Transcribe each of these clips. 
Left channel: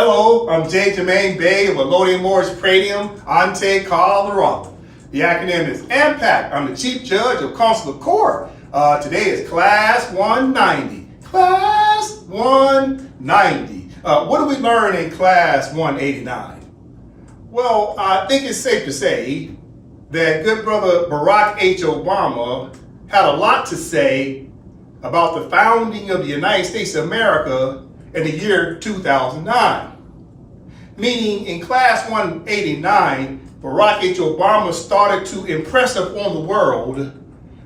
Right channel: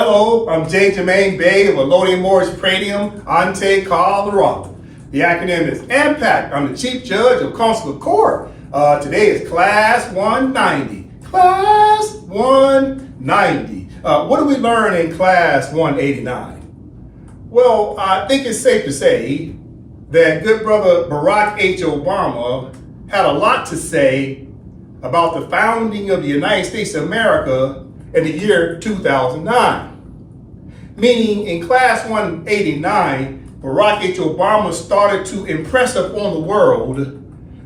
Hello, I'm J. Jermaine Bay of Elodium Morris Pradium, Ante, Colorado. The acronym is AMPAC. I'm the Chief Judge of Consular Court. Today is Class 190. Class 190. What do we learn in Class 189? Well, I think it's safe to say that good brother Barack H. Obama had a lot to say about the founding of the United States of America in the year 2009. Meaning in Class 189, Barack H. Obama started to impress upon the world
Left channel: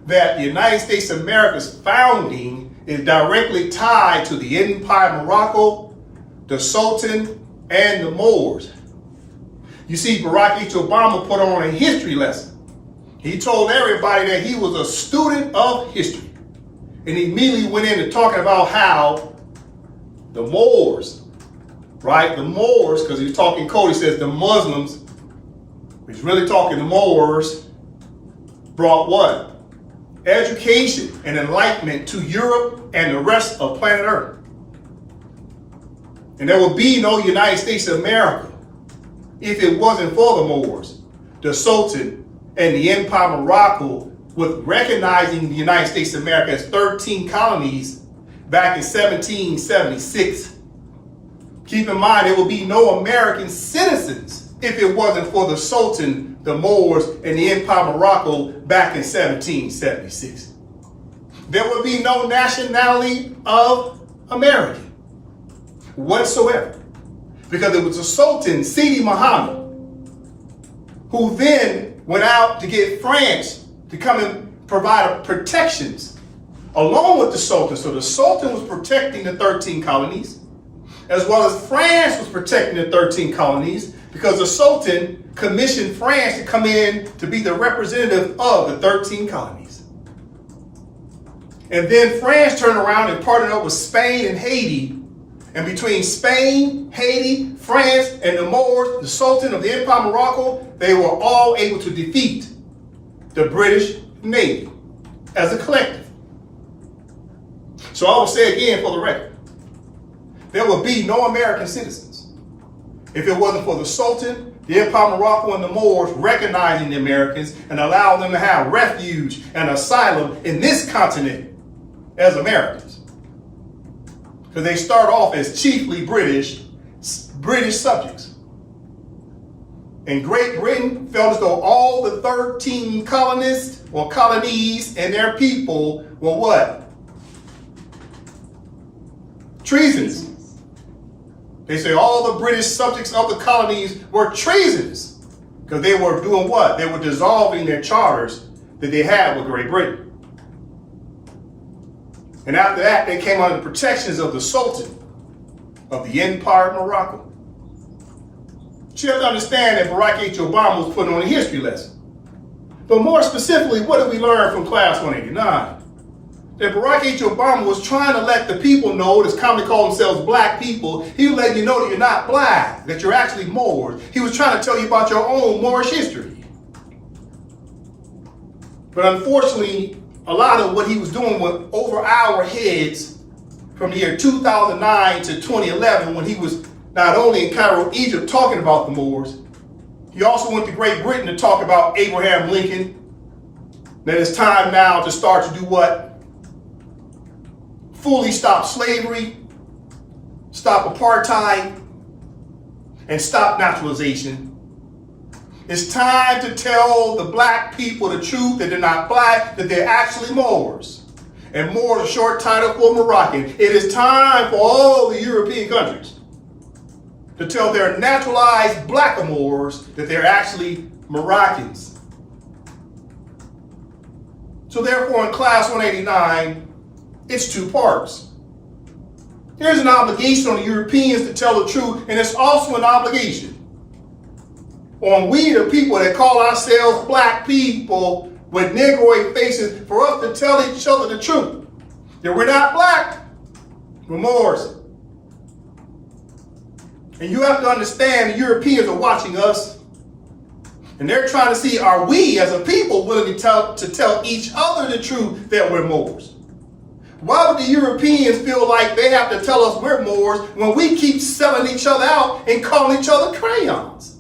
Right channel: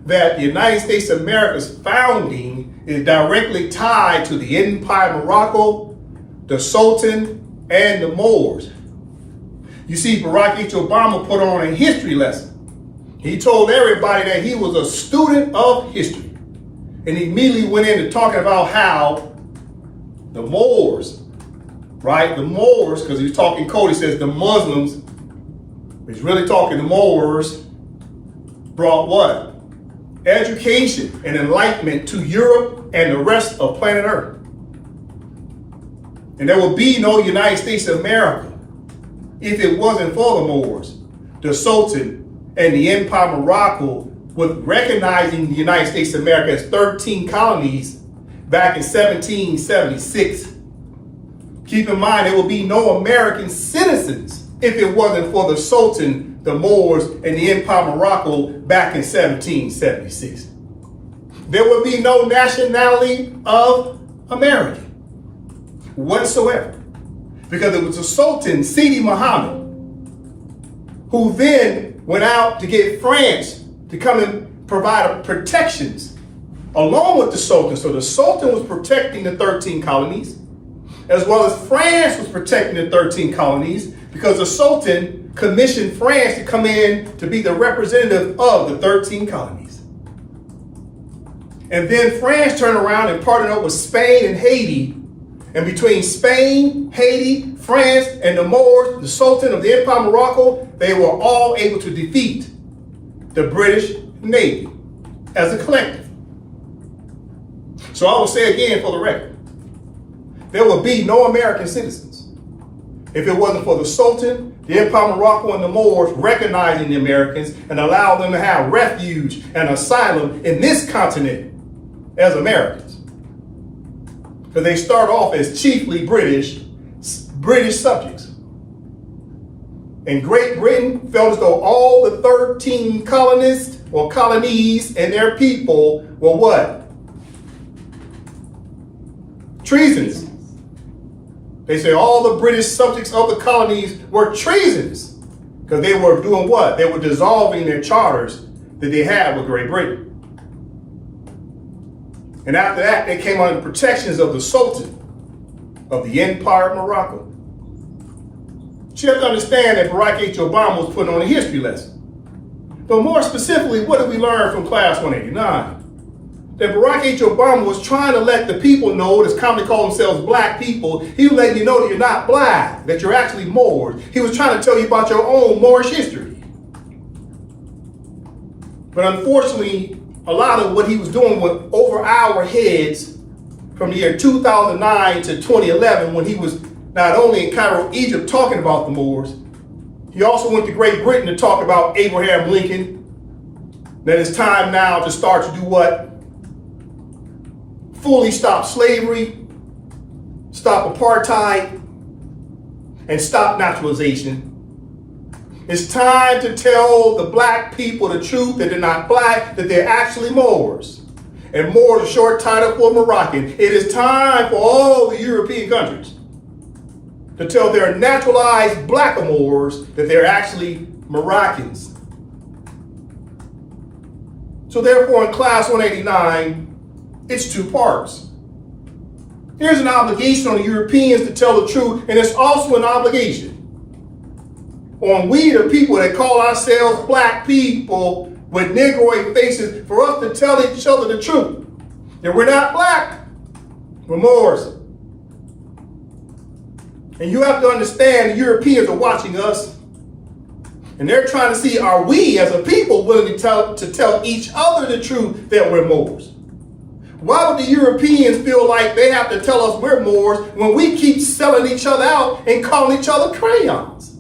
that the United States of America's founding is directly tied to the Empire of Morocco, the Sultan, and the Moors. You see, Barack H. Obama put on a history lesson. He told everybody that he was a student of history. And he immediately went into talking about how the Moors, right? The Moors, because he was talking code, he says the Muslims, he's really talking the Moors, brought what? Education and enlightenment to Europe and the rest of planet Earth. And there would be no United States of America if it wasn't for the Moors, the Sultan, and the Empire of Morocco, with recognizing the United States of America as 13 colonies back in 1776. Keep in mind, there will be no American citizens if it wasn't for the Sultan, the Moors, and the Empire of Morocco back in 1776. There will be no nationality of American whatsoever, because it was the Sultan, Sidi Muhammad, who then went out to get France to come and provide protections along with the Sultan. So the Sultan was protecting the 13 colonies, as well as France was protecting the 13 colonies, because the Sultan commissioned France to come in to be the representative of the 13 colonies. And then France turned around and partnered up with Spain and Haiti. And between Spain, Haiti, France, and the Moors, the Sultan of the Empire of Morocco, they were all able to defeat the British Navy as a collective. So I will say again for the record, there will be no American citizens if it wasn't for the Sultan, the Empire of Morocco, and the Moors recognizing the Americans and allow them to have refuge and asylum in this continent as Americans. Because they start off as chiefly British subjects. And Great Britain felt as though all the 13 colonists or colonies and their people were what? Treasonous. They say all the British subjects of the colonies were treasonous because they were doing what? They were dissolving their charters that they had with Great Britain. And after that, they came under the protections of the Sultan of the Empire of Morocco. You have to understand that Barack H. Obama was putting on a history lesson. But more specifically, what did we learn from Class 189? That Barack H. Obama was trying to let the people know, that's commonly call themselves black people, he was letting you know that you're not black, that you're actually Moors. He was trying to tell you about your own Moorish history. But unfortunately, a lot of what he was doing went over our heads from the year 2009 to 2011, when he was not only in Cairo, Egypt, talking about the Moors, he also went to Great Britain to talk about Abraham Lincoln, that it's time now to start to do what? Fully stop slavery, stop apartheid, and stop naturalization. It's time to tell the black people the truth, that they're not black, that they're actually Moors. And Moors is a short title for Moroccan. It is time for all the European countries to tell their naturalized blackamoors that they're actually Moroccans. So therefore, in Class 189, it's two parts. There's an obligation on the Europeans to tell the truth, and it's also an obligation on we, the people that call ourselves black people with Negroid faces, for us to tell each other the truth. That we're not black, we're Moors. And you have to understand the Europeans are watching us, and they're trying to see, are we as a people willing to tell each other the truth that we're Moors? Why would the Europeans feel like they have to tell us we're Moors when we keep selling each other out and calling each other crayons?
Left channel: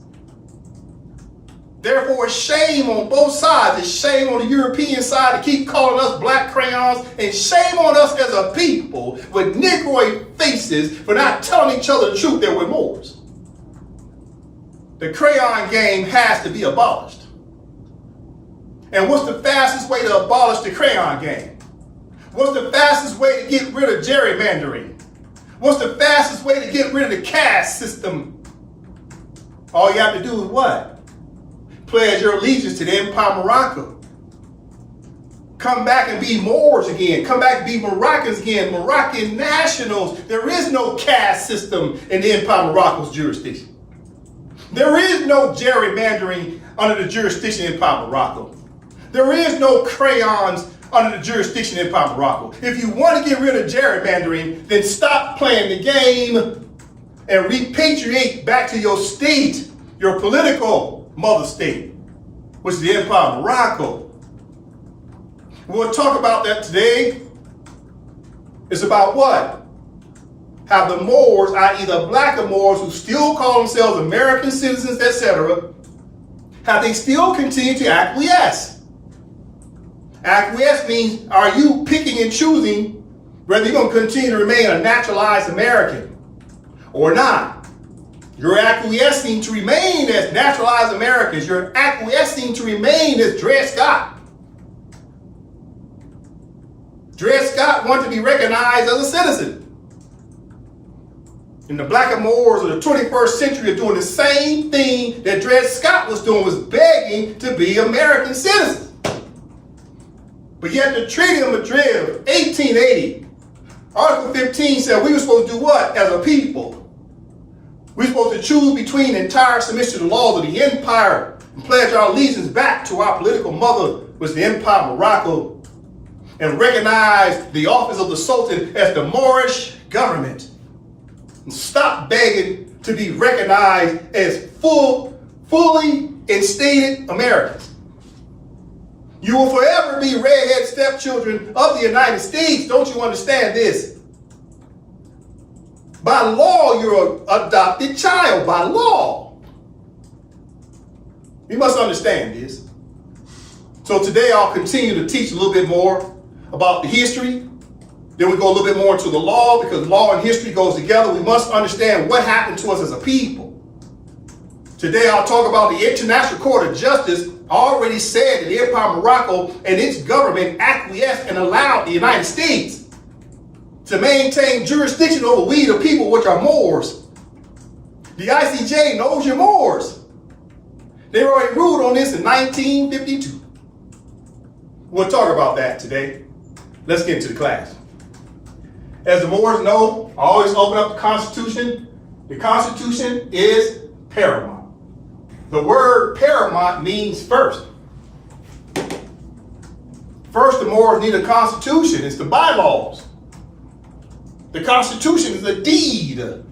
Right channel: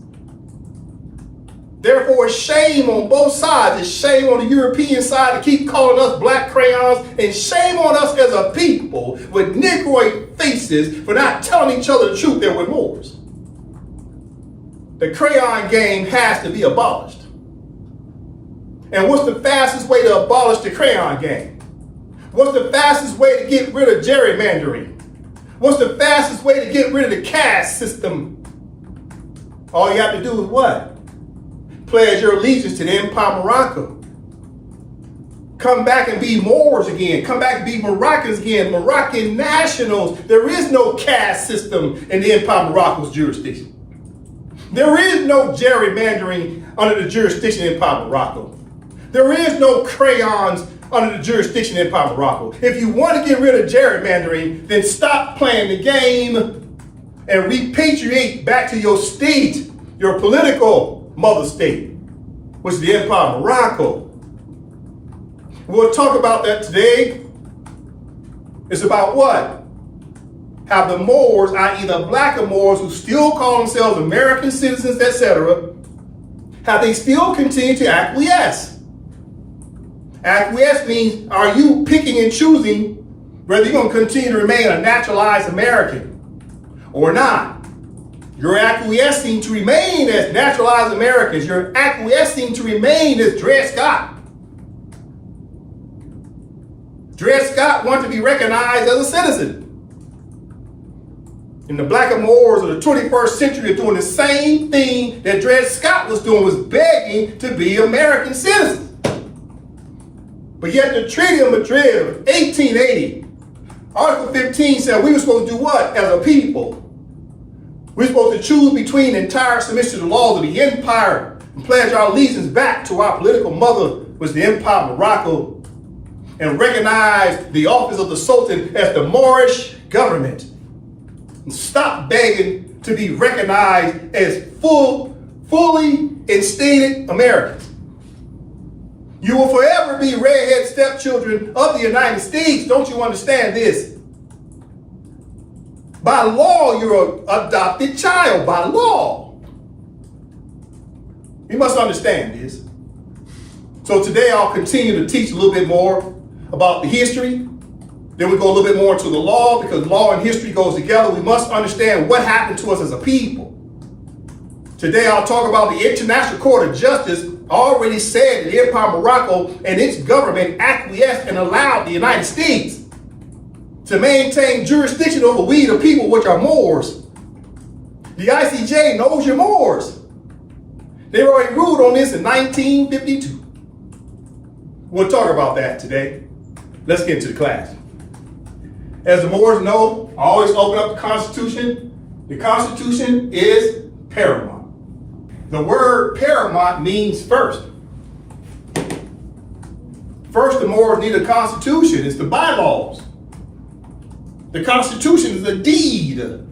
Therefore, it's shame on both sides. It's shame on the European side to keep calling us black crayons, and shame on us as a people with Negroid faces for not telling each other the truth that we're Moors. The crayon game has to be abolished. And what's the fastest way to abolish the crayon game? What's the fastest way to get rid of gerrymandering? What's the fastest way to get rid of the caste system? All you have to do is what? Pledge your allegiance to the Empire of Morocco. Come back and be Moors again. Come back and be Moroccans again. Moroccan nationals. There is no caste system in the Empire of Morocco's jurisdiction. There is no gerrymandering under the jurisdiction of Empire of Morocco. There is no crayons under the jurisdiction of Empire of Morocco. If you want to get rid of gerrymandering, then stop playing the game and repatriate back to your state, your political mother state, which is the Empire of Morocco. We'll talk about that today. It's about what? Have the Moors, i.e. the black Moors who still call themselves American citizens, etc., have they still continued to acquiesce? Acquiesce means, are you picking and choosing whether you're going to continue to remain a naturalized American or not? You're acquiescing to remain as naturalized Americans. You're acquiescing to remain as Dred Scott. Dred Scott wanted to be recognized as a citizen. And the black Moors of the 21st century are doing the same thing that Dred Scott was doing, was begging to be American citizens. But yet the Treaty of Madrid, 1880, Article 15 said we were supposed to do what as a people? We're supposed to choose between entire submission to the laws of the empire and pledge our allegiance back to our political mother, which is the Empire of Morocco, and recognize the office of the Sultan as the Moorish government. And stop begging to be recognized as fully instated Americans. You will forever be redhead stepchildren of the United States. Don't you understand this? By law, you're an adopted child. By law. You must understand this. So today I'll continue to teach a little bit more about the history. Then we go a little bit more into the law, because law and history goes together. We must understand what happened to us as a people. Today I'll talk about the International Court of Justice already said that the Empire of Morocco and its government acquiesced and allowed the United States to maintain jurisdiction over we the people, which are Moors. The I.C.J. knows you're Moors. They already ruled on this in 1952. We'll talk about that today. Let's get into the class. As the Moors know, I always open up the Constitution. The Constitution is paramount. The word paramount means first. First, the Moors need a constitution. It's the bylaws. The Constitution is a deed. It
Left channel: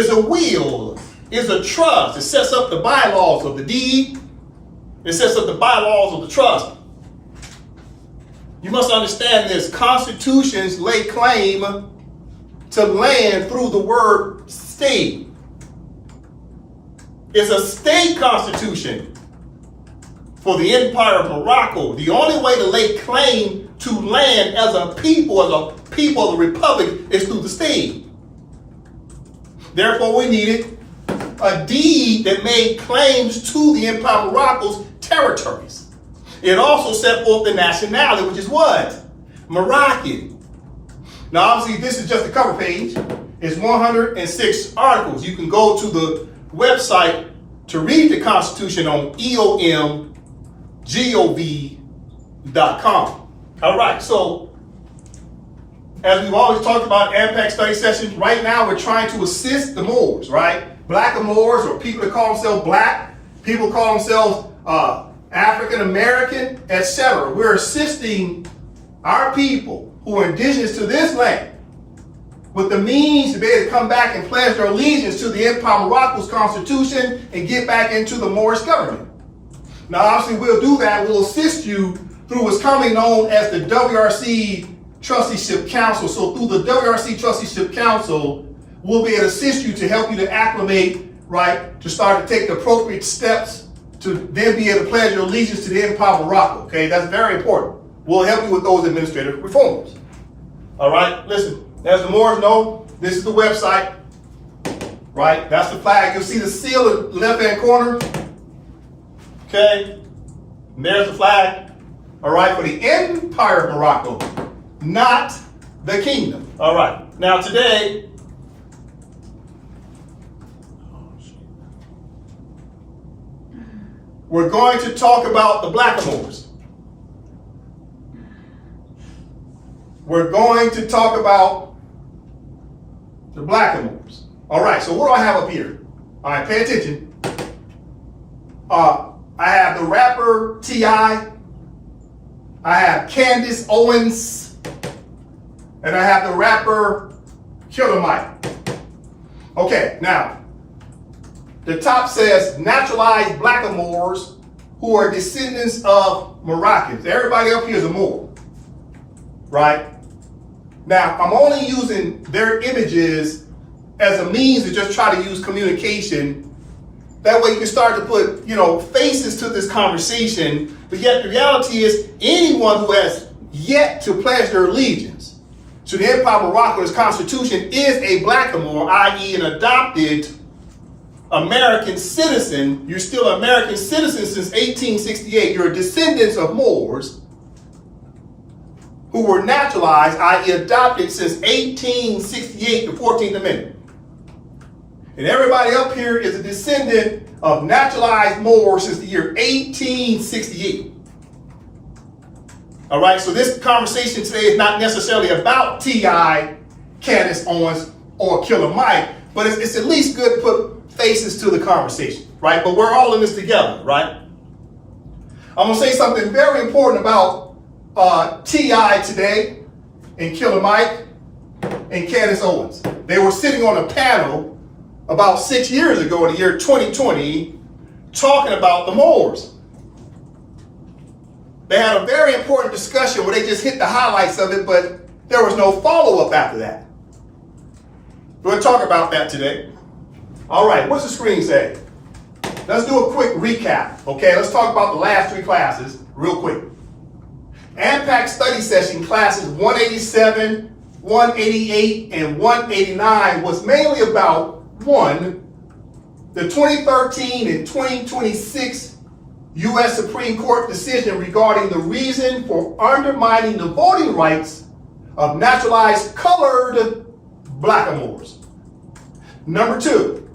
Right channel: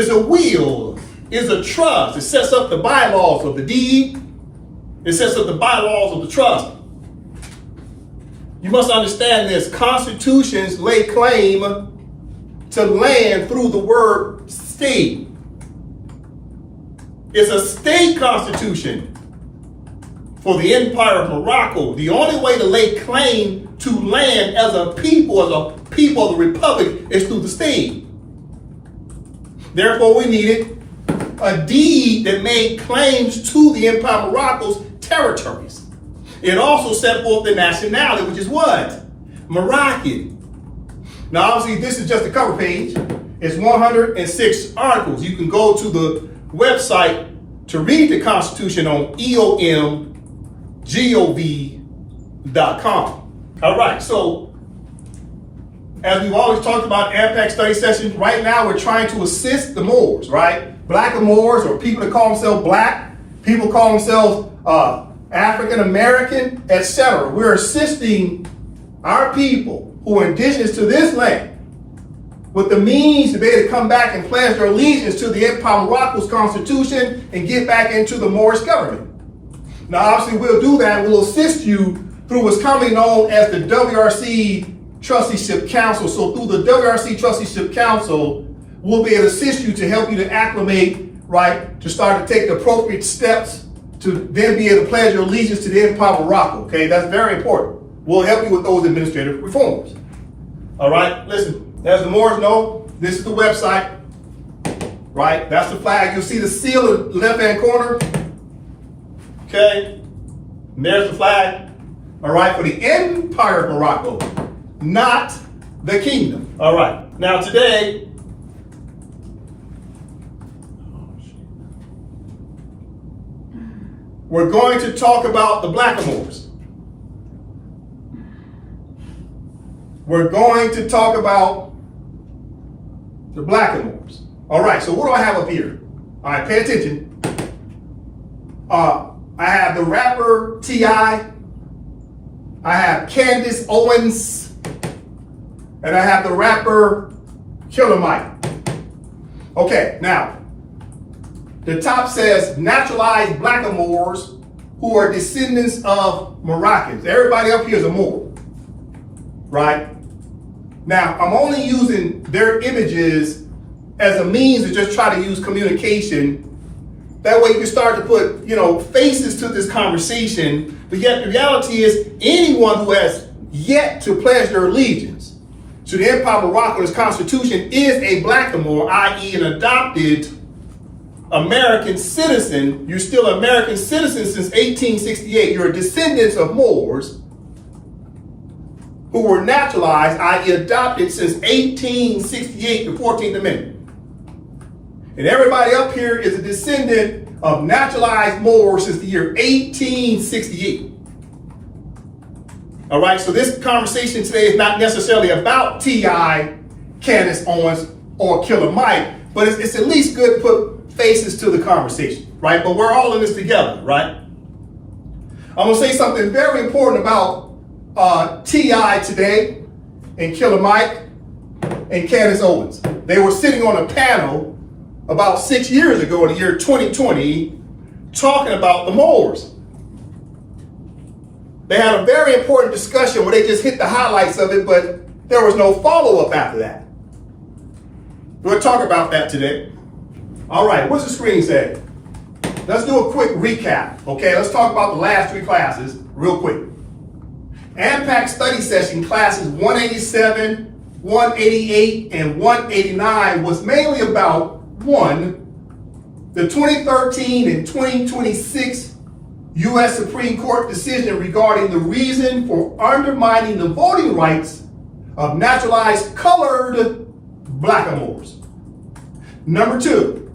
is a will. It is a trust. It sets up the bylaws of the deed. It sets up the bylaws of the trust. You must understand this. Constitutions lay claim to land through the word state. It's a state constitution for the Empire of Morocco. The only way to lay claim to land as a people of the republic, is through the state. Therefore, we needed a deed that made claims to the Empire of Morocco's territories. It also set forth the nationality, which is what? Moroccan. Now, obviously, this is just the cover page. It's 106 articles. You can go to the website to read the Constitution on eomgov.com. All right, so as we've always talked about AMPAC Study Session, right now we're trying to assist the Moors, right? Black Moors, or people that call themselves black, people call themselves African American, etc. We're assisting our people who are indigenous to this land with the means to be able to come back and pledge their allegiance to the Empire of Morocco's constitution and get back into the Moorish government. Now, obviously, we'll do that. We'll assist you through what's commonly known as the WRC Trusteeship Council. So through the WRC Trusteeship Council, we'll be able to assist you to help you to acclimate, right, to start to take the appropriate steps to then be able to pledge your allegiance to the Empire of Morocco. Okay, that's very important. We'll help you with those administrative reforms. All right, listen, as the Moors know, this is the website, right? That's the flag. You'll see the seal in the left-hand corner. Okay, and there's the flag. All right, for the Empire of Morocco, not the kingdom. All right, now today, we're going to talk about the blackamoors. We're going to talk about the blackamoors. All right, so what do I have up here? All right, pay attention. I have the rapper T.I., I have Candace Owens, and I have the rapper Killer Mike. Okay, now, the top says naturalized blackamoors who are descendants of Moroccans. Everybody up here is a Moor, right? Now, I'm only using their images as a means to just try to use communication. That way you can start to put, faces to this conversation. But yet the reality is anyone who has yet to pledge their allegiance to the Empire of Morocco and its constitution is a blackamoor, i.e. an adopted American citizen. You're still an American citizen since 1868. You're a descendant of Moors who were naturalized, i.e. adopted since 1868, the 14th Amendment. And everybody up here is a descendant of naturalized Moors since the year 1868. All right, so this conversation today is not necessarily about T.I., Candace Owens, or Killer Mike, but it's at least good to put faces to the conversation, right? But we're all in this together, right? I'm gonna say something very important about T.I. today and Killer Mike and Candace Owens. They were sitting on a panel about 6 years ago in the year 2020 talking about the Moors. They had a very important discussion where they just hit the highlights of it, but there was no follow-up after that. We'll talk about that today. All right, what's the screen say? Let's do a quick recap, okay? Let's talk about the last 3 classes real quick. AMPAC Study Session classes 187, 188, and 189 was mainly about, 1, the 2013 and 2026 U.S. Supreme Court decision regarding the reason for undermining the voting rights of naturalized colored blackamoors. Number 2,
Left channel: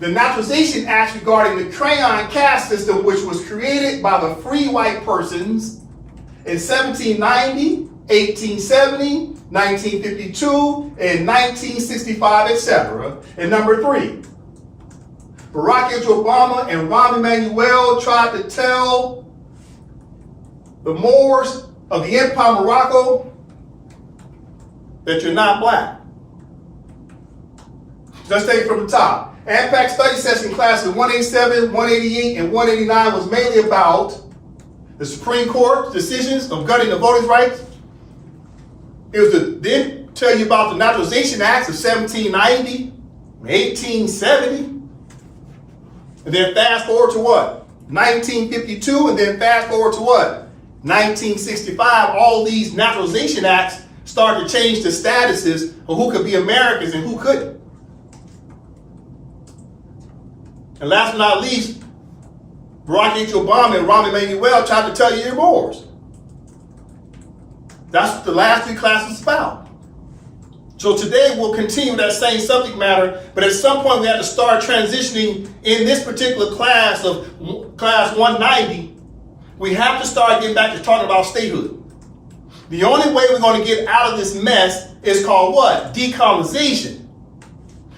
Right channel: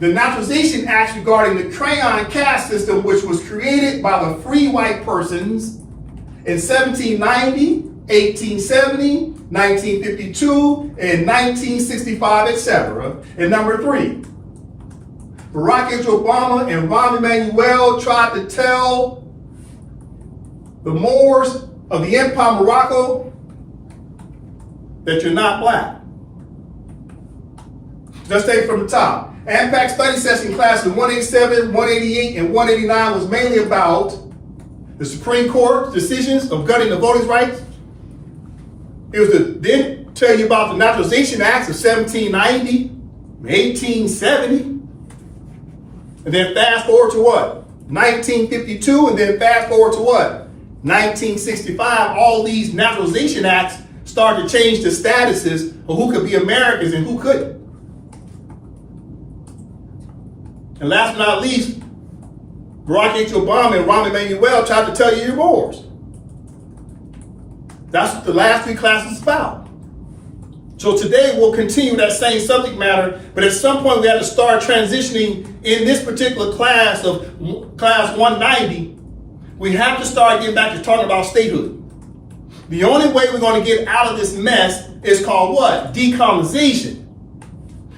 the Naturalization Act regarding the crayon caste system, which was created by the free white persons in 1790, 1870, 1952, and 1965, etc. And number 3, Barack Obama and Rahm Emanuel tried to tell the Moors of the Empire of Morocco that you're not black. Let's take it from the top. AMPAC Study Session classes 187, 188, and 189 was mainly about the Supreme Court decisions of gutting the voting rights. It was to then tell you about the Naturalization Acts of 1790, 1870, and then fast forward to what? 1952, and then fast forward to what? 1965. All these Naturalization Acts started to change the statuses of who could be Americans and who couldn't. And last but not least, Barack Obama and Rahm Emanuel tried to tell you you're Moors. That's what the last 3 classes is about. So today we'll continue that same subject matter, but at some point we have to start transitioning in this particular class of class 190. We have to start getting back to talking about statehood. The only way we're going to get out of this mess is called what? Decolonization.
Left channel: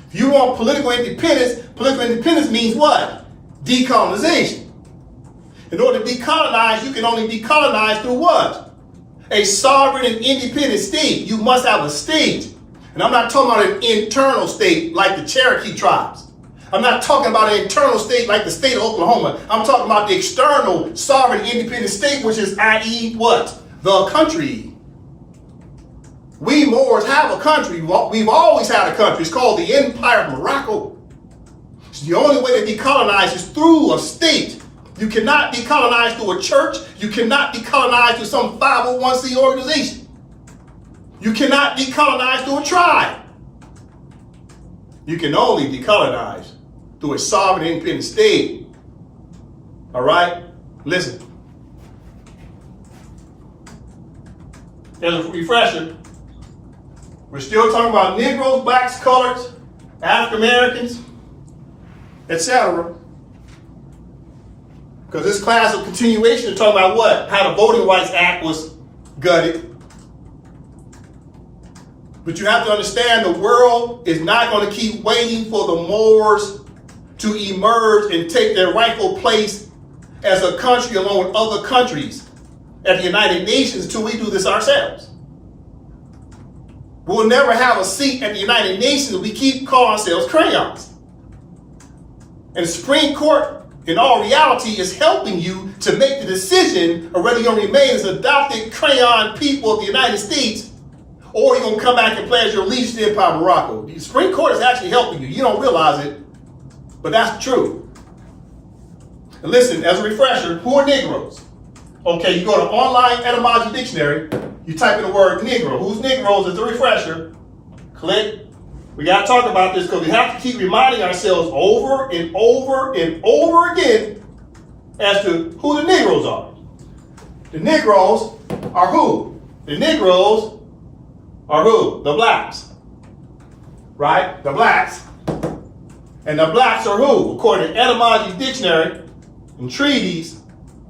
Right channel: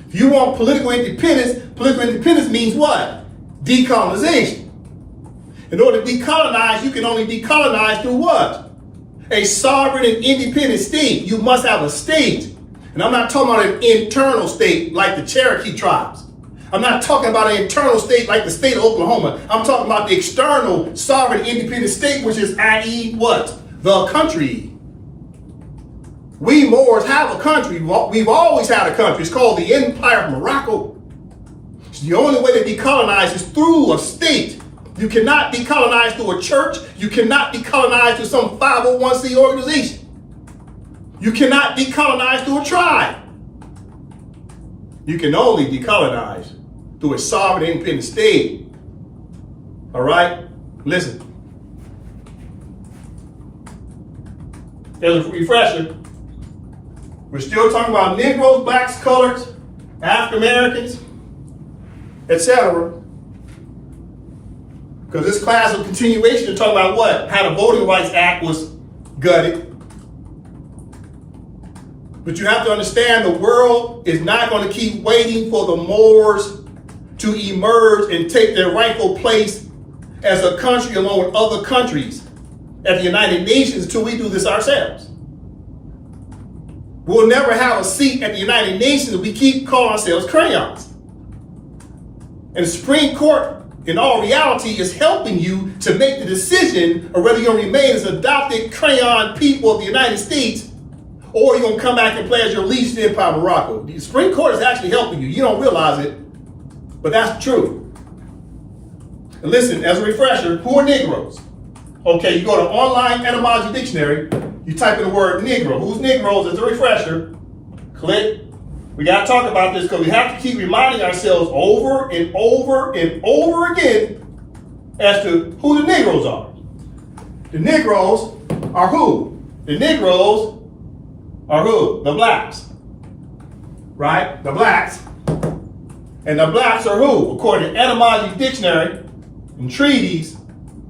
If you want political independence means what? Decolonization. In order to decolonize, you can only decolonize through what? A sovereign and independent state. You must have a state. And I'm not talking about an internal state like the Cherokee tribes. I'm not talking about an internal state like the state of Oklahoma. I'm talking about the external sovereign independent state, which is i.e. what? the country. We Moors have a country. We've always had a country. It's called the Empire of Morocco. So the only way to decolonize is through a state. You cannot decolonize through a church. You cannot decolonize through some 501c organization. You cannot decolonize through a tribe. You can only decolonize through a sovereign independent state. All right? Listen. As a refresher, we're still talking about Negroes, blacks, coloreds, African Americans, etc. Because this class of continuation is talking about what? How the Voting Rights Act was gutted. But you have to understand the world is not going to keep waiting for the Moors to emerge and take their rightful place as a country along with other countries at the United Nations until we do this ourselves. We'll never have a seat at the United Nations if we keep calling ourselves crayons. And the Supreme Court, in all reality, is helping you to make the decision of whether you're going to remain as adopted crayon people of the United States or you're going to come back and play as your least in Empire of Morocco. The Supreme Court is actually helping you. You don't realize it, but that's true. And listen, as a refresher, who are Negroes? Okay, you go to online etymology dictionary, you type in the word Negro. Who's Negroes? As a refresher, click. We got to talk about this because we have to keep reminding ourselves over and over and over again as to who the Negroes are. The Negroes are who? The Negroes are who? The blacks. Right? The blacks. And the blacks are who? According to etymology dictionary and treaties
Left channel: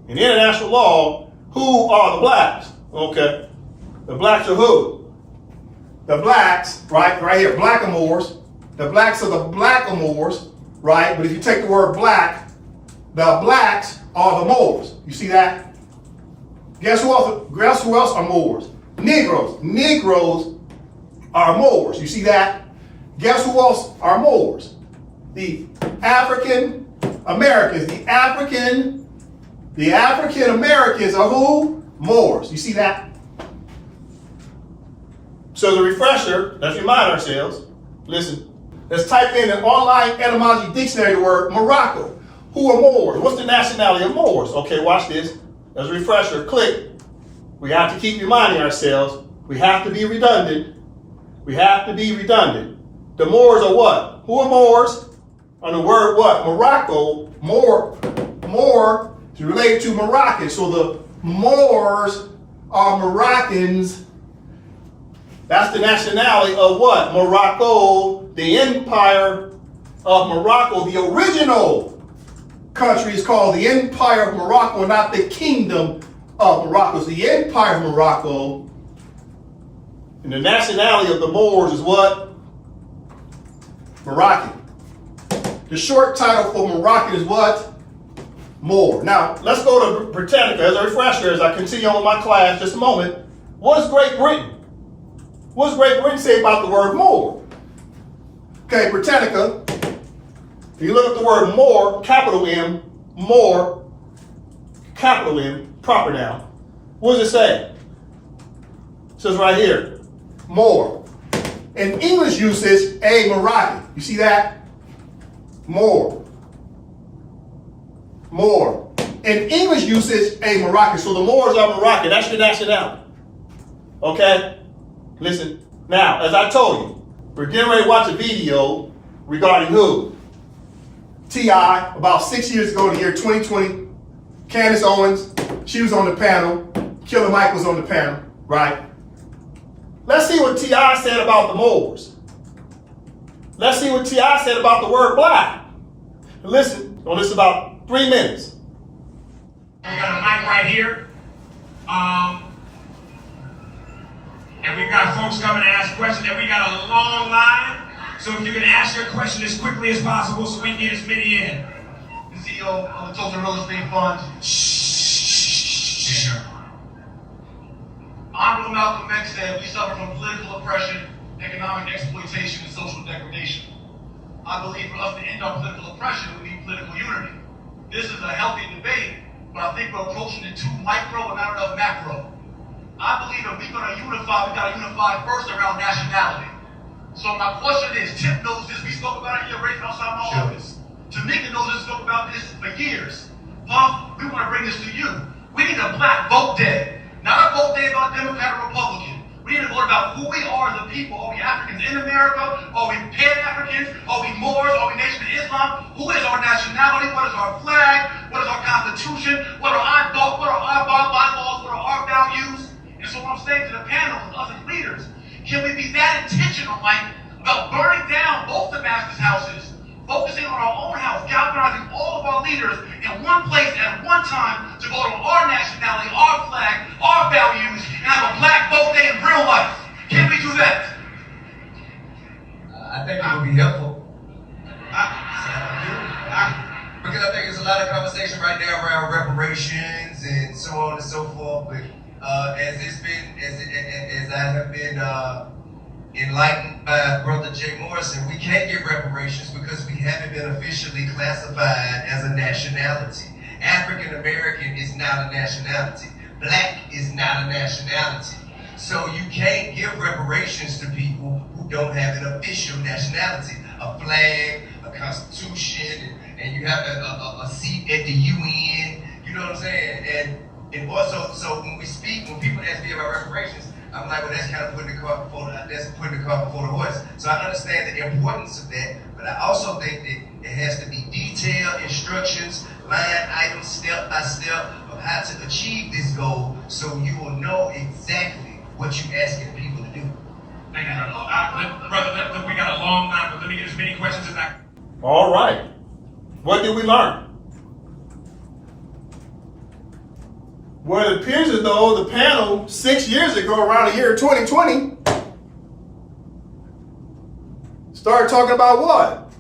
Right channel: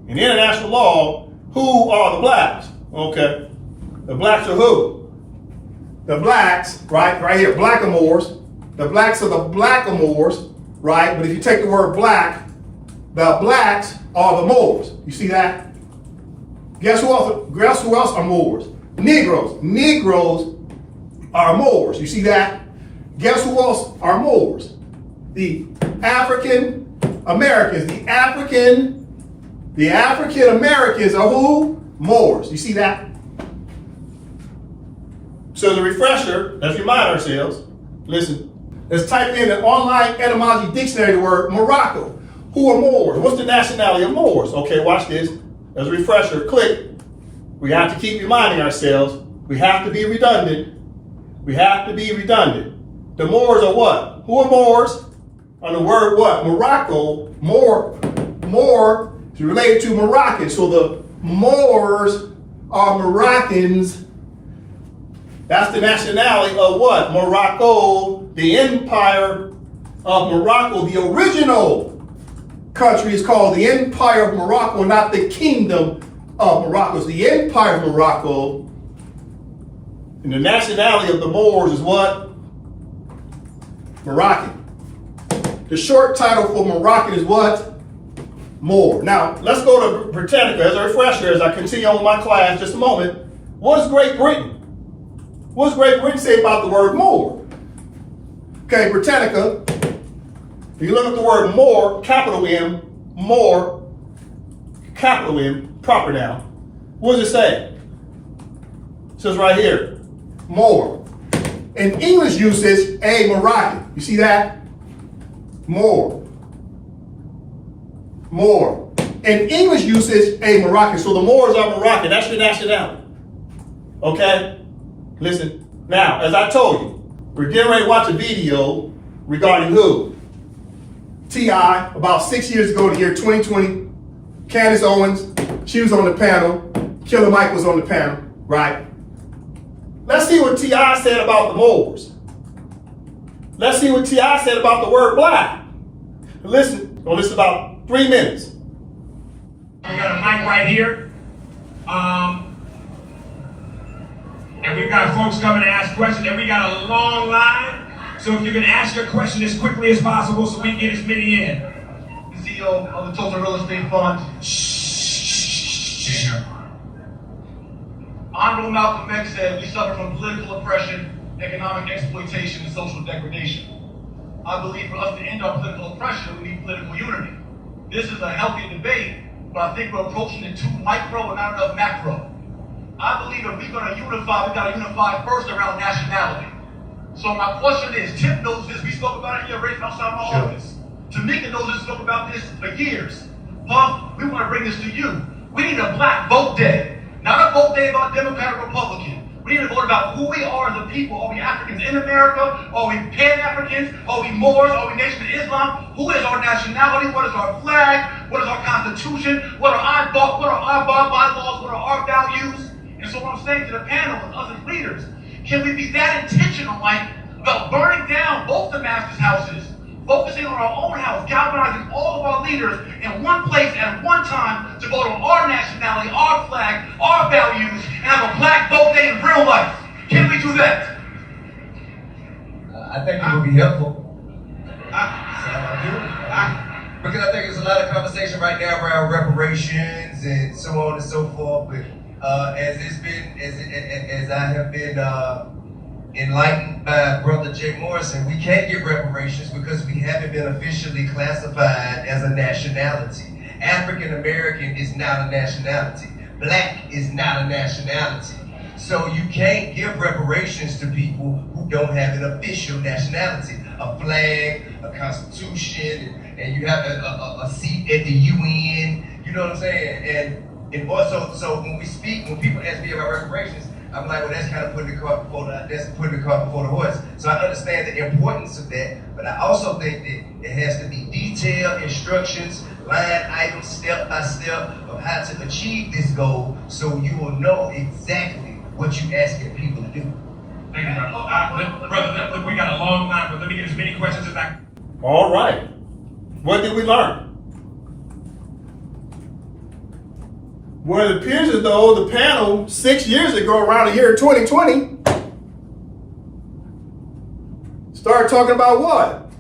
and international law, who are the blacks? Okay. The blacks are who? The blacks, right here, blackamoors. The blacks are the blackamoors, right? But if you take the word black, the blacks are the Moors. You see that? Guess who else are Moors? Negroes. Negroes are Moors. You see that? Guess who else are Moors? The African Americans. The African Americans are who? Moors. You see that? So the refresher, let's remind ourselves, listen, let's type in an online etymology dictionary the word Morocco. Who are Moors? What's the nationality of Moors? Okay, watch this. As a refresher, click. We have to keep reminding ourselves. We have to be redundant. We have to be redundant. The Moors are what? Who are Moors? On the word what? Morocco. Moor is related to Moroccans. So the Moors are Moroccans. That's the nationality of what? Morocco, the Empire of Morocco. The original country is called the Empire of Morocco, not the Kingdom of Morocco. It's the Empire of Morocco. And the nationality of the Moors is what? Moroccan. The short title for Moroccan is what? Moor. Now, let's go to Britannica as a refresher as I continue on with my class just a moment. What is Great Britain? What does Great Britain say about the word Moor? Okay, Britannica, if you look at the word Moor, capital M, Moor, capital M, proper noun, what does it say? It says right here, Moor. In English usage, a Moroccan. You see that? Moor. Moor. In English usage, a Moroccan. So the Moors are Moroccan. That's your nationality. Okay? Listen, now, as I told you, we're getting ready to watch a video regarding who? T.I. about 6 years ago, the year 2020. Candace Owens, she was on the panel. Killer Mike was on the panel, right? Let's see what T.I. said about the Moors. Let's see what T.I. said about the word black. Listen, on this about 3 minutes. We got a mic right here. And we've got folks coming to ask questions, and we got a long line. So if you can ask your question as quickly as possible so we can get as many in. The CEO of the Total Real Estate Fund. Honorable Malcolm X said we suffer from political oppression, economic exploitation, and social degradation. I believe for us to end our political oppression, we need political unity. This is a healthy debate, but I think we're approaching it too micro and not enough macro. I believe if we're going to unify, we got to unify first around nationality. So my question is, Tip knows this. We spoke about it here right outside my office. Tamika knows this. Spoke about this for years. Puff, we want to bring this to you. We need a black vote day. Not a vote day about Democrat or Republican. We need to vote about who we are as a people. Are we Africans in America? Are we Pan-Africans? Are we Moors? Are we Nation of Islam? Who is our nationality? What is our flag? What is our constitution? What are our bylaws? What are our values? And so what I'm saying to the panel and us as leaders, can we be that intentional, Mike, about burning down both the master's houses, focusing on our own house, galvanizing all of our leaders in one place at one time to vote on our nationality, our flag, our values, and have a black vote day in real life? Can we do that? I think it would be helpful. Because I think there's a lot of conversation right now around reparations and so on and so forth. But as I have been enlightened by Brother Jay Morrison, we can't get reparations because we haven't been officially classified as a nationality. African American is not a nationality. Black is not a nationality. So you can't give reparations to people who don't have an official nationality, a flag, a constitution, and you have a seat at the UN. You know what I'm saying? And also, so when people ask me about reparations, I'm like, well, that's kind of putting the cart before the horse. So I understand the importance of that, but I also think that it has to be detailed instructions, line items, step by step of how to achieve this goal, so you will know exactly what you're asking people to do. Thank you, brother. Look, we got a long time, but let me get as many questions as I can. All right. What did we learn? Well, it appears as though the panel 6 years ago, around the year 2020, started talking about what?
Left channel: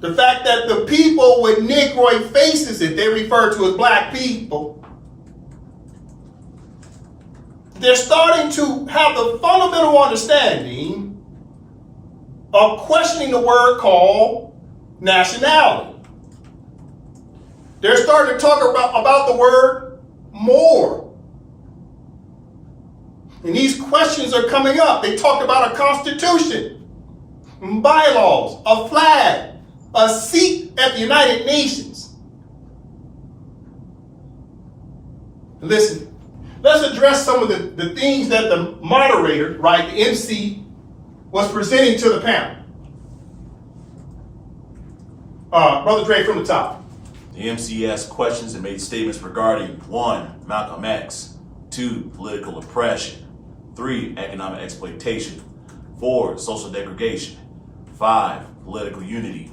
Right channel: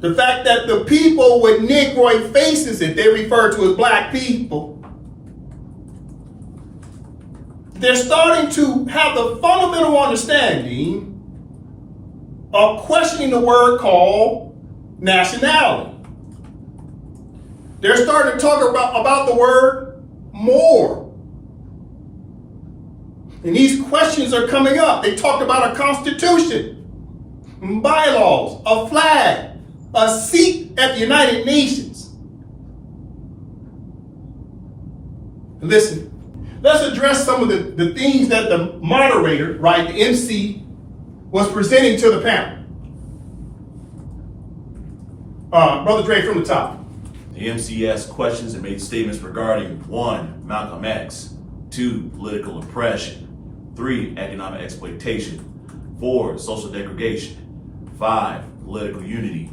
The fact that the people with Negroid faces that they refer to as black people, they're starting to have the fundamental understanding of questioning the word called nationality. They're starting to talk about the word more. And these questions are coming up. They talked about a constitution, bylaws, a flag, a seat at the United Nations. Listen, let's address some of the things that the moderator, right, the MC, was presenting to the panel. Brother Dre, from the top. The MC asked questions and made statements regarding 1. Malcolm X, 2. Political oppression, 3. Economic exploitation, 4. Social degradation, 5. Political unity,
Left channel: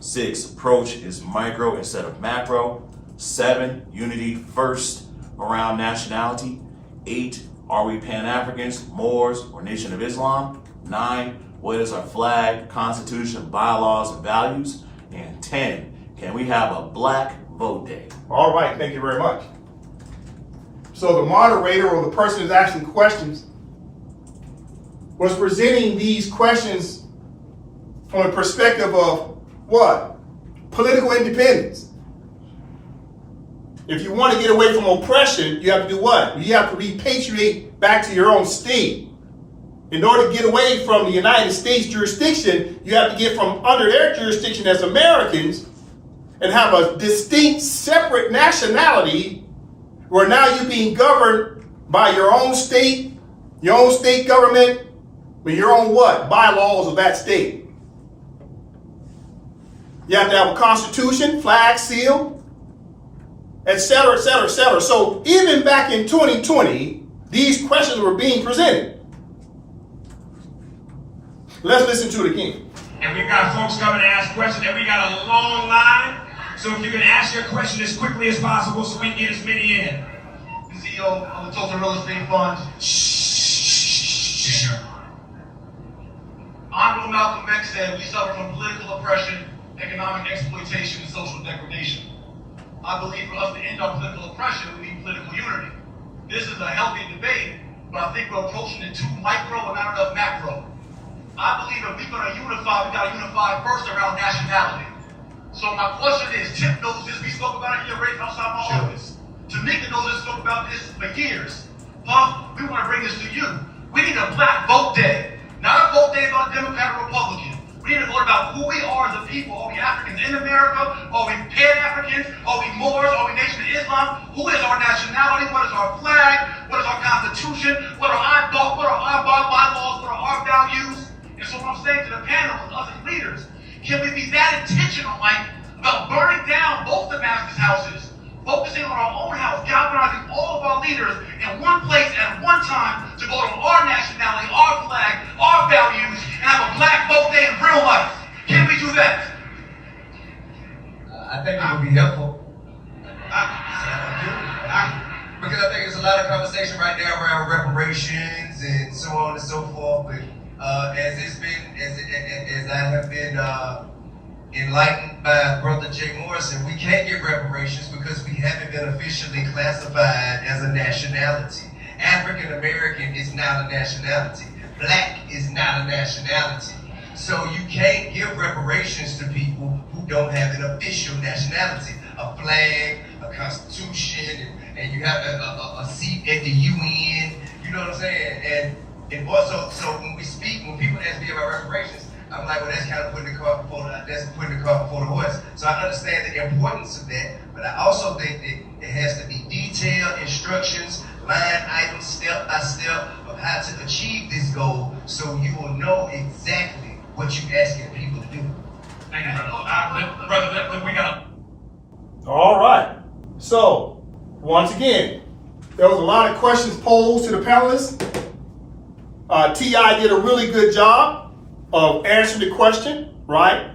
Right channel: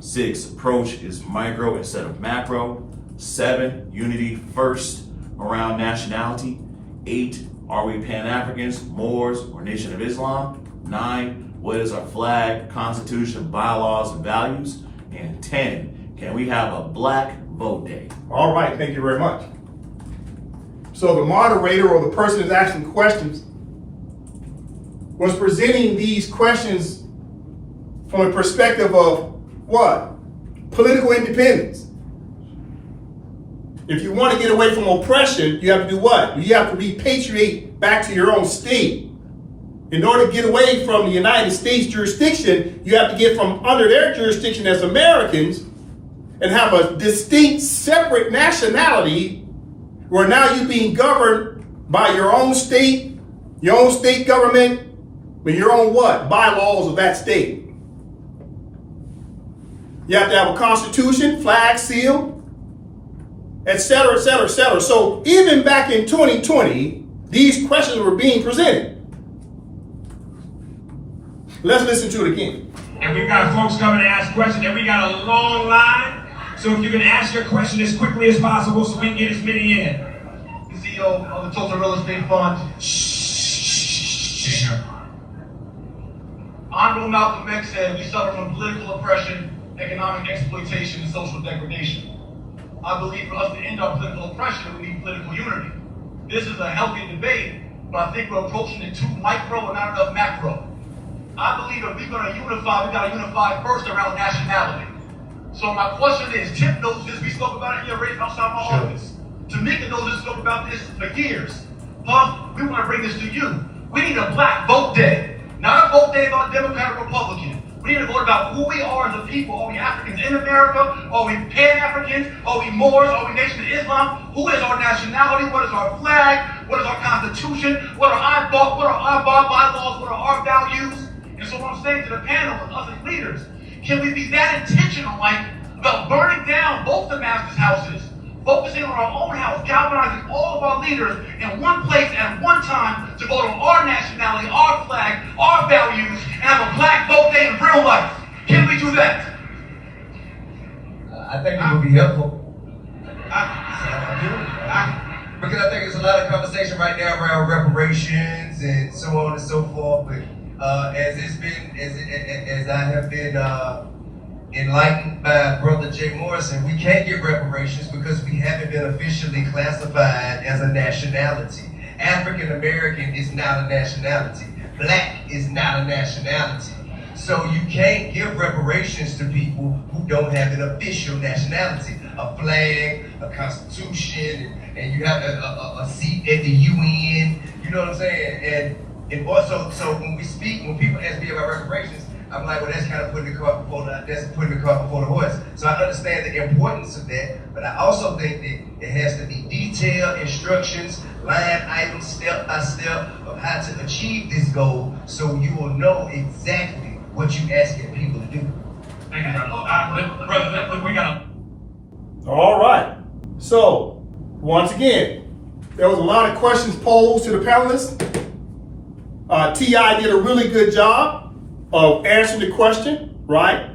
6. Approach is micro instead of macro, 7. Unity first around nationality, 8. Are we Pan-Africans, Moors, or Nation of Islam, 9. What is our flag, constitution, bylaws, and values, and 10. Can we have a black vote day? All right, thank you very much. So the moderator or the person who's asking questions was presenting these questions from a perspective of what? Political independence. If you want to get away from oppression, you have to do what? You have to repatriate back to your own state. In order to get away from the United States jurisdiction, you have to get from under their jurisdiction as Americans and have a distinct, separate nationality where now you're being governed by your own state government, but your own what? Bylaws of that state. You have to have a constitution, flag, seal, etc., etc., etc. So even back in 2020, these questions were being presented. Let's listen to it again. And we've got folks coming to ask questions, and we got a long line. So if you can ask your question as quickly as possible so we can get as many in. The CEO of the Total Real Estate Fund. Honorable Malcolm X said we suffer from political oppression, economic exploitation, and social degradation. I believe for us to end our political oppression, we need political unity. This is a healthy debate, but I think we're approaching it too micro and not enough macro. I believe if we're going to unify, we got to unify first around nationality. So my question is, Tip knows this. We spoke about it here right outside my office. Tamika knows this. Spoke about this for years. Puff, we want to bring this to you. We need a black vote day. Not a vote day about Democrat or Republican. We need to vote about who we are as a people. Are we Africans in America? Are we Pan-Africans? Are we Moors? Are we Nation of Islam? Who is our nationality? What is our flag? What is our constitution? What are our bylaws? What are our values? And so what I'm saying to the panel and us as leaders, can we be that intentional, about burning down both the master's houses, focusing on our own house, galvanizing all of our leaders in one place at one time to vote on our nationality, our flag, our values, and have a black vote day in real life? Can we do that? I think it would be helpful. I Because I think there's a lot of conversation right now around reparations and so on and so forth. But as I have been enlightened by Brother Jay Morrison, we can't get reparations because we haven't been officially classified as a nationality. African American is not a nationality. Black is not a nationality. So you can't give reparations to people who don't have an official nationality, a flag, a constitution, and you have a seat at the UN. You know what I'm saying? And also, so when people ask me about reparations, I'm like, well, that's kind of putting the cart before the horse. So I understand the importance of that, but I also think that it has to be detailed instructions, line items, step by step of how to achieve this goal, so you will know exactly what you're asking people to do. Thank you, brother. We got. All right. So, once again, there was a lot of questions posed to the panelists. T.I. did a really good job of answering the question, right?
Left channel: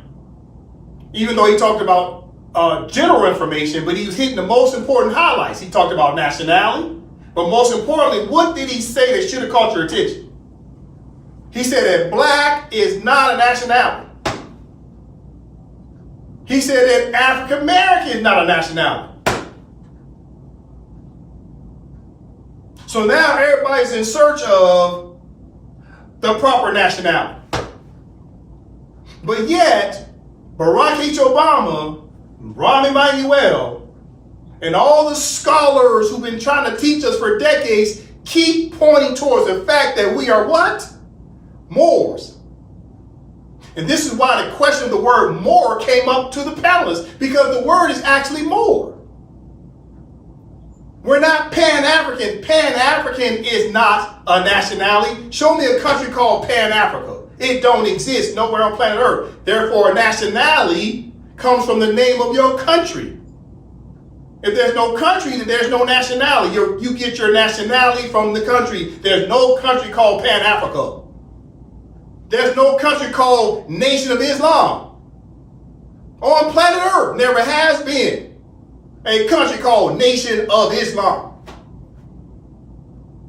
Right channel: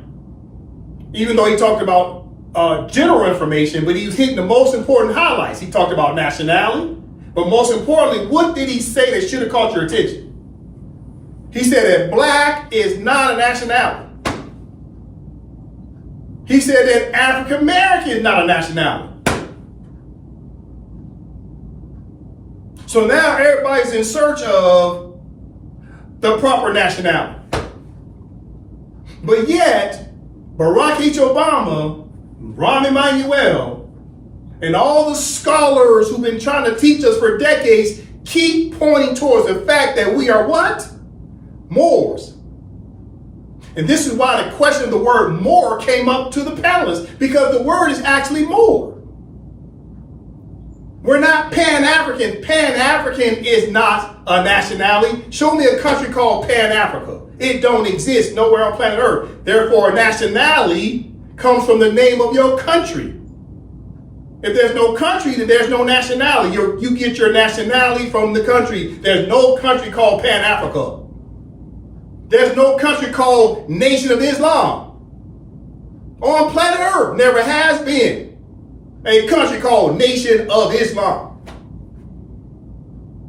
Even though he talked about general information, but he was hitting the most important highlights. He talked about nationality, but most importantly, what did he say that should have caught your attention? He said that black is not a nationality. He said that African American is not a nationality. So now everybody's in search of the proper nationality. But yet, Barack H. Obama, Rahm Emanuel, and all the scholars who've been trying to teach us for decades keep pointing towards the fact that we are what? Moors. And this is why the question of the word Moor came up to the panelists, because the word is actually Moor. We're not Pan-African. Pan-African is not a nationality. Show me a country called Pan-Africa. It don't exist nowhere on planet Earth. Therefore, a nationality comes from the name of your country. If there's no country, then there's no nationality. You get your nationality from the country. There's no country called Pan-Africa. There's no country called Nation of Islam. On planet Earth, never has been a country called Nation of Islam.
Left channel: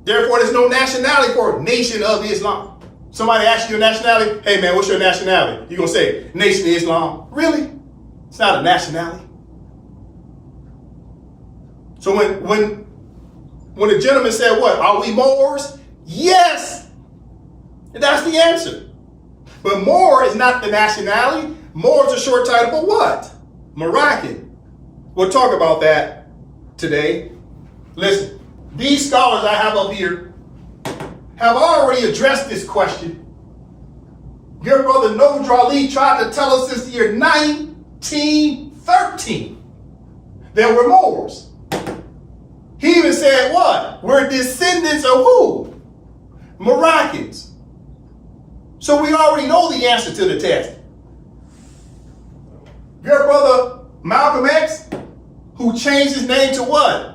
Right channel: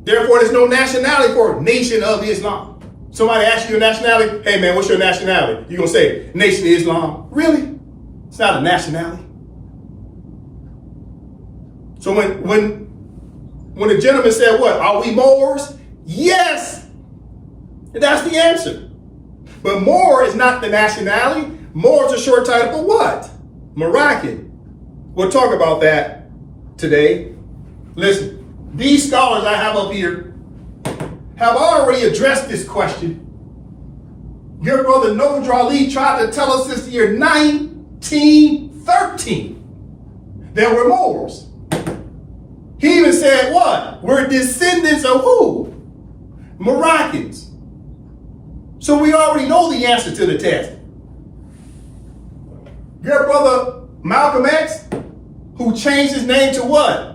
Therefore, there's no nationality for Nation of Islam. Somebody asks you your nationality, hey man, what's your nationality? You're going to say, Nation of Islam. Really? It's not a nationality. So when the gentleman said, what, are we Moors? Yes. And that's the answer. But Moor is not the nationality. Moor is a short title for what? Moroccan. We'll talk about that today. Listen, these scholars I have up here have already addressed this question. Your brother Nodra Ali tried to tell us since the year 1913 that we're Moors. He even said what? We're descendants of who? Moroccans. So we already know the answer to the test. Your brother Malcolm X, who changed his name to what?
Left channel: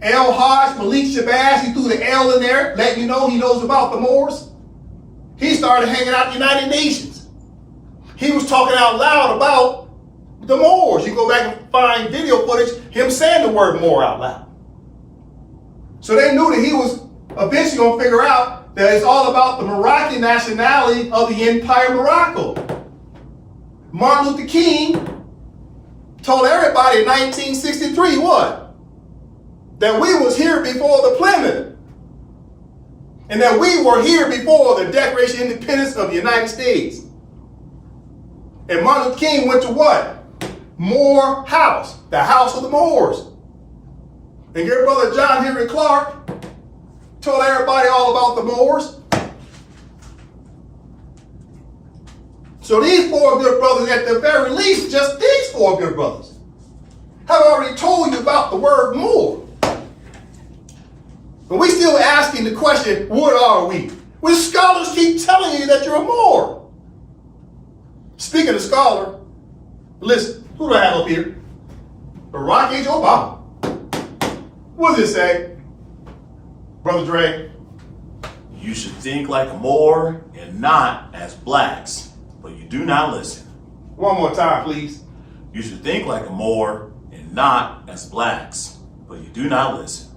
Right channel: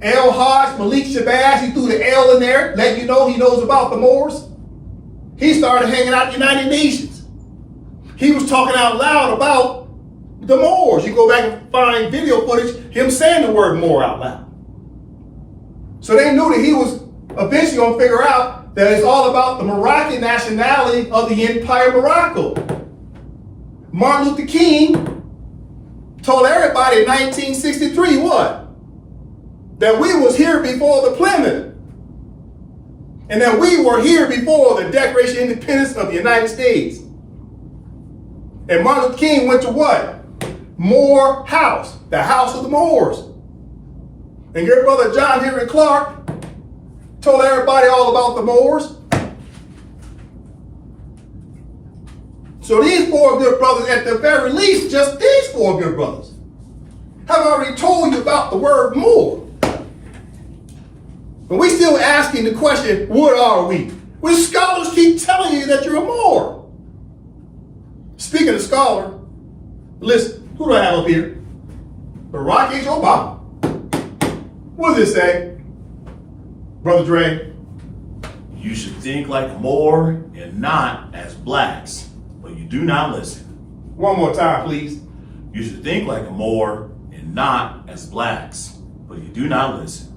El Hajj Malik Shabazz, he threw the L in there, letting you know he knows about the Moors. He started hanging out at the United Nations. He was talking out loud about the Moors. You go back and find video footage, him saying the word Moor out loud. So they knew that he was eventually going to figure out that it's all about the Moroccan nationality of the Empire Morocco. Martin Luther King told everybody in 1963 what? That we was here before the Plymouth. And that we were here before the Declaration of Independence of the United States. And Martin Luther King went to what? Moore House, the house of the Moors. And your brother John Henry Clark Told everybody all about the Moors. So these four good brothers, at the very least, just these four good brothers, have already told you about the word Moor. But we still asking the question, what are we? When scholars keep telling you that you're a Moor. Speaking of scholar, listen, who do I have up here? Barack H. Obama. What does it say? Brother Dre? You should think like a Moor and not as blacks, but you do not listen. One more time, please. You should think like a Moor and not as blacks, but you do not listen.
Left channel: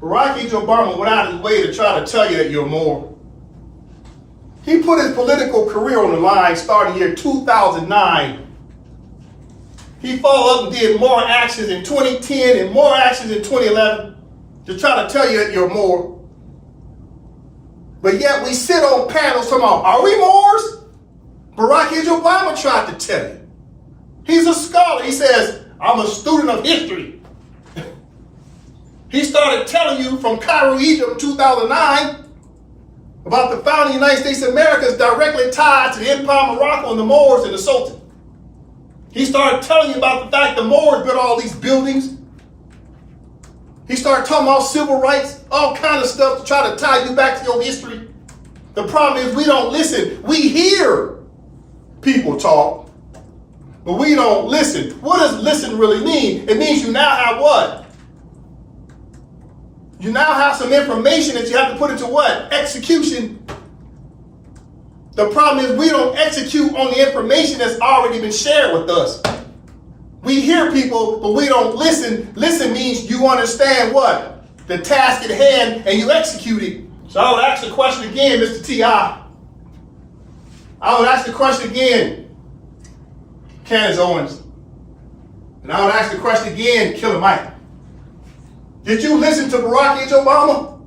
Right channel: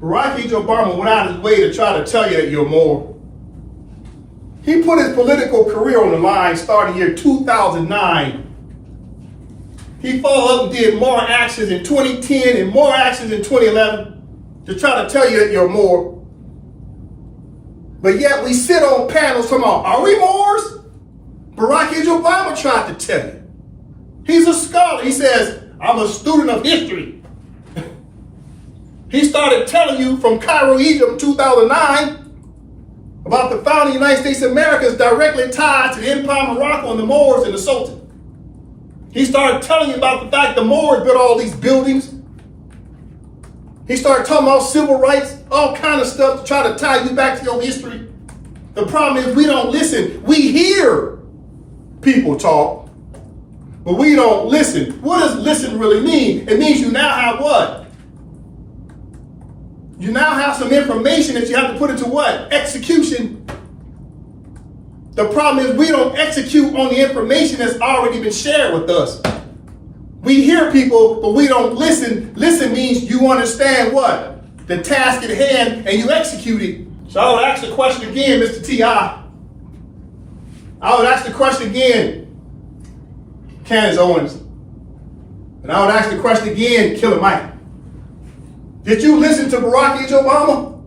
Barack H. Obama went out of his way to try to tell you that you're more. He put his political career on the line starting year 2009. He followed up and did more actions in 2010 and more actions in 2011 to try to tell you that you're more. But yet we sit on panels talking about, are we Moors? Barack H. Obama tried to tell you. He's a scholar. He says, I'm a student of history. He started telling you from Cairo, Egypt, 2009, about the founding of the United States of America is directly tied to the Empire of Morocco and the Moors and the Sultan. He started telling you about the fact the Moors built all these buildings. He started talking about civil rights, all kind of stuff to try to tie you back to your history. The problem is we don't listen. We hear people talk, but we don't listen. What does listen really mean? It means you now have what? You now have some information that you have to put into what? Execution. The problem is we don't execute on the information that's already been shared with us. We hear people, but we don't listen. Listen means you understand what? The task at hand, and you execute it. So I would ask the question again, Mr. T.I. I would ask the question again, Candace Owens. And I would ask the question again, Killer Mike. Did you listen to Barack H. Obama?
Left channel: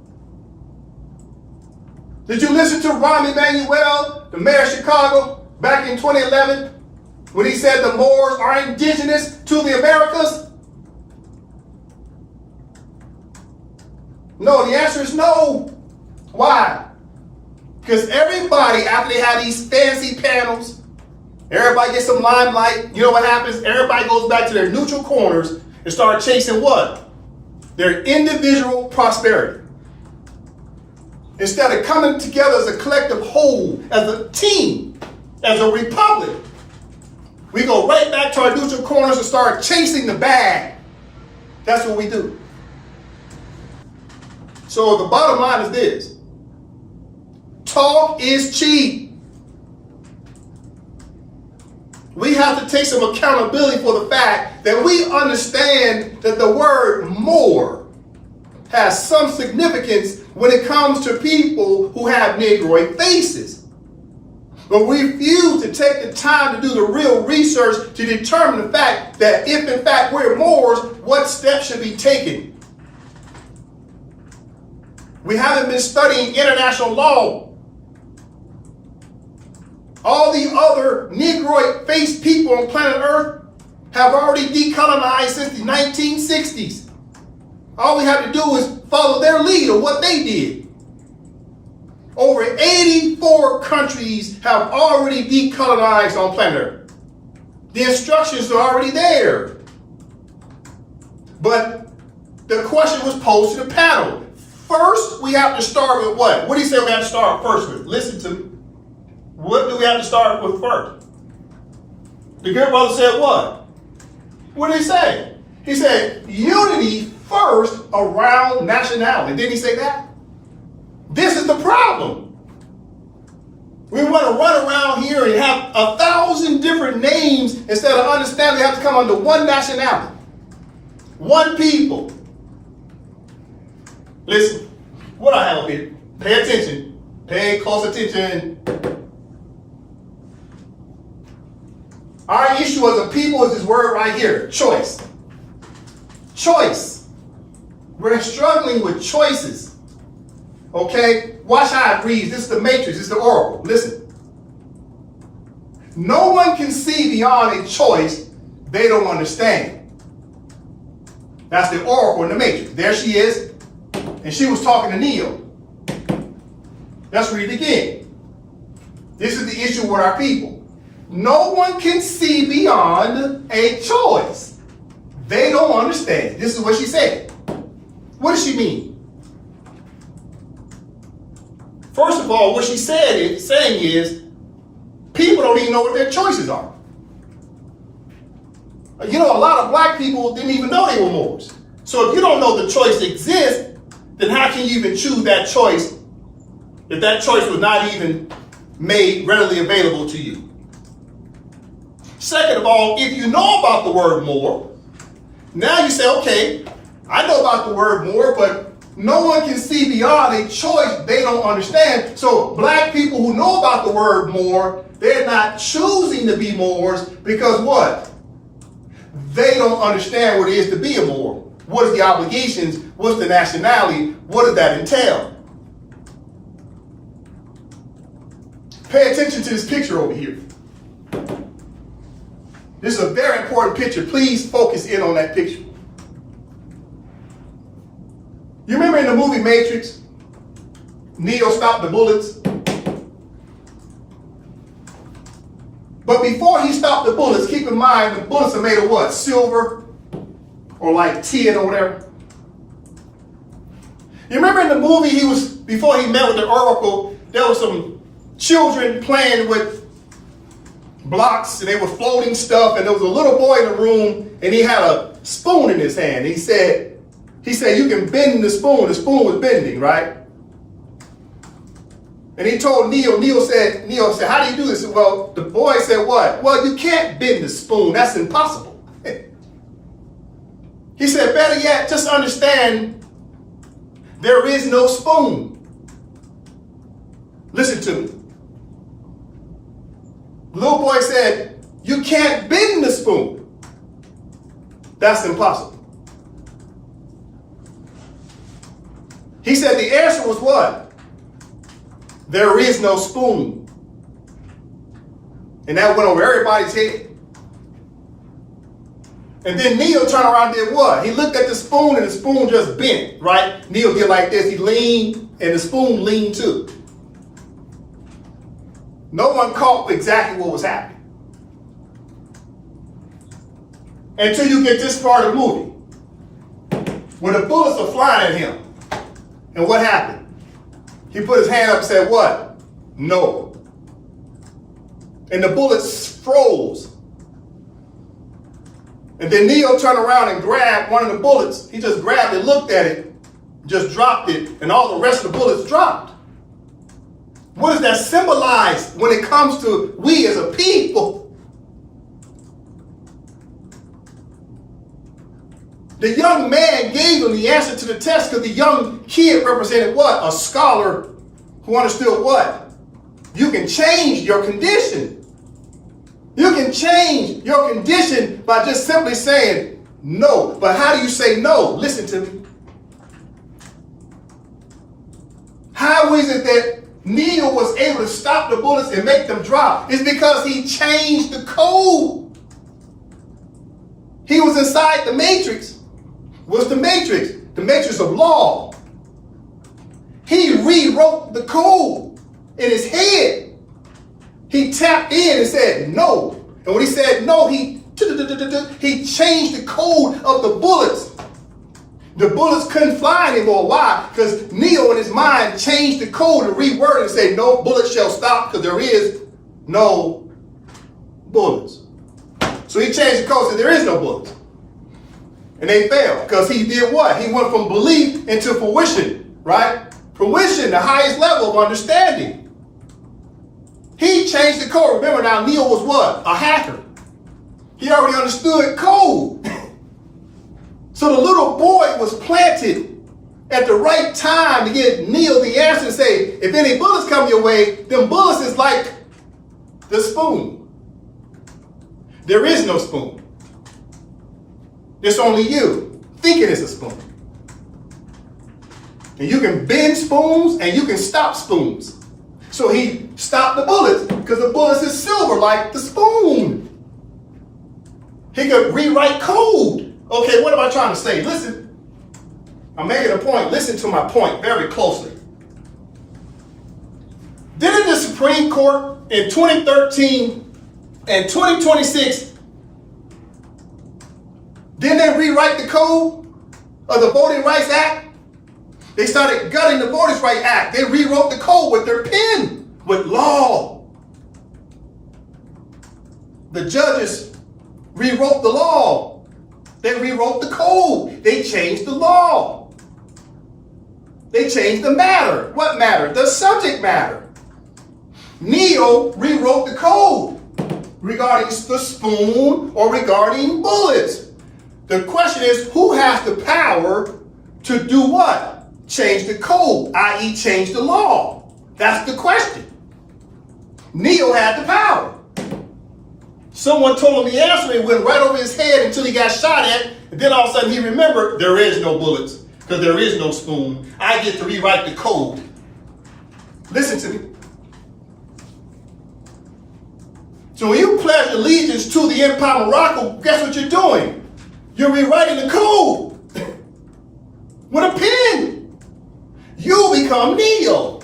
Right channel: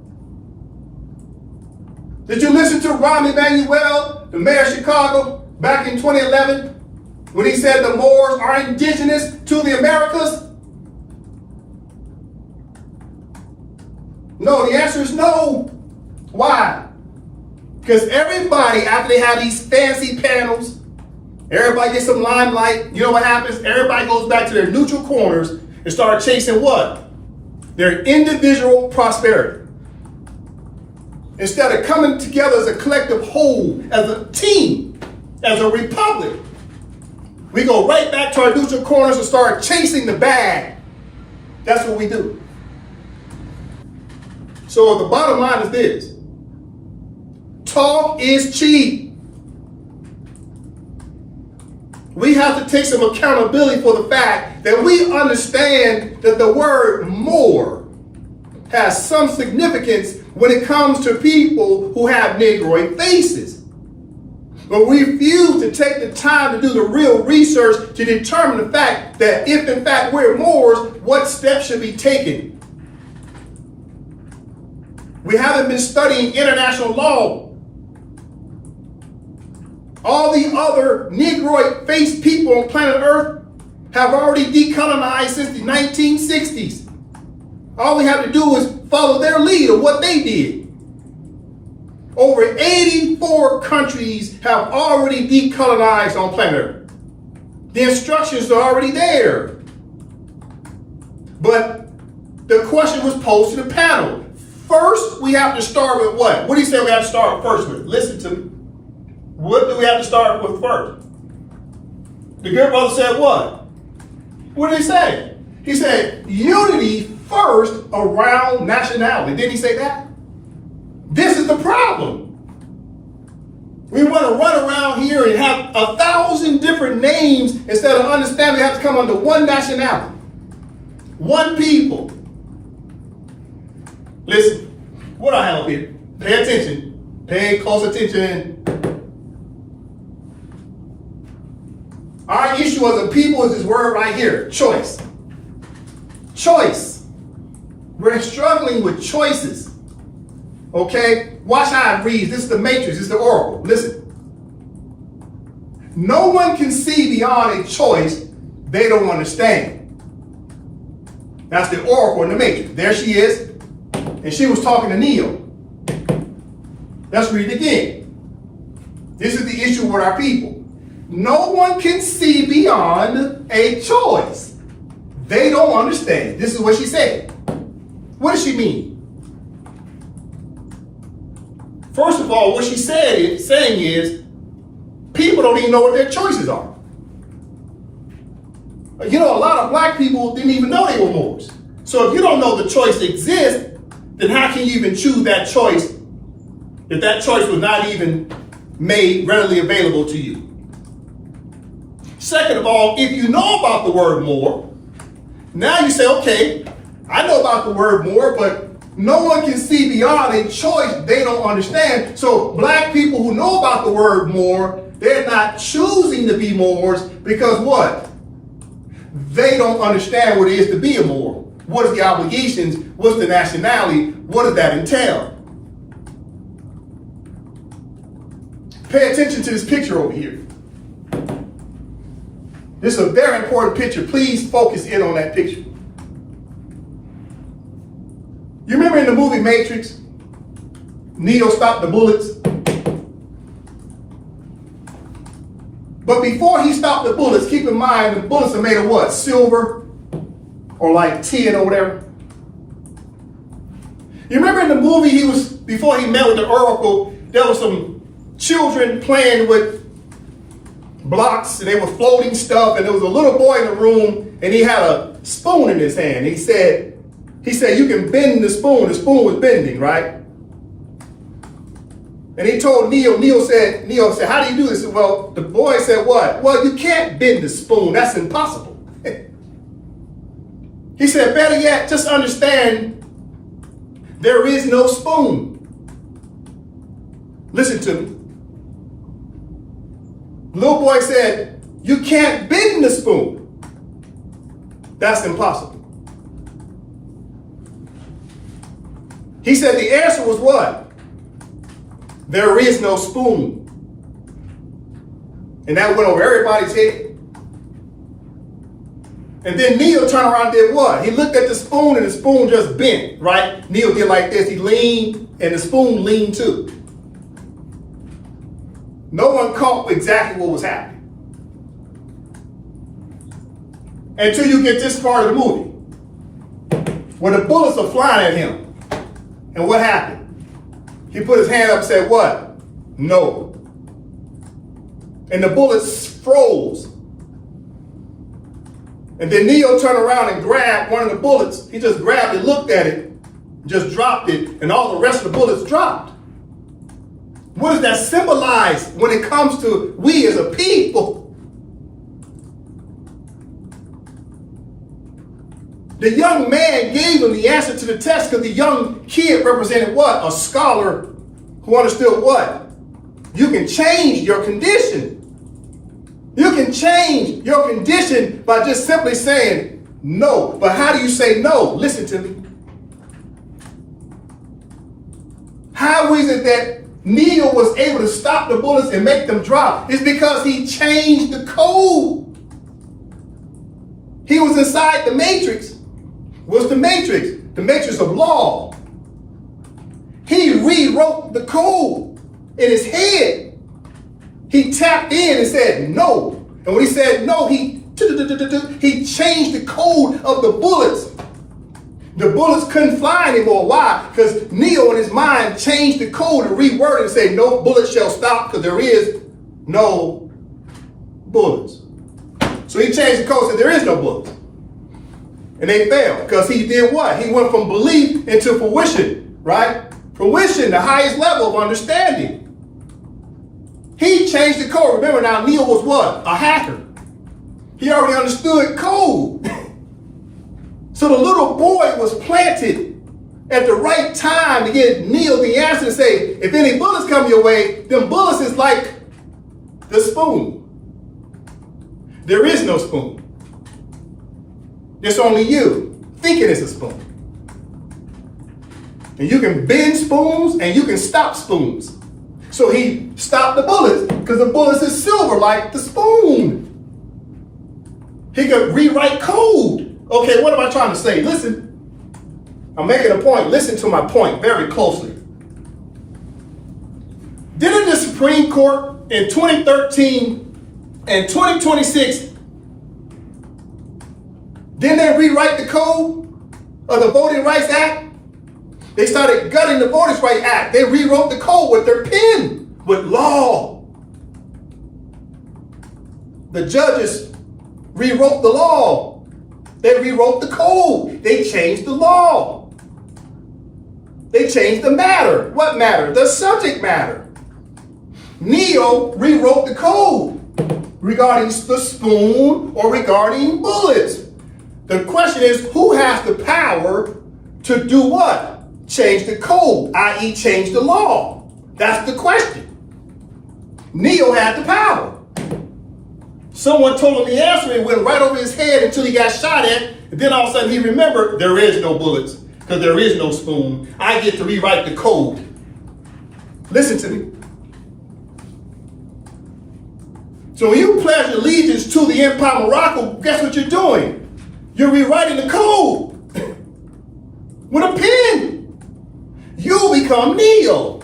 Did you listen to Rahm Emanuel, the mayor of Chicago, back in 2011, when he said the Moors are indigenous to the Americas? No, the answer is no. Why? Because everybody, after they have these fancy panels, everybody gets some limelight, you know what happens? Everybody goes back to their neutral corners and start chasing what? Their individual prosperity. Instead of coming together as a collective whole, as a team, as a republic, we go right back to our neutral corners and start chasing the bag. That's what we do. So the bottom line is this. Talk is cheap. We have to take some accountability for the fact that we understand that the word more has some significance when it comes to people who have Negroid faces. But we refuse to take the time to do the real research to determine the fact that if in fact we're Moors, what steps should be taken. We haven't been studying international law. All the other Negroid-faced people on planet Earth have already decolonized since the 1960s. All we have to do is follow their lead of what they did. Over 84 countries have already decolonized on planet Earth. The instructions are already there. But the question was posed to the panel. First, we have to start with what? What do you say we have to start first with? Listen to me. What do we have to start with first? The good brother said what? What did he say? He said unity first around nationality. Didn't he say that? This is the problem. We want to run around here and have 1,000 different names instead of understanding they have to come under one nationality, one people. Listen, what I have here, pay attention, pay close attention. Our issue as a people is this word right here, choice. Choice. We're struggling with choices. Okay? Watch how it reads. This is the matrix. This is the oracle. Listen. No one can see beyond a choice they don't understand. That's the oracle in the matrix. There she is. and she was talking to Neo. Let's read it again. This is the issue with our people. No one can see beyond a choice. They don't understand. This is what she said. What does she mean? First of all, what she saying is, people don't even know what their choices are. You know, a lot of black people didn't even know they were Moors. So if you don't know the choice exists, then how can you even choose that choice if that choice was not even made readily available to you? Second of all, if you know about the word Moor, now you say, okay, I know about the word Moor, but no one can see beyond a choice they don't understand. So black people who know about the word Moor, they're not choosing to be Moors because what? They don't understand what it is to be a Moor. What is the obligations? What's the nationality? What does that entail? Pay attention to this picture over here. This is a very important picture. Please focus in on that picture. You remember in the movie Matrix, Neo stopped the bullets? But before he stopped the bullets, keep in mind the bullets are made of what? Silver or like tin or whatever. You remember in the movie before he met with the Oracle, there was some children playing with blocks and they were floating stuff, and there was a little boy in the room and he had a spoon in his hand. He said, you can bend the spoon. The spoon was bending, right? And he told Neo said, how do you do this? Well, the boy said what? Well, you can't bend the spoon. That's impossible. He said, better yet, just understand there is no spoon. Listen to me. The little boy said, you can't bend the spoon. That's impossible. He said the answer was what? There is no spoon. And that went over everybody's head. And then Neo turned around and did what? He looked at the spoon and the spoon just bent, right? Neo did like this. He leaned and the spoon leaned too. No one caught exactly what was happening. Until you get this part of the movie, where the bullets are flying at him. And what happened? He put his hand up and said, what? No. And the bullets froze. And then Neo turned around and grabbed one of the bullets. He just grabbed it, looked at it, just dropped it, and all the rest of the bullets dropped. What does that symbolize when it comes to we as a people? The young man gave him the answer to the test because the young kid represented what? A scholar who understood what? You can change your condition. You can change your condition by just simply saying no. But how do you say no? Listen to me. How is it that Neo was able to stop the bullets and make them drop? It's because he changed the code. He was inside the matrix. What's the matrix? The matrix of law. He rewrote the code in his head. He tapped in and said no. And when he said no, he changed the code of the bullets. The bullets couldn't fly anymore. Why? Because Neo in his mind changed the code and reworded and said no bullet shall stop because there is no bullets. So he changed the code and said there is no bullets. And they failed because he did what? He went from belief into fruition, right? Fruition, the highest level of understanding. He changed the code. Remember now, Neo was what? A hacker. He already understood code. So the little boy was planted at the right time to get Neo the answer to say, if any bullets come your way, them bullets is like the spoon. There is no spoon. It's only you thinking it's a spoon. And you can bend spoons and you can stop spoons. So he stopped the bullets because the bullets is silver like the spoon. He could rewrite code. Okay, what am I trying to say? Listen, I'm making a point. Listen to my point very closely. Didn't the Supreme Court in 2013 and 2026, didn't they rewrite the code of the Voting Rights Act? They started gutting the Voting Rights Act. They rewrote the code with their pen, with law. The judges rewrote the law. They rewrote the code. They changed the law. They changed the matter. What matter? The subject matter. Neo rewrote the code regarding the spoon or regarding bullets. The question is, who has the power to do what? Change the code, i.e. change the law. That's the question. Neo had the power. Someone told him the answer, and it went right over his head until he got shot at, and then all of a sudden he remembered there is no bullets because there is no spoon. I get to rewrite the code. Listen to me. So when you pledge allegiance to the Empire of Morocco, guess what you're doing? You're rewriting the code with a pen. You become Neo.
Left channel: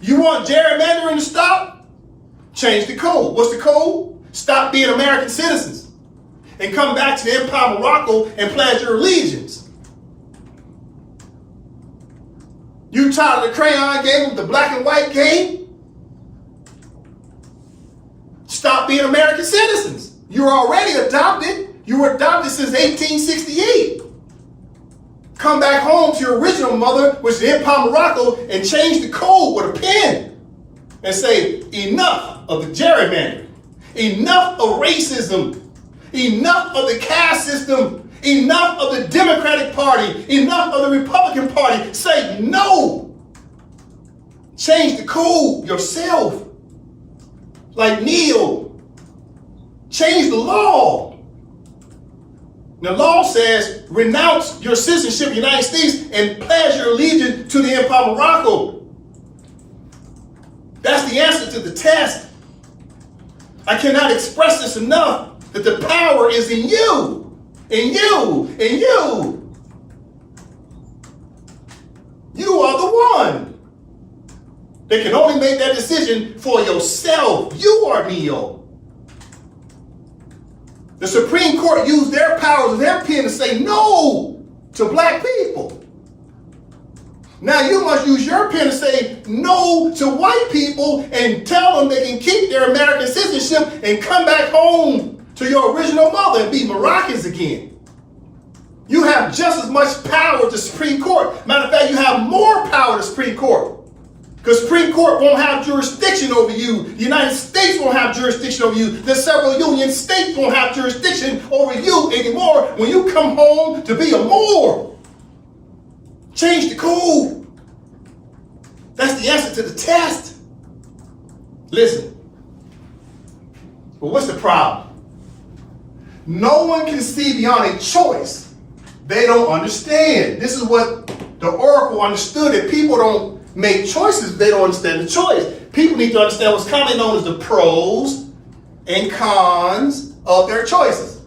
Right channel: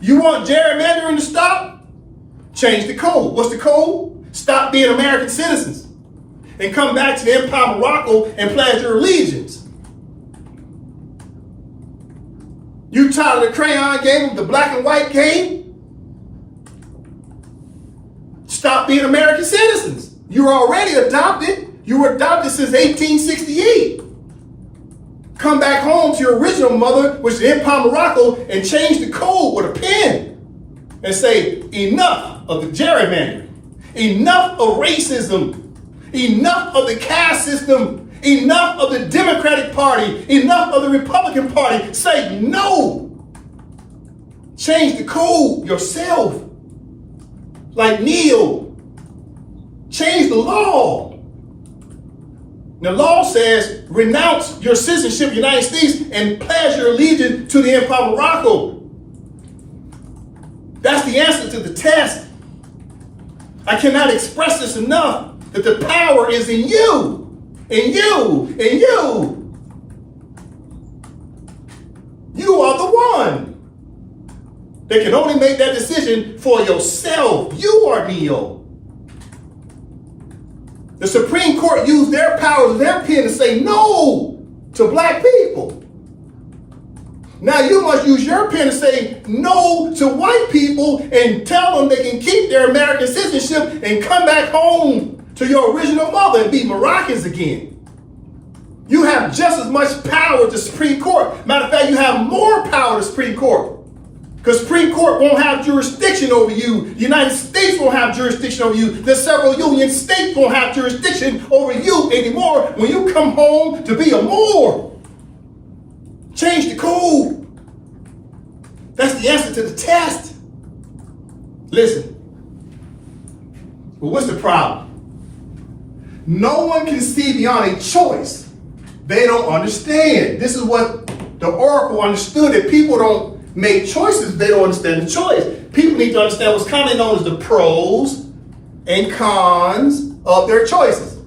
You want gerrymandering to stop? Change the code. What's the code? Stop being American citizens and come back to the Empire of Morocco and pledge your allegiance. You tired of the crayon game, the black and white game? Stop being American citizens. You're already adopted. You were adopted since 1868. Come back home to your original mother, which is the Empire of Morocco, and change the code with a pen and say, enough of the gerrymandering, enough of racism, enough of the caste system, enough of the Democratic Party, enough of the Republican Party. Say no. Change the code yourself. Like Neo. Change the law. The law says renounce your citizenship in the United States and pledge your allegiance to the Empire of Morocco. That's the answer to the test. I cannot express this enough, that the power is in you, in you, in you. You are the one that can only make that decision for yourself. You are Neo. The Supreme Court used their powers and their pen to say no to black people. Now you must use your pen to say no to white people and tell them they can keep their American citizenship and come back home to your original mother and be Moroccans again. You have just as much power as the Supreme Court. Matter of fact, you have more power than the Supreme Court. Because Supreme Court won't have jurisdiction over you. The United States won't have jurisdiction over you. The several union states won't have jurisdiction over you anymore when you come home to be a Moor. Change the code. That's the answer to the test. Listen. But what's the problem? No one can see beyond a choice they don't understand. This is what the Oracle understood, that people don't make choices, they don't understand the choice. People need to understand what's commonly known as the pros and cons of their choices,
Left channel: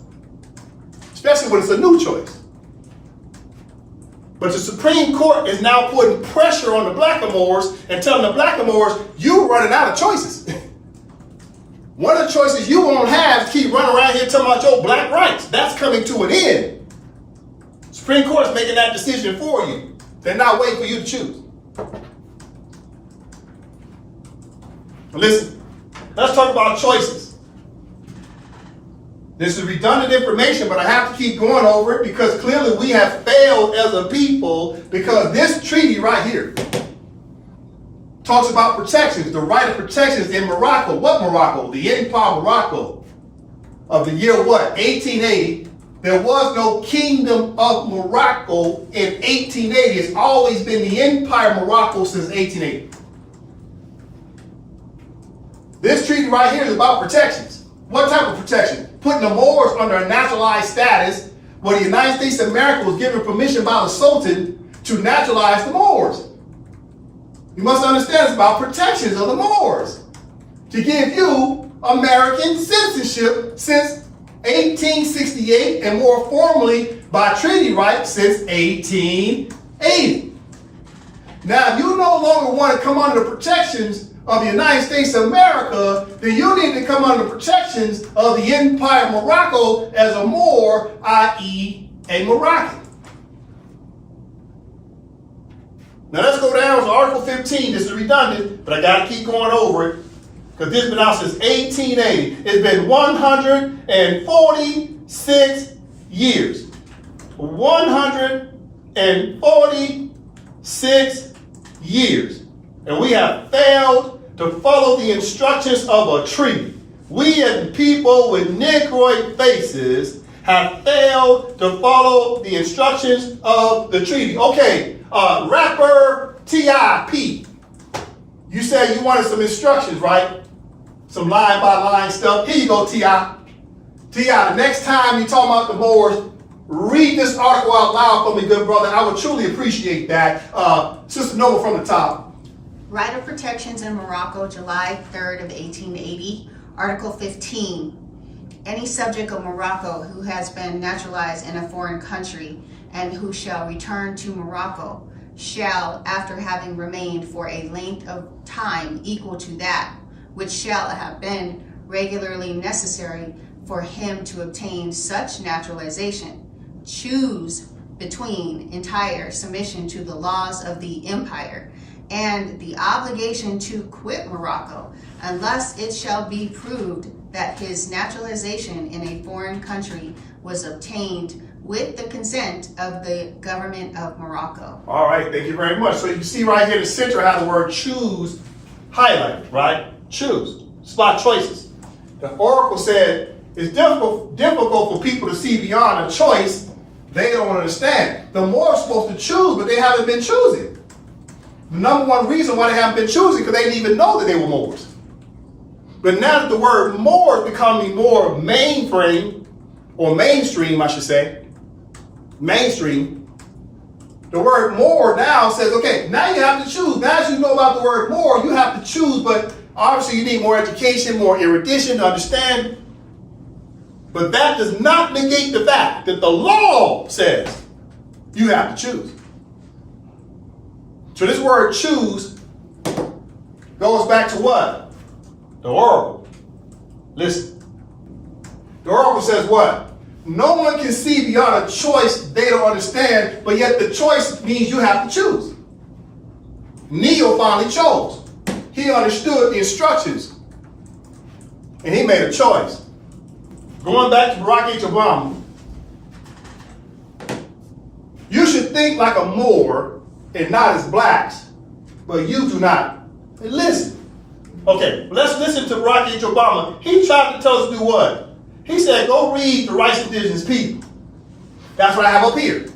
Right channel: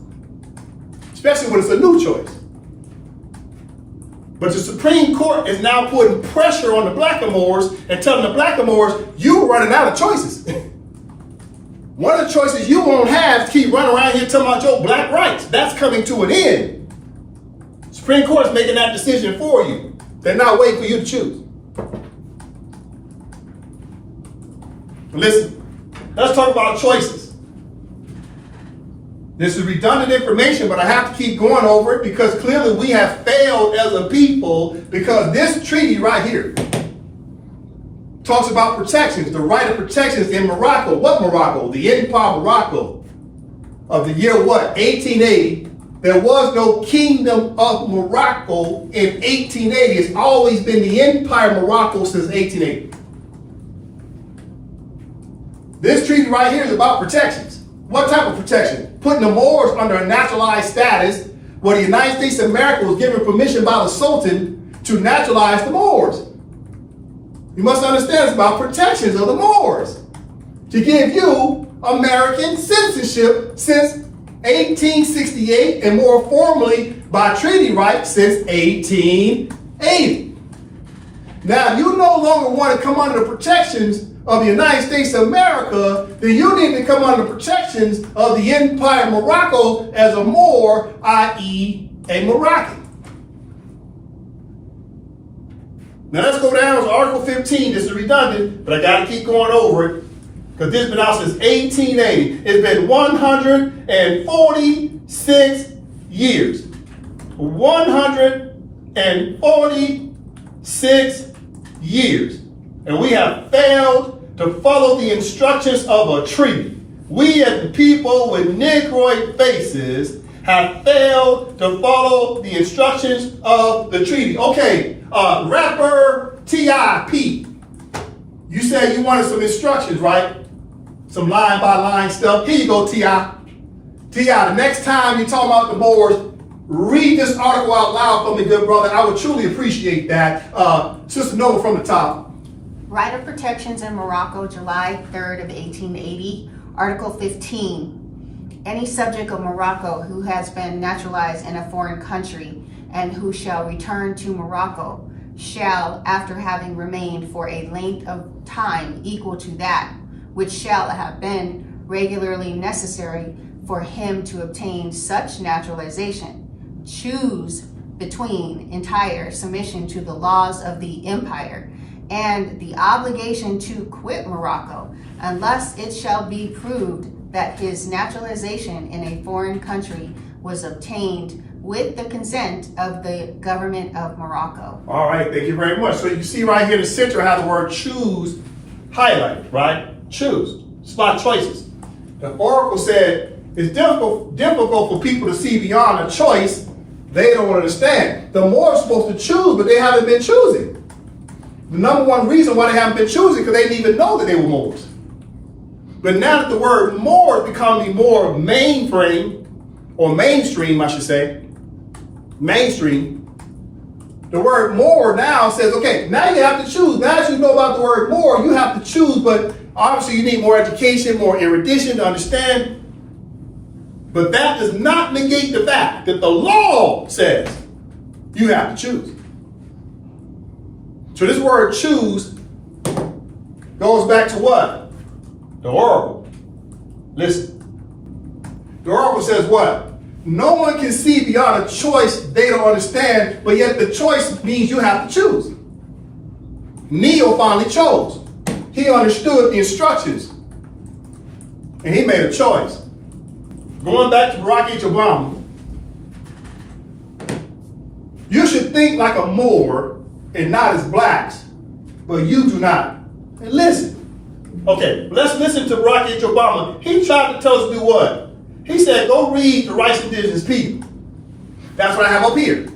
especially when it's a new choice. But the Supreme Court is now putting pressure on the blackamoors and telling the blackamoors, you're running out of choices. One of the choices you won't have is keep running around here talking about your black rights. That's coming to an end. Supreme Court's making that decision for you. They're not waiting for you to choose. Listen, let's talk about choices. This is redundant information, but I have to keep going over it because clearly we have failed as a people, because this treaty right here talks about protections, the right of protections in Morocco. What Morocco? The Empire of Morocco of the year what? 1880. There was no Kingdom of Morocco in 1880. It's always been the Empire of Morocco since 1880. This treaty right here is about protections. What type of protection? Putting the Moors under a naturalized status, where the United States of America was given permission by the Sultan to naturalize the Moors. You must understand it's about protections of the Moors, to give you American citizenship since 1868 and more formally by treaty right since 1880. Now, if you no longer want to come under the protections of the United States of America, then you need to come under the protections of the Empire of Morocco as a Moor, i.e. a Moroccan. Now let's go down to Article 15. This is redundant, but I got to keep going over it because this has been out since 1880. It's been 146 years. 146 years. And we have failed to follow the instructions of a treaty. We as people with Negroid faces have failed to follow the instructions of the treaty. Okay, rapper T.I.P. You said you wanted some instructions, right? Some line by line stuff. Here you go, T.I. T.I., the next time you talk about the Moors, read this article out loud for me, good brother. I would truly appreciate that. Sister Nova from the top. Right of Protections in Morocco, July 3rd of 1880, Article 15. Any subject of Morocco who has been naturalized in a foreign country and who shall return to Morocco shall, after having remained for a length of time equal to that which shall have been regularly necessary for him to obtain such naturalization, choose between entire submission to the laws of the empire and the obligation to quit Morocco, unless it shall be proved that his naturalization in a foreign country was obtained with the consent of the government of Morocco. All right, thank you very much. So you see right here in the center how the word choose highlighted, right? Choose. Spot choices. The oracle said it's difficult for people to see beyond a choice they don't understand. The Moors are supposed to choose, but they haven't been choosing. The number one reason why they haven't been choosing because they didn't even know that they were Moors. But now that the word Moor is becoming more mainstream, I should say, mainstream, the word Moor now says, okay, now you have to choose. Now as you know about the word Moor, you have to choose, but obviously you need more education, more erudition to understand. But that does not negate the fact that the law says you have to choose. So this word choose goes back to what? The oracle. Listen. The oracle says what? No one can see beyond a choice they don't understand, but yet the choice means you have to choose. Neo finally chose. He understood the instructions, and he made a choice. Going back to Barack H. Obama, you should think like a Moor and not as blacks, but you do not. And listen. Okay, let's listen to Barack H. Obama. He tried to tell us to do what? He said, go read the Rights of Indigenous People. That's what I have up here.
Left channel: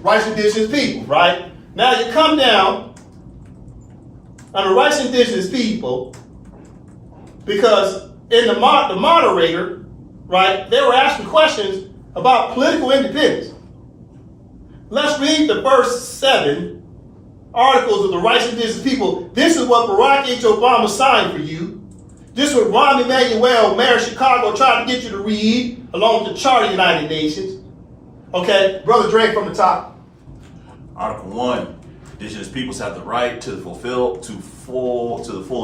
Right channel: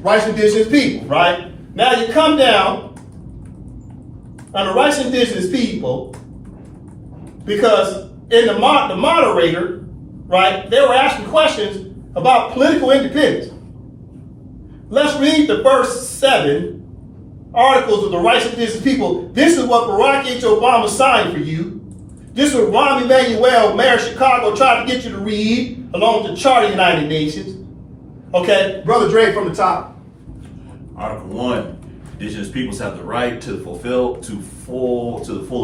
Rights of Indigenous People, right? Now you come down on the Rights of Indigenous People because in the moderator, right, they were asking questions about political independence. Let's read the first 7 articles of the Rights of Indigenous People. This is what Barack H. Obama signed for you. This is what Rahm Emanuel, Mayor of Chicago, tried to get you to read along with the Charter of the United Nations. Okay, Brother Dre from the top. Article 1, indigenous peoples have the right to the full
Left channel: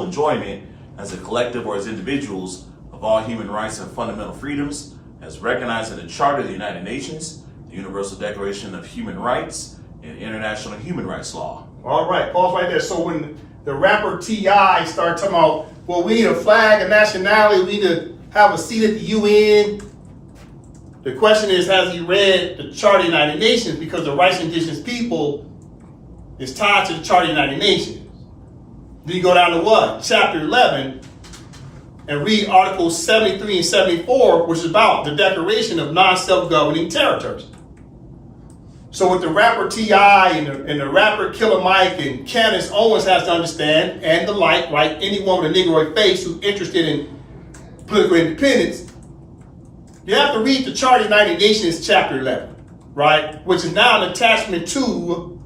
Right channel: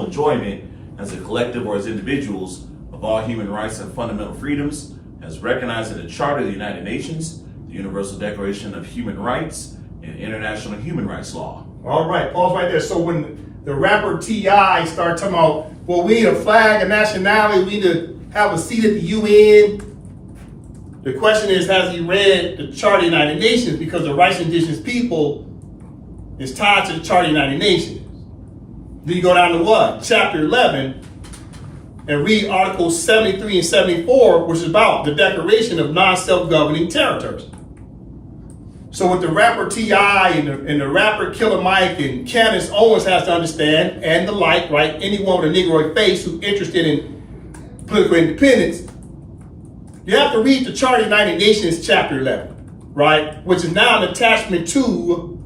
enjoyment as a collective or as individuals of all human rights and fundamental freedoms as recognized in the Charter of the United Nations, the Universal Declaration of Human Rights, and international human rights law. All right, pause right there. So when the rapper T.I. started talking about, well, we need a flag, a nationality, we need to have a seat at the UN. The question is, has he read the Charter of the United Nations? Because the rights of indigenous people is tied to the Charter of the United Nations. Then you go down to what? Chapter 11 and read Articles 73 and 74, which is about the declaration of non-self-governing territories. So what the rapper T.I. and the rapper Killer Mike and Candace Owens has to understand, and the like, right? Anyone with a Negroid face who's interested in political independence, you have to read the Charter of the United Nations, chapter 11, right? Which is now an attachment to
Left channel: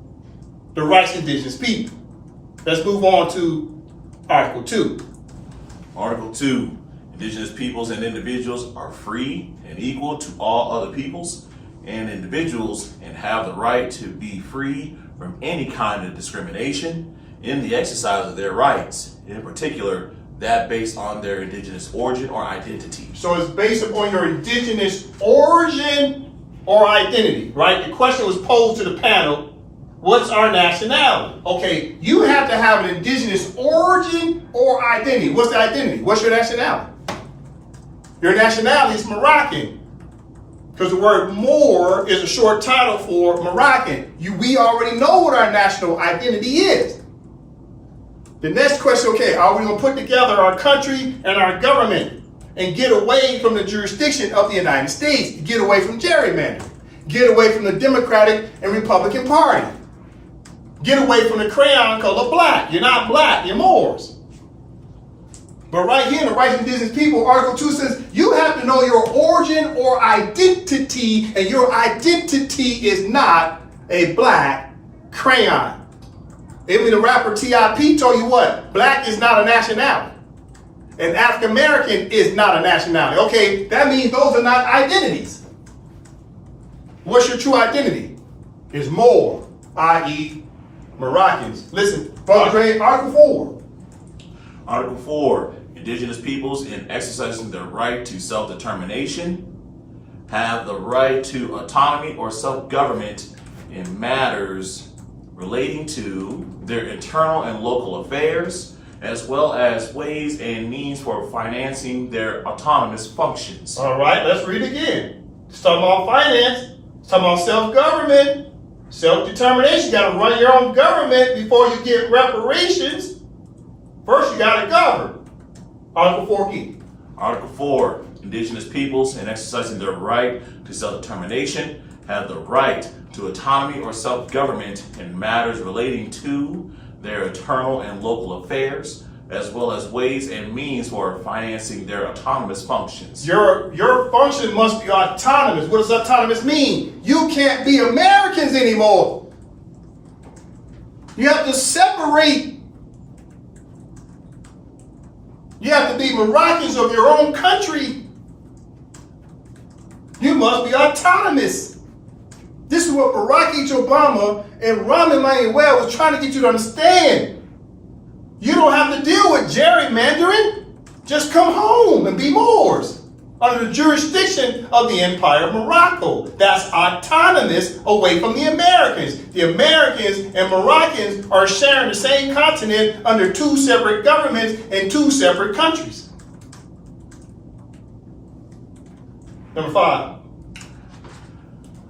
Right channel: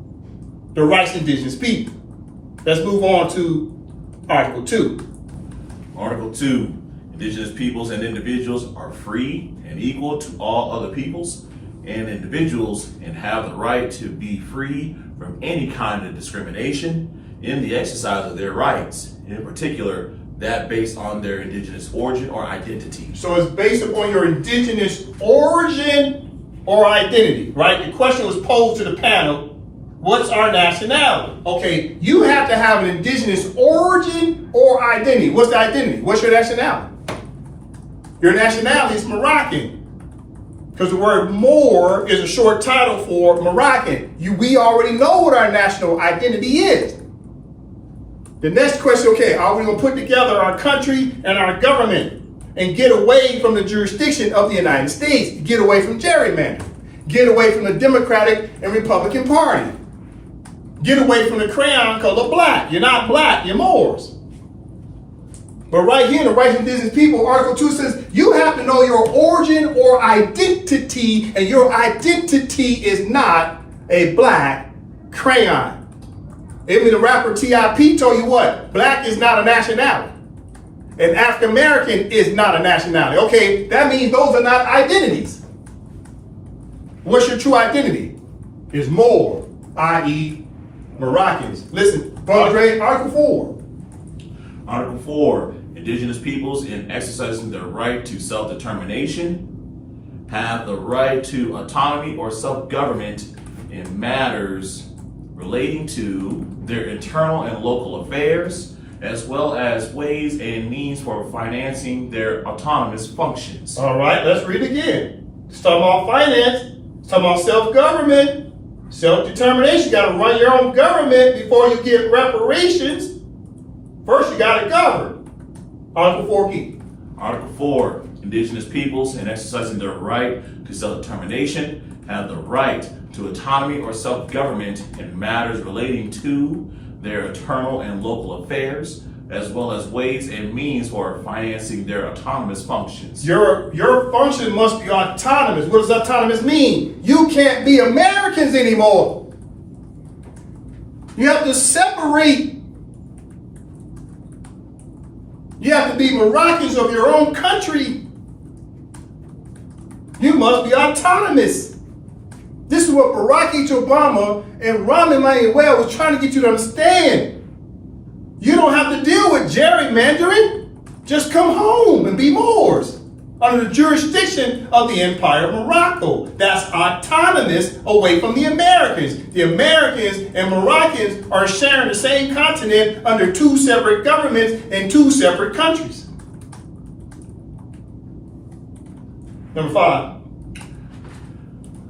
the rights of indigenous people. Let's move on to Article 2. Article 2, Indigenous peoples and individuals are free and equal to all other peoples and individuals and have the right to be free from any kind of discrimination in the exercise of their rights, in particular, that based on their indigenous origin or identity. So it's based upon your indigenous origin or identity, right? The question was posed to the panel, what's our nationality? Okay, you have to have an indigenous origin or identity. What's the identity? What's your nationality? Your nationality is Moroccan. Because the word Moor is a short title for Moroccan. We already know what our national identity is. The next question, okay, are we going to put together our country and our government and get away from the jurisdiction of the United States, get away from gerrymandering, get away from the Democratic and Republican Party, get away from the crayon color black. You're not black, you're Moors. But right here in the Rights of Indigenous People, Article 2 says you have to know your origin or identity, and your identity is not a black crayon. Even the rapper T.I.P. told you what? Black is not a nationality. And African American is not a nationality. Okay, that means those are not identities. What's your true identity? It's Moor, i.e. Moroccans. Listen, Brother Dre, Article 4. Article 4, indigenous peoples in exercising their right to self-determination have the right to autonomy or self-government in matters relating to their internal and local affairs, as well as ways and means for financing their autonomous functions. All right, let's read again. It's talking about finance. It's talking about self-government, self-determination. You got to run your own government before you get reparations. First, you got to govern. Article 4 key. Article 4, indigenous peoples in exercising their right to self-determination have the right to autonomy or self-government in matters relating to their internal and local affairs, as well as ways and means for financing their autonomous functions. Your function must be autonomous. What does autonomous mean? You can't be Americans anymore. You have to separate. You have to be Moroccans of your own country. You must be autonomous. This is what Barack H. Obama and Rahm Emanuel was trying to get you to understand. You don't have to deal with gerrymandering. Just come home and be Moors under the jurisdiction of the Empire of Morocco. That's autonomous away from the Americans. The Americans and Moroccans are sharing the same continent under two separate governments and two separate countries. Number 5.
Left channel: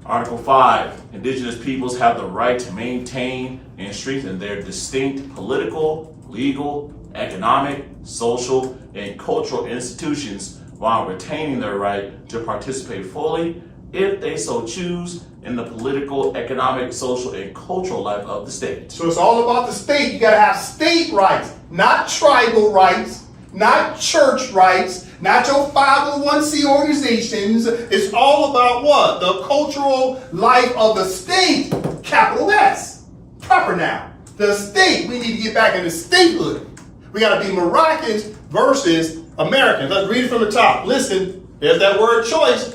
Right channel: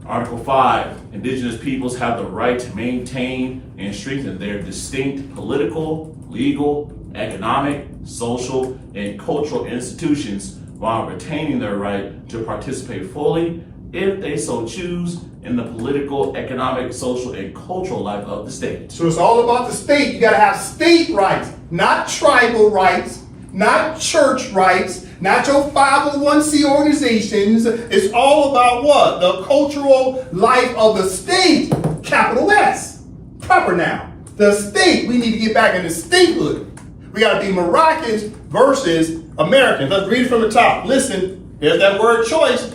Article 5, indigenous peoples have the right to maintain and strengthen their distinct political, legal, economic, social, and cultural institutions while retaining their right to participate fully, if they so choose, in the political, economic, social, and cultural life of the state. So it's all about the state. You got to have state rights, not tribal rights, not church rights, not your 501c organizations. It's all about what? The cultural life of the state, capital S, proper noun. The state, we need to get back into statehood. We got to be Moroccans versus Americans. Let's read it from the top. Listen, there's that word choice,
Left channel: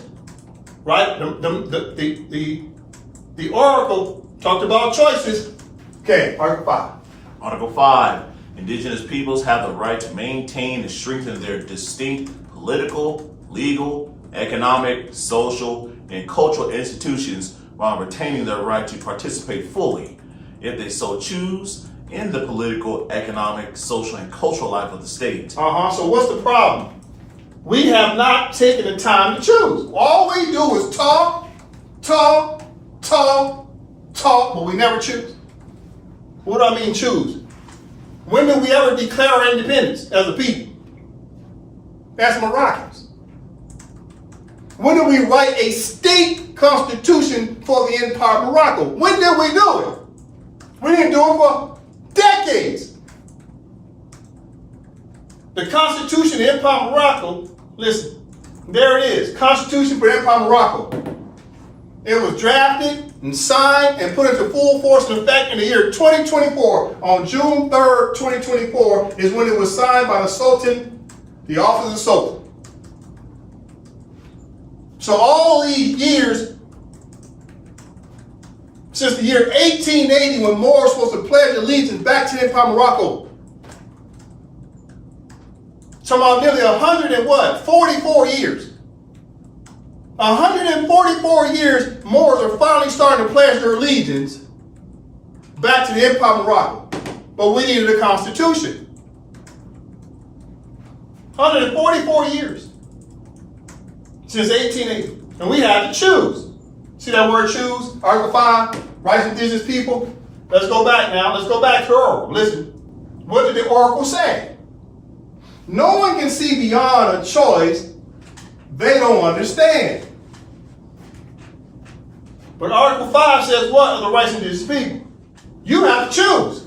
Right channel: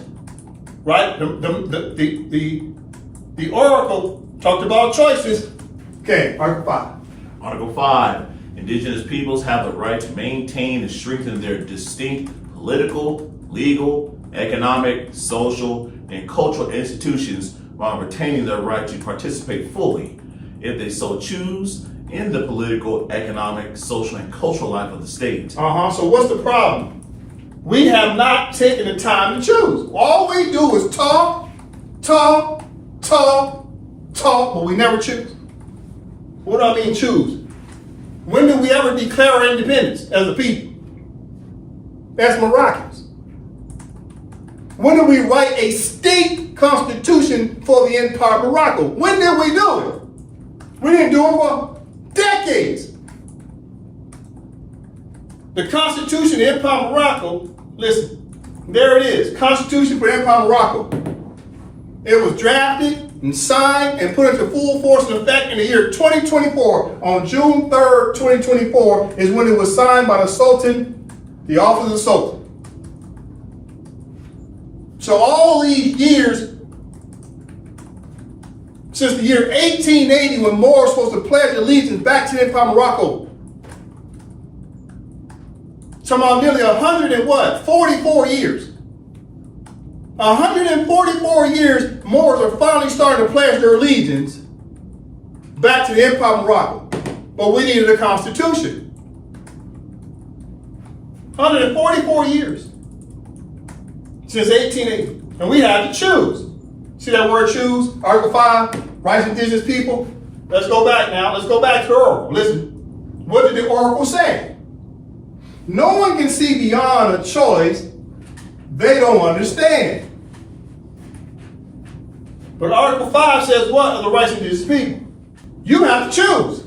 right? The oracle talked about choices. Okay, Article 5. Article 5, indigenous peoples have the right to maintain and strengthen their distinct political, legal, economic, social, and cultural institutions while retaining their right to participate fully, if they so choose, in the political, economic, social, and cultural life of the state. So what's the problem? We have not taken the time to choose. All we do is talk, but we never choose. What do I mean choose? When do we ever declare our independence as a people? As Moroccans. When did we write a state constitution for the Empire of Morocco? When did we do it? We didn't do it for decades. The Constitution of the Empire of Morocco, listen, there it is, Constitution for the Empire of Morocco. It was drafted and signed and put into full force and effect in the year 2024. On June 3rd, 2024 is when it was signed by the Sultan, the office of the Sultan. So all these years, since the year 1880, when Moors were supposed to pledge allegiance back to the Empire of Morocco, talking about nearly 144 years. 144 years, Moors are finally starting to pledge their allegiance back to the Empire of Morocco. But we needed a constitution. 144 years since 1880. And we had to choose. See that word choose? Article 5, rights of indigenous people. Let's go back now. Let's go back to the oracle. Listen. What did the oracle say? No one can see beyond a choice they don't understand. But Article 5 says what of the rights of indigenous people? You have to choose.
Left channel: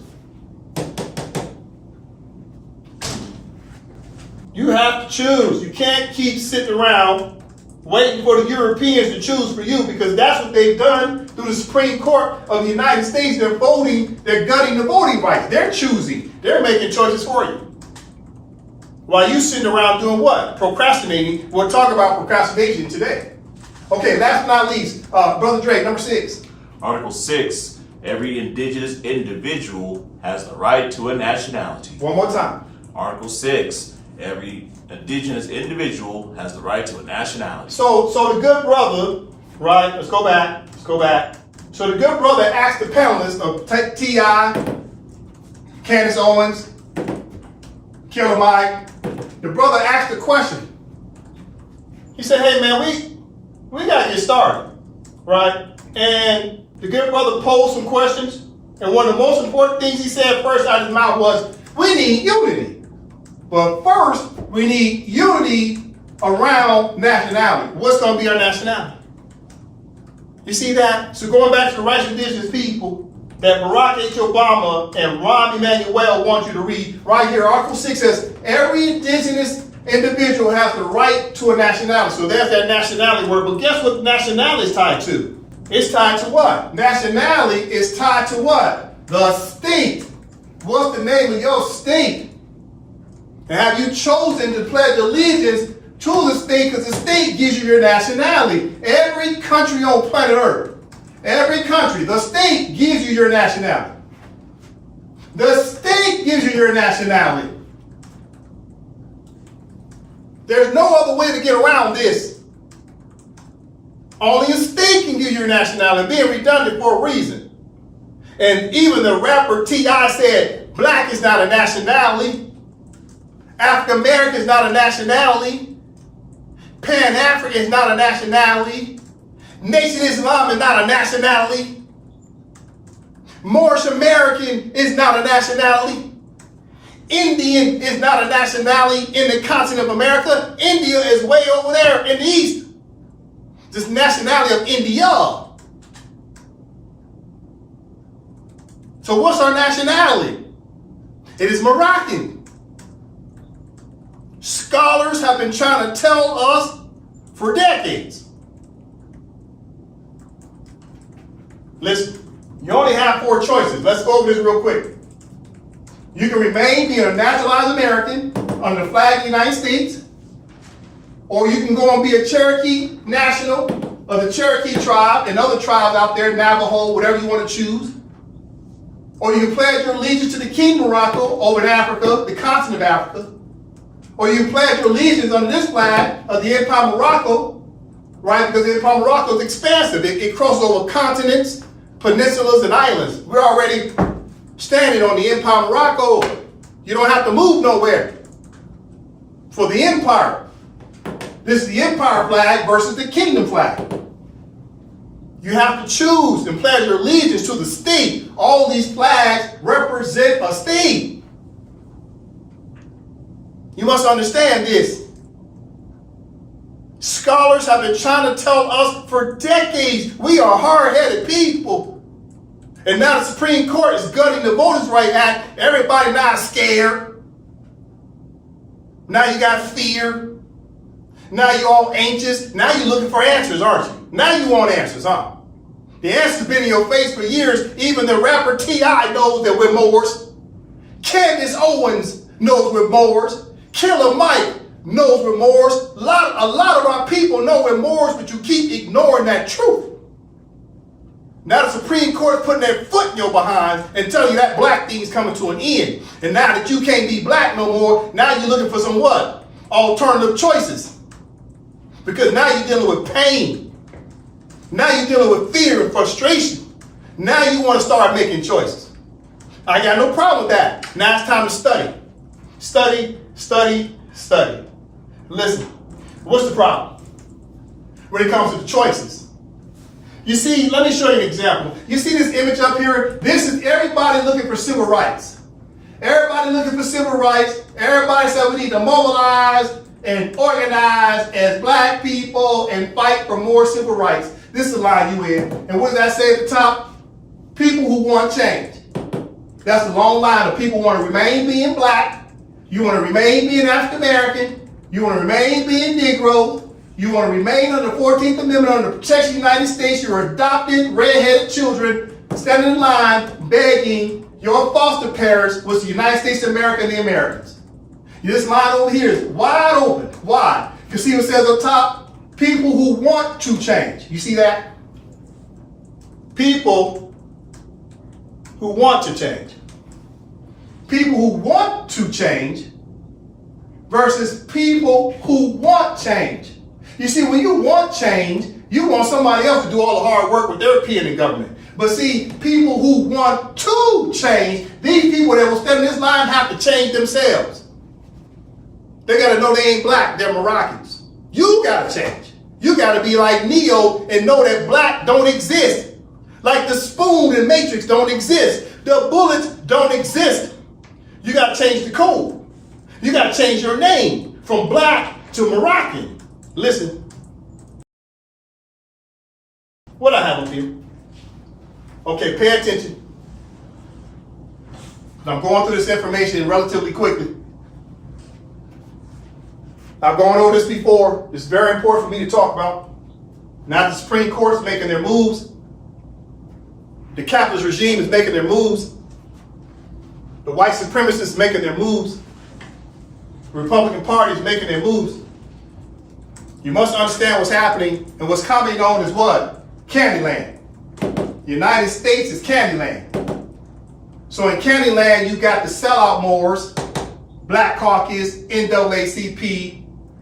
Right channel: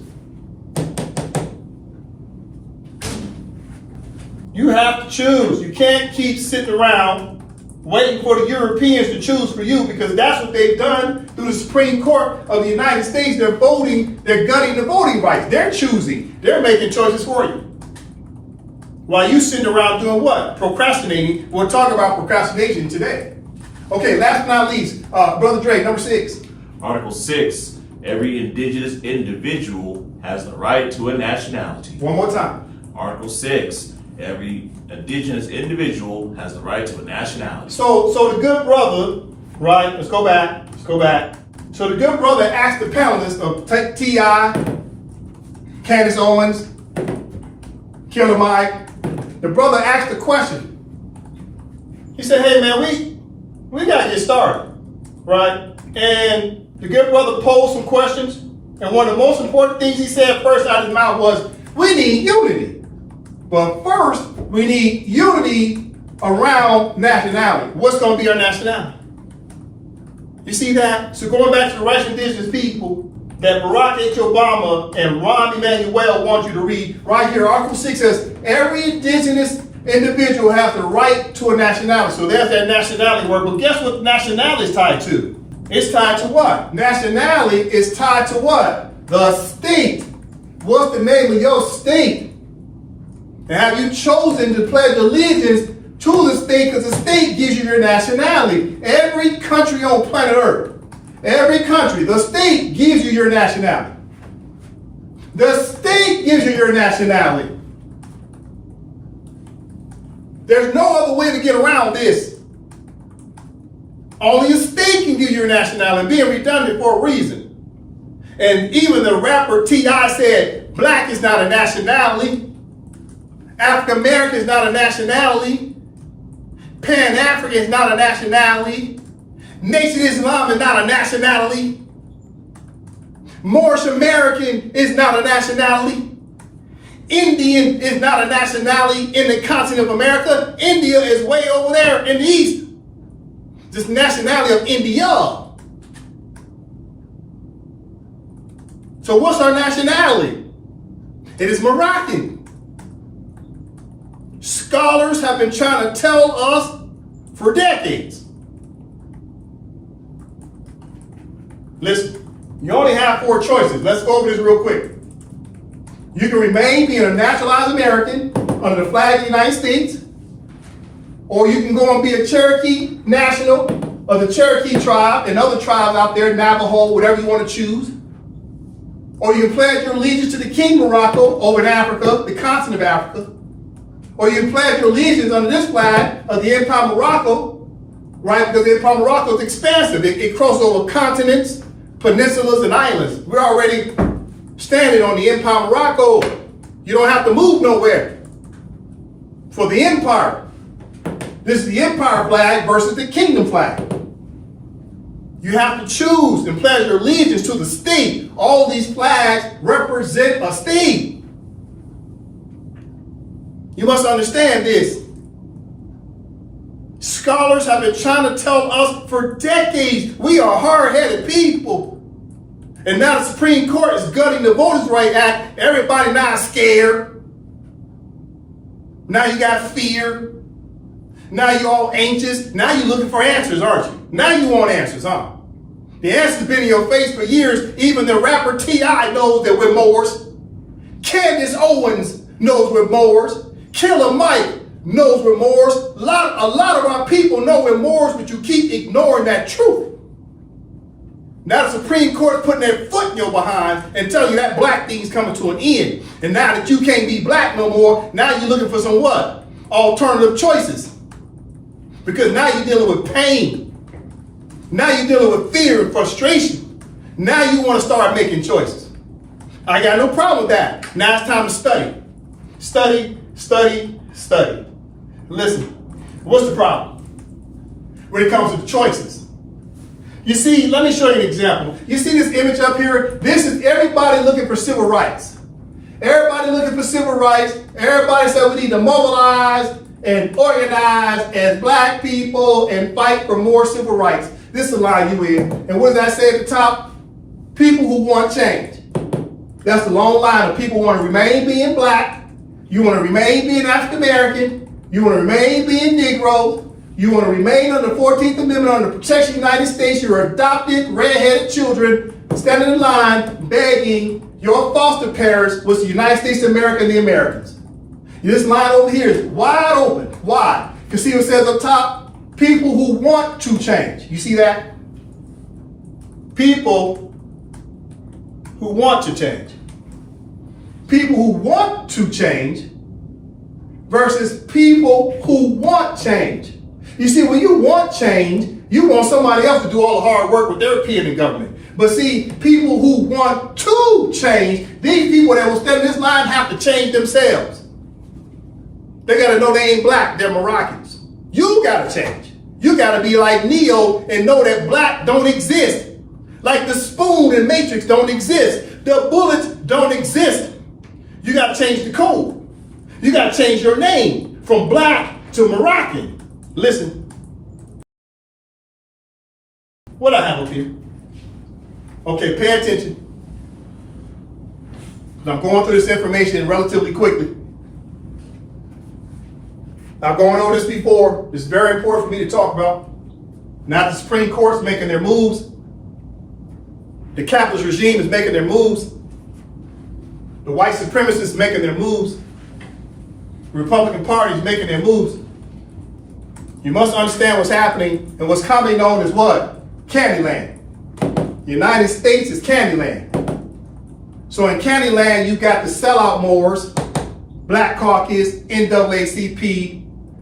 You have to choose. You can't keep sitting around waiting for the Europeans to choose for you, because that's what they've done through the Supreme Court of the United States. They're voting, they're gutting the voting rights. They're choosing. They're making choices for you. While you sitting around doing what? Procrastinating. We'll talk about procrastination today. Okay, last but not least, Brother Dre, number 6. Article 6, every indigenous individual has the right to a nationality. One more time. Article 6, every indigenous individual has the right to a nationality. So the good brother, right, let's go back. So the good brother asked the panelists of T.I., Candace Owens, Killer Mike, the brother asked the question. He said, hey man, we gotta get started, right? And the good brother posed some questions, and one of the most important things he said first out of his mouth was, we need unity. But first, we need unity around nationality. What's going to be our nationality? You see that? So going back to the rights of indigenous people that Barack H. Obama and Rahm Emanuel want you to read, right here, Article 6 says, every indigenous individual has the right to a nationality. So there's that nationality word. But guess what nationality is tied to? It's tied to what? Nationality is tied to what? The state. What's the name of your state? And have you chosen to pledge allegiance to the state, because the state gives you your nationality? Every country on planet Earth, every country, the state gives you your nationality. The state gives you your nationality. There's no other way to get around this. Only a state can give you your nationality, being redundant for a reason. And even the rapper T.I. said, black is not a nationality. African American is not a nationality. Pan-African is not a nationality. Nation Islam is not a nationality. Moorish American is not a nationality. Indian is not a nationality in the continent of America. India is way over there in the east. This nationality of India. So what's our nationality? It is Moroccan. Scholars have been trying to tell us for decades. Listen, you only have 4 choices. Let's go over this real quick. You can remain being a naturalized American under the flag of the United States, or you can go and be a Cherokee national of the Cherokee tribe and other tribes out there, Navajo, whatever you want to choose. Or you can pledge your allegiance to the King Morocco over in Africa, the continent of Africa. Or you can pledge your allegiance under this flag of the Empire of Morocco, right? Because the Empire of Morocco is expansive. It crosses over continents, peninsulas, and islands. We're already standing on the Empire of Morocco. You don't have to move nowhere for the empire. This is the empire flag versus the kingdom flag. You have to choose and pledge your allegiance to the state. All these flags represent a state. You must understand this. Scholars have been trying to tell us for decades we are hard-headed people. And now the Supreme Court is gutting the Voters' Right Act. Everybody now is scared. Now you got fear. Now you're all anxious. Now you're looking for answers, aren't you? Now you want answers, huh? The answer's been in your face for years. Even the rapper T.I. knows that we're Moors. Candace Owens knows we're Moors. Killer Mike knows remorse. A lot of our people know remorse, but you keep ignoring that truth. Now the Supreme Court is putting their foot in your behind and telling you that black thing's coming to an end. And now that you can't be black no more, now you're looking for some what? Alternative choices. Because now you're dealing with pain. Now you're dealing with fear and frustration. Now you want to start making choices. I got no problem with that. Now it's time to study. Study, study, study. Listen, what's the problem when it comes to the choices? You see, let me show you an example. You see this image up here? This is everybody looking for civil rights. Everybody looking for civil rights. Everybody said we need to mobilize and organize as black people and fight for more civil rights. This is the line you in. And what does that say at the top? People who want change. That's the long line of people who want to remain being black. You want to remain being African American. You want to remain being Negro. You want to remain under the 14th Amendment under the protection of the United States. You're adopted, red-headed children standing in line begging your foster parents was the United States of America and the Americans. This line over here is wide open. Why? You see what it says up top? People who want to change. You see that? People who want to change. People who want to change versus people who want change. You see, when you want change, you want somebody else to do all the hard work with their pen in government. But see, people who want to change, these people that will stand in this line have to change themselves. They got to know they ain't black, they're Moroccans. You got to change. You got to be like Neo and know that black don't exist. Like the spoon in Matrix don't exist. The bullets don't exist. You got to change the code. You got to change your name from black to Moroccan. Listen. What I have up here? Okay, pay attention. I'm going through this information relatively quickly. I've gone over this before. It's very important for me to talk about. Now the Supreme Court is making their moves. The capitalist regime is making their moves. The white supremacists is making their moves. The Republican Party is making their moves. You must understand what's happening and what's commonly known as what? Candyland. The United States is Candyland. So in Candyland, you got the sellout Moors, Black Caucus, NAACP.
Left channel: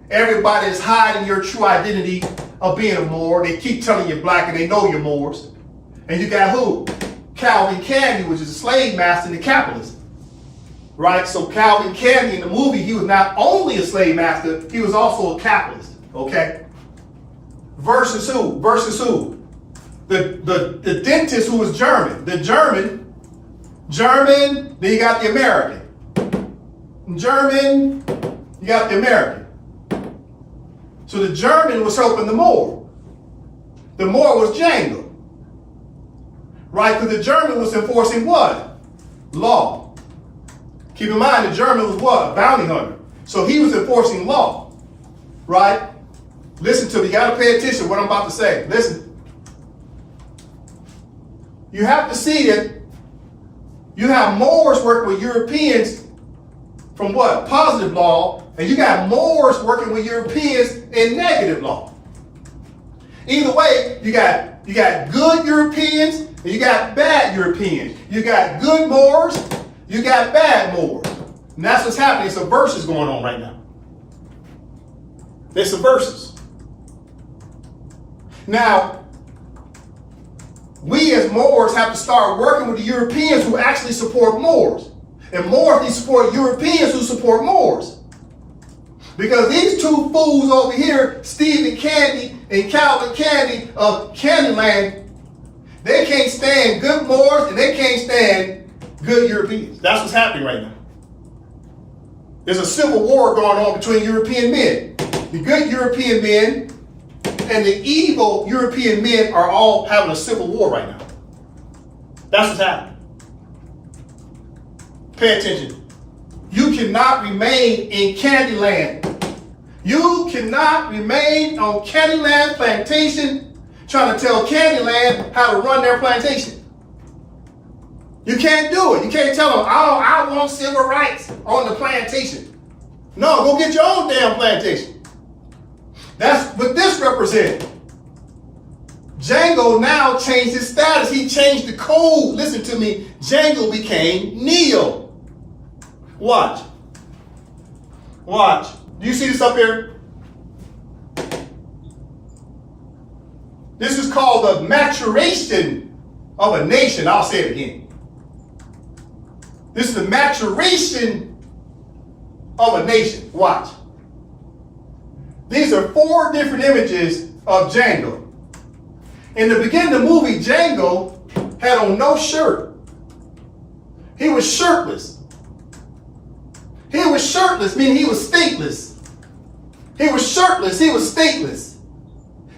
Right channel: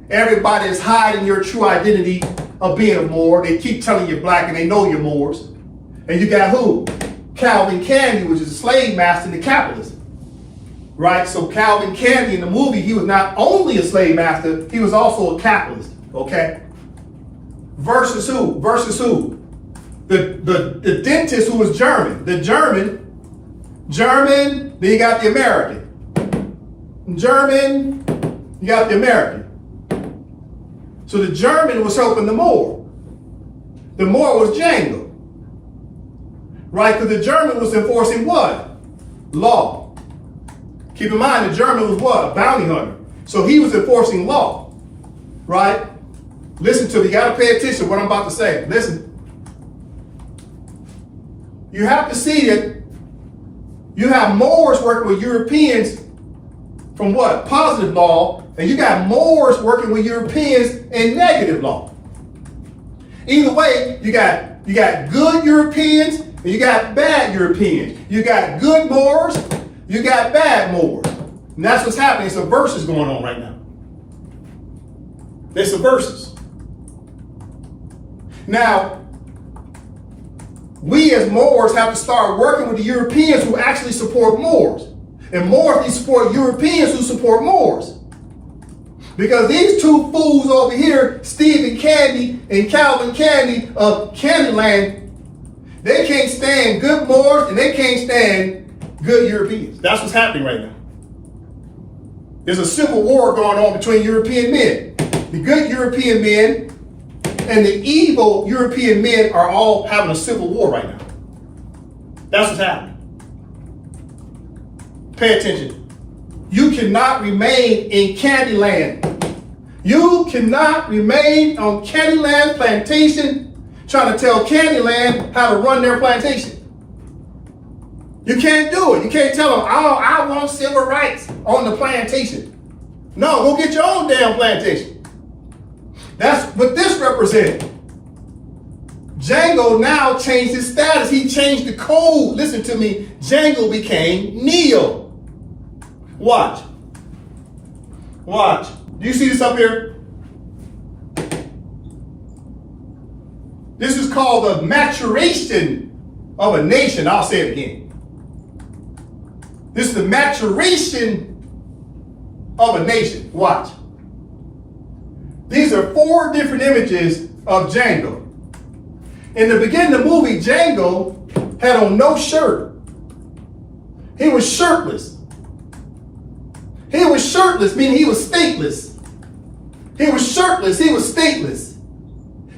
Everybody is hiding your true identity of being a Moor. They keep telling you black and they know you're Moors. And you got who? Calvin Candy, which is a slave master and a capitalist. Right? So Calvin Candy in the movie, he was not only a slave master, he was also a capitalist. Okay? Versus who? Versus who? The dentist who was German. The German, then you got the American. German, you got the American. So the German was helping the Moor. The Moor was Django. Right? Because the German was enforcing what? Law. Keep in mind, the German was what? A bounty hunter. So he was enforcing law. Right? Listen to me. You got to pay attention to what I'm about to say. Listen. You have to see that you have Moors working with Europeans from what? Positive law. And you got Moors working with Europeans in negative law. Either way, you got good Europeans and you got bad Europeans. You got good Moors, you got bad Moors. And that's what's happening. It's a versus going on right now. It's a versus. Now, we as Moors have to start working with the Europeans who actually support Moors. And Moors, they support Europeans who support Moors. Because these two fools over here, Stephen Candy and Calvin Candy of Candyland, they can't stand good Moors and they can't stand good Europeans. That's what's happening right now. There's a civil war going on between European men. The good European men and the evil European men are all having a civil war right now. That's what's happening. Pay attention. You cannot remain in Candyland. You cannot remain on Candyland plantation trying to tell Candyland how to run their plantation. You can't do it. You can't tell them, oh, I want civil rights on the plantation. No, go get your own damn plantation. That's what this represents. Django now changed his status. He changed the code. Listen to me. Django became Neo. Watch. Watch. Do you see this up here? This is called the maturation of a nation. I'll say it again. This is the maturation of a nation. Watch. These are 4 different images of Django. In the beginning of the movie, Django had on no shirt. He was shirtless. He was shirtless, meaning he was stateless. He was shirtless, he was stateless.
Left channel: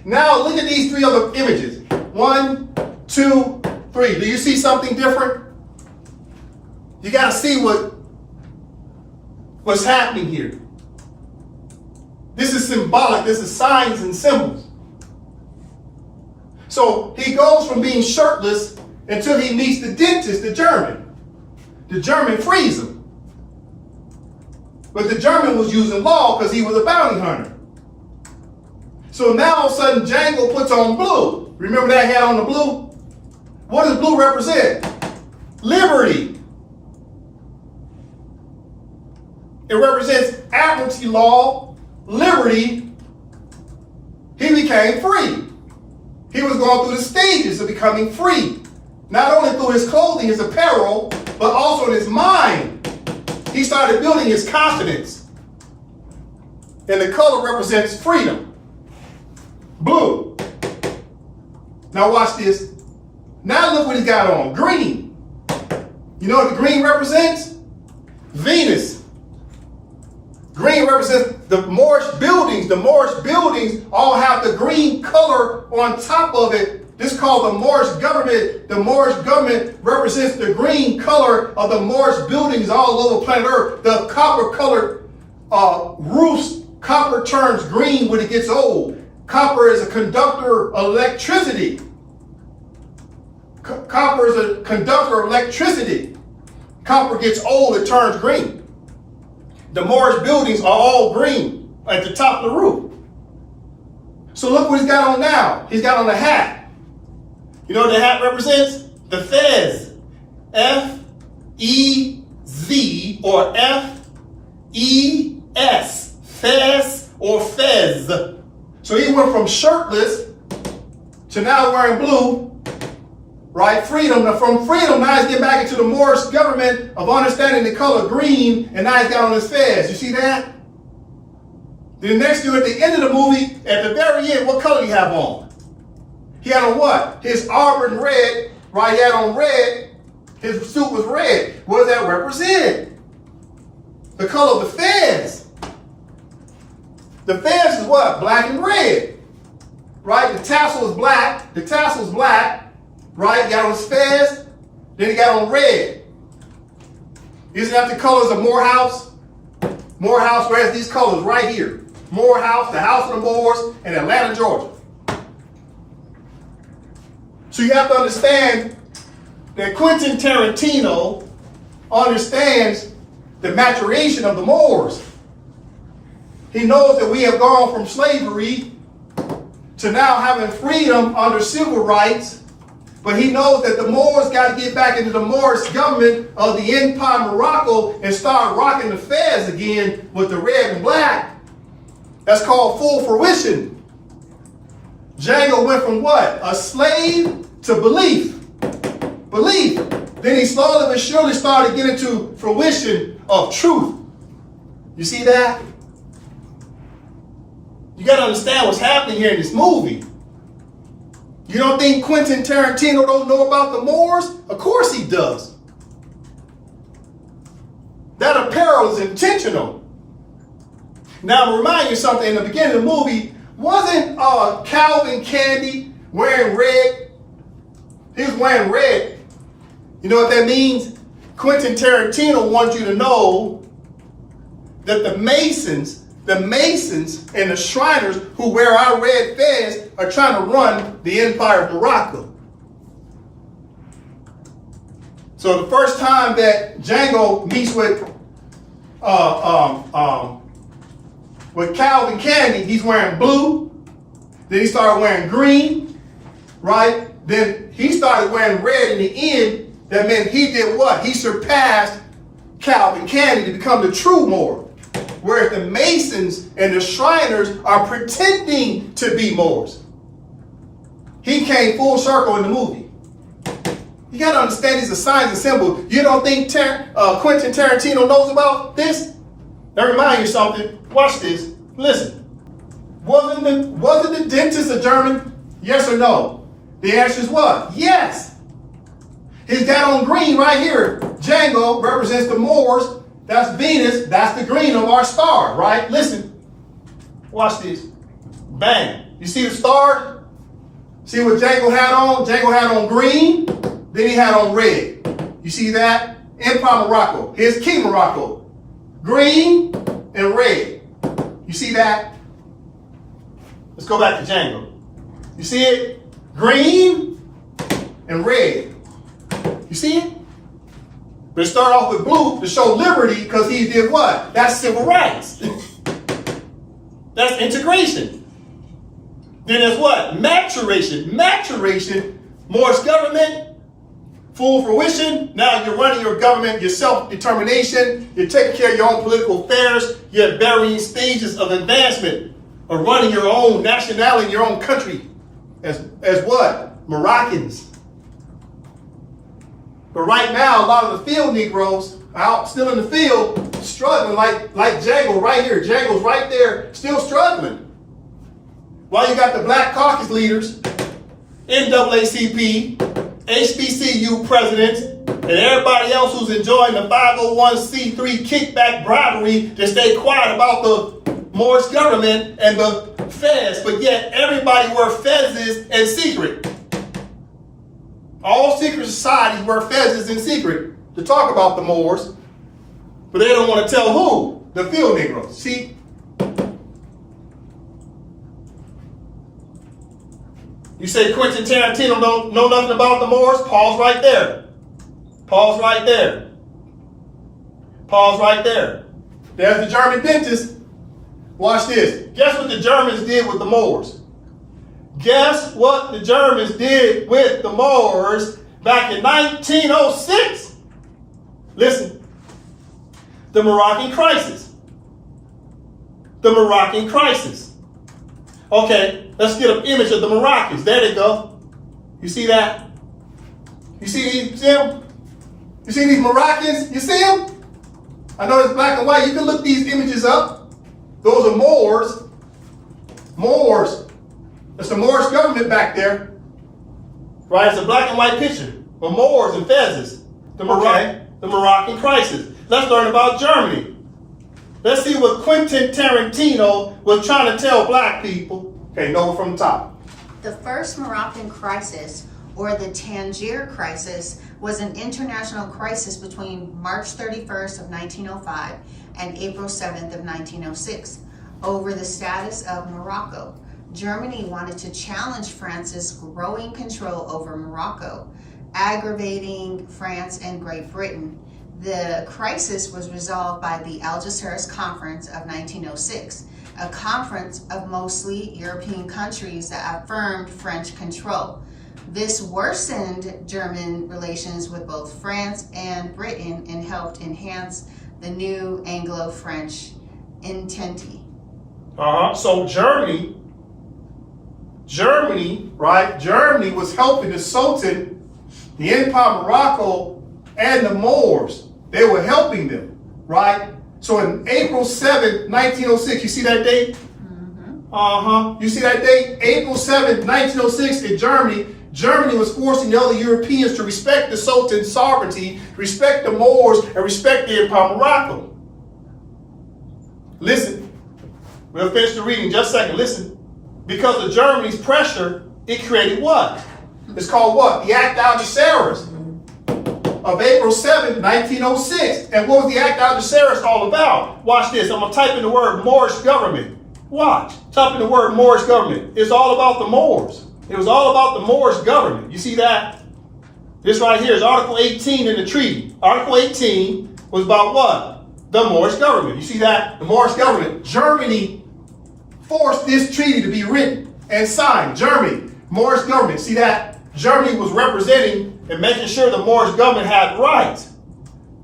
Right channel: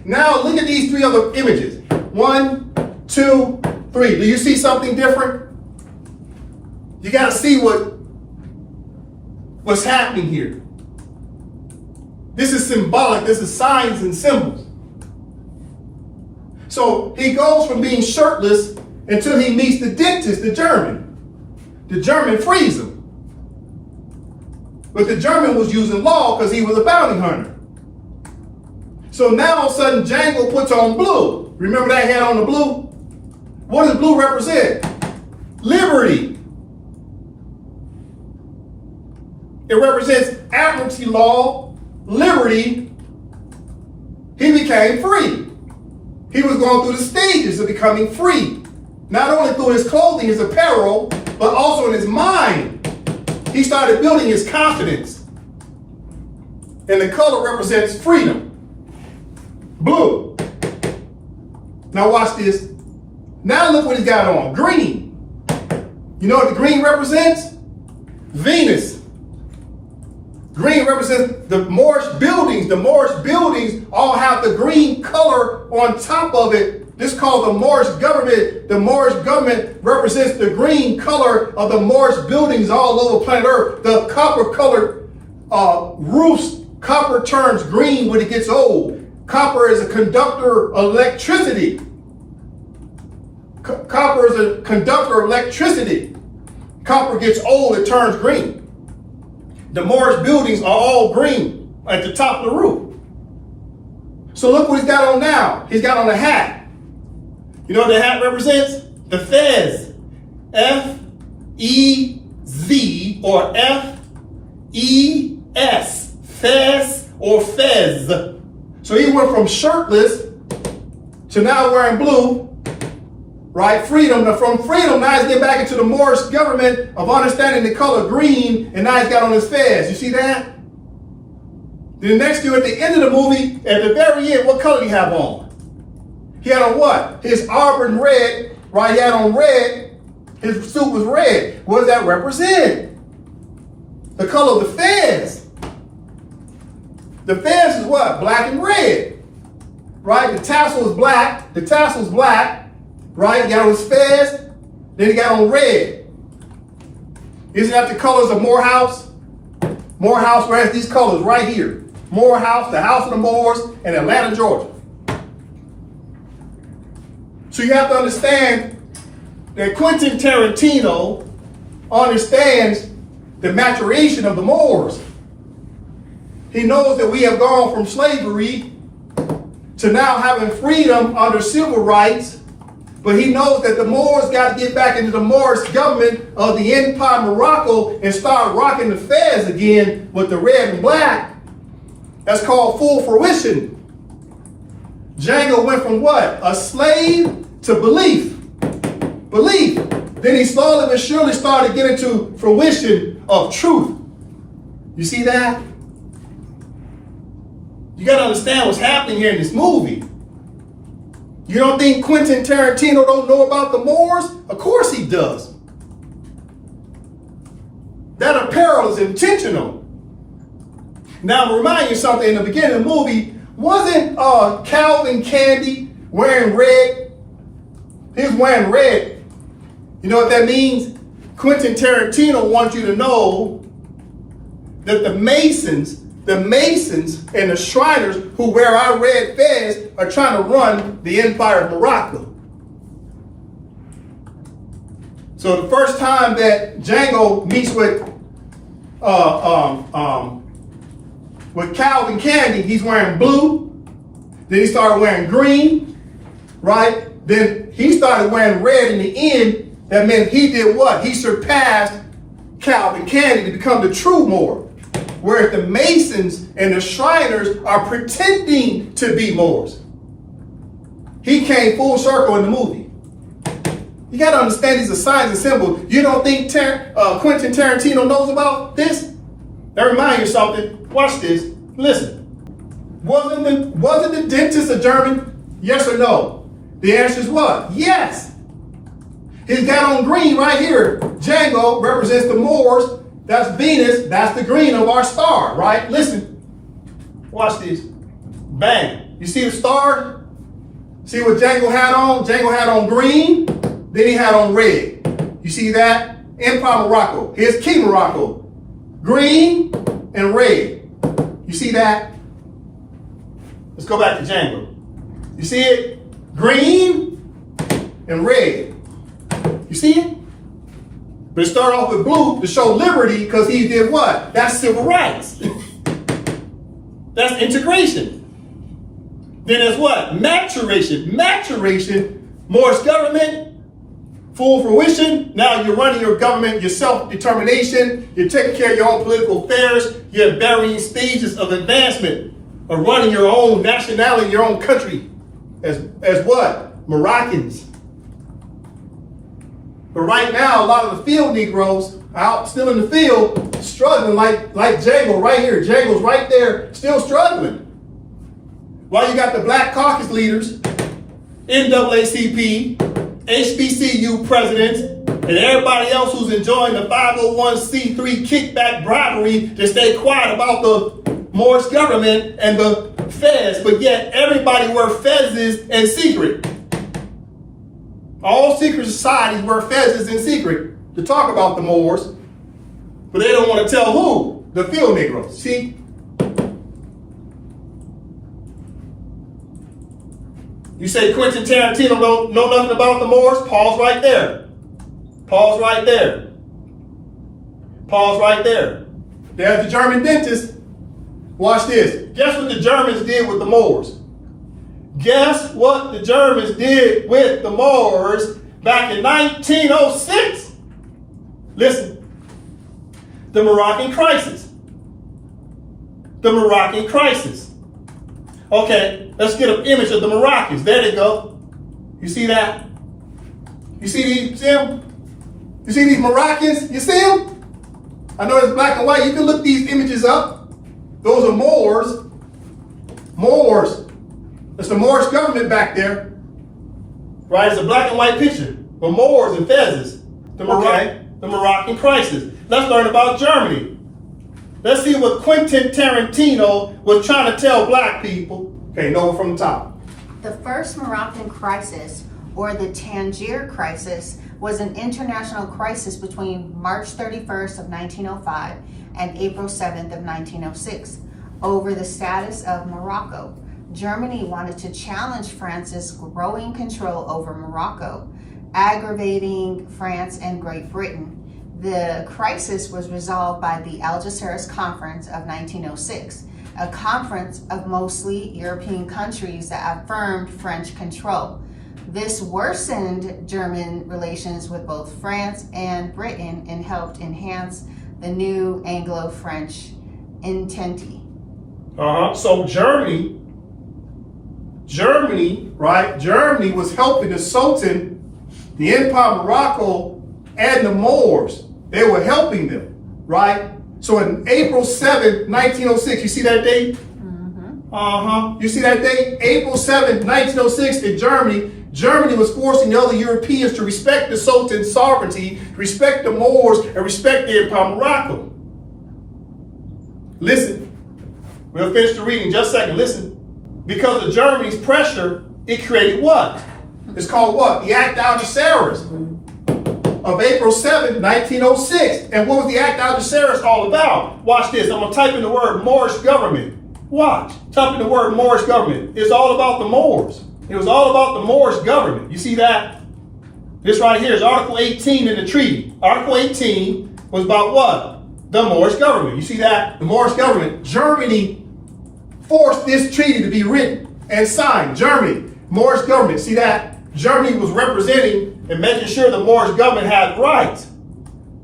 Now look at these 3 other images. 1, 2, 3. Do you see something different? You got to see what's happening here. This is symbolic. This is signs and symbols. So he goes from being shirtless until he meets the dentist, the German. The German frees him. But the German was using law because he was a bounty hunter. So now all of a sudden Django puts on blue. Remember that he had on the blue? What does blue represent? Liberty. It represents admiralty law, liberty. He became free. He was going through the stages of becoming free. Not only through his clothing, his apparel, but also in his mind. He started building his confidence. And the color represents freedom. Blue. Now watch this. Now look what he's got on. Green. You know what the green represents? Venus. Green represents the Moorish buildings. The Moorish buildings all have the green color on top of it. This is called the Moorish government. The Moorish government represents the green color of the Moorish buildings all over planet Earth. The copper colored roofs, copper turns green when it gets old. Copper is a conductor of electricity. Copper is a conductor of electricity. Copper gets old, it turns green. The Moorish buildings are all green at the top of the roof. So look what he's got on now. He's got on a hat. You know what the hat represents? The Fez. F-E-Z or F-E-S. Fez or Fez. So he went from shirtless to now wearing blue. Right? Freedom. Now from freedom, now he's getting back into the Moorish government of understanding the color green, and now he's got on his fez. You see that? Then next to at the end of the movie, at the very end, what color do you have on? He had on what? His auburn red, right? He had on red. His suit was red. What does that represent? The color of the fez. The fez is what? Black and red. Right? The tassel is black. The tassel is black. Right? He got on his fez, then he got on red. Isn't that the colors of Morehouse? Morehouse has these colors right here. Morehouse, the House of the Moors, and Atlanta, Georgia. So you have to understand that Quentin Tarantino understands the maturation of the Moors. He knows that we have gone from slavery to now having freedom under civil rights. But he knows that the Moors got to get back into the Moorish government of the Empire Morocco and start rocking the fez again with the red and black. That's called full fruition. Django went from what? A slave to belief. Belief. Then he slowly but surely started getting to fruition of truth. You see that? You got to understand what's happening here in this movie. You don't think Quentin Tarantino don't know about the Moors? Of course he does. That apparel is intentional. Now, I'm remind you something. In the beginning of the movie, wasn't Calvin Candy wearing red? He was wearing red. You know what that means? Quentin Tarantino wants you to know that the Masons and the Shriners who wear our red fez are trying to run the Empire of Morocco. So the first time that Django meets with With Calvin Candy, he's wearing blue. Then he started wearing green, right? Then he started wearing red in the end. That meant he did what? He surpassed Calvin Candy to become the true Moor. Whereas the Masons and the Shriners are pretending to be Moors. He came full circle in the movie. You got to understand these are signs and symbols. You don't think Quentin Tarantino knows about this? Now remind you something. Watch this. Listen. Wasn't the dentist a German? Yes or no? The answer is what? Yes. He's got on green right here. Django represents the Moors. That's Venus. That's the green of our star, right? Listen. Watch this. Bang. You see the star? See what Django had on? Django had on green. Then he had on red. You see that? Empire Morocco. Here's Key Morocco. Green and red. You see that? Let's go back to Django. You see it? Green and red. You see it? But it started off with blue to show liberty because he did what? That's civil rights. That's integration. Then there's what? Maturation. Maturation, Moorish government, full fruition. Now you're running your government, your self-determination. You're taking care of your own political affairs. You're at varying stages of advancement, of running your own nationality, your own country. As what? Moroccans. But right now, a lot of the field Negroes out still in the field, struggling like Django right here. Django's right there, still struggling. While you got the Black Caucus leaders, NAACP, HBCU presidents, and everybody else who's enjoying the 501c3 kickback bribery to stay quiet about the Moorish government and the fez, but yet everybody wear fezzes in secret. All secret societies wear fezzes in secret to talk about the Moors, but they don't want to tell who? The field Negroes. See? You say Quentin Tarantino don't know nothing about the Moors? Pause right there. Pause right there. Pause right there. There's the German dentist. Watch this. Guess what the Germans did with the Moors? Guess what the Germans did with the Moors back in 1906? Listen. The Moroccan crisis. The Moroccan crisis. Okay, let's get an image of the Moroccans. There they go. You see that? You see them? You see these Moroccans? You see them? I know it's black and white. You can look these images up. Those are Moors. Moors. It's the Moorish government back there. Right? It's a black and white picture of Moors and fezzes. The Moroccan crisis. Let's learn about Germany. Let's see what Quentin Tarantino was trying to tell black people. Okay, Noah from the top. The first Moroccan crisis, or the Tangier crisis, was an international crisis between March 31st of 1905 and April 7th of 1906 over the status of Morocco. Germany wanted to challenge France's growing control over Morocco, aggravating France and Great Britain. The crisis was resolved by the Algeciras Conference of 1906, a conference of mostly European countries that affirmed French control. This worsened German relations with both France and Britain and helped enhance the new Anglo-French entente. So Germany, right? Germany was helping the Sultan, the Empire of Morocco, and the Moors. They were helping them, right? So in April 7th, 1906, you see that date? Mm-hmm. You see that date? April 7th, 1906 in Germany. Germany was forcing the other Europeans to respect the Sultan's sovereignty, respect the Moors, and respect the Empire of Morocco. Listen, we'll finish the reading in just a second. Listen, because of Germany's pressure, it created what? It's called what? The Act Algeciras of April 7th, 1906. And what was the Act Algeciras all about? Watch this. I'm going to type in the word Moorish government. Watch. Type in the word Moorish government. It's all about the Moors. It was all about the Moorish government. You see that? This right here is Article 18 in the treaty. Article 18 was about what? the Moorish government. You see that? The Moorish government, Germany forced this treaty to be written and signed. Germany, Moorish government. See that? Germany was representing and making sure the Moorish government had rights.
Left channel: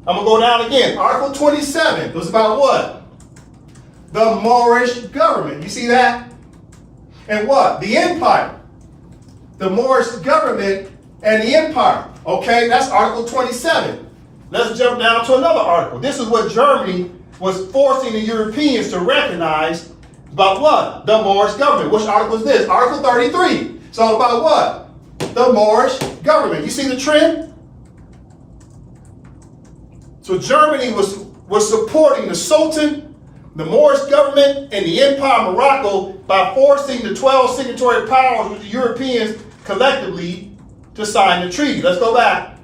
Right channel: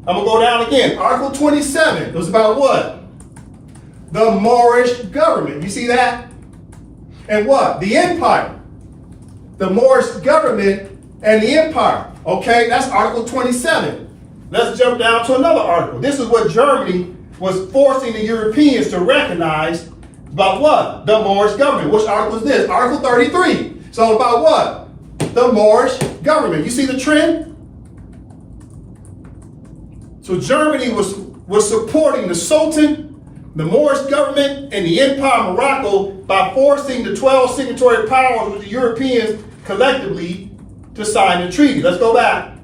I'm going to go down again. Article 27 was about what? The Moorish government. You see that? And what? The empire. The Moorish government and the empire. Okay, that's Article 27. Let's jump down to another article. This is what Germany was forcing the Europeans to recognize about what? The Moorish government. Which article is this? Article 33. So about what? The Moorish government. You see the trend? So Germany was supporting the Sultan, the Moorish government, and the Empire of Morocco by forcing the 12 signatory powers with the Europeans collectively to sign the treaty. Let's go back.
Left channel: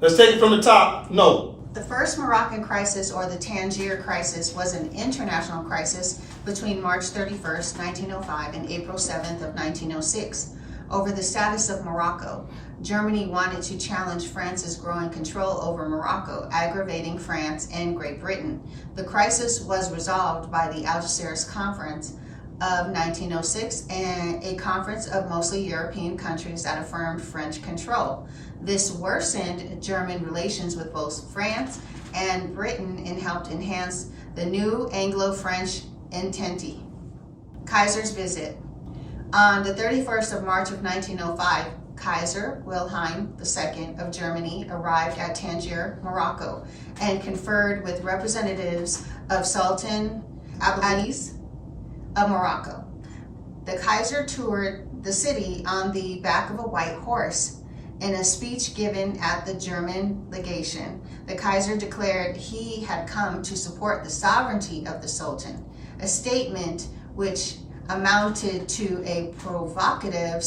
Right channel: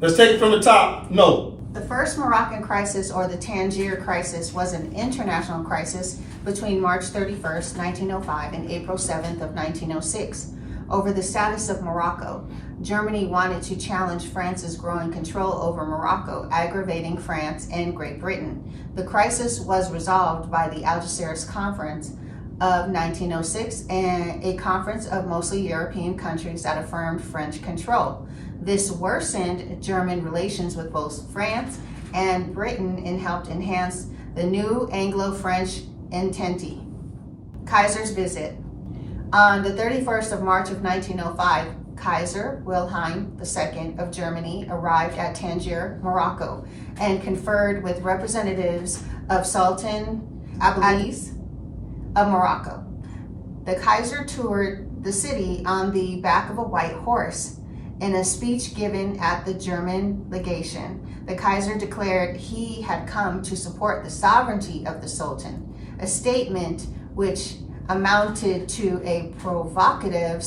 Let's take it from the top. No. The first Moroccan crisis, or the Tangier crisis, was an international crisis between March 31st, 1905 and April 7th of 1906 over the status of Morocco. Germany wanted to challenge France's growing control over Morocco, aggravating France and Great Britain. The crisis was resolved by the Algiers Conference of 1906, and a conference of mostly European countries that affirmed French control. This worsened German relations with both France and Britain and helped enhance the new Anglo-French entente. Kaiser's visit. On the 31st of March of 1905, Kaiser Wilhelm II of Germany arrived at Tangier, Morocco, and conferred with representatives of Sultan Abdulaziz of Morocco. The Kaiser toured the city on the back of a white horse. In a speech given at the German legation, the Kaiser declared he had come to support the sovereignty of the Sultan, a statement which amounted to a provocative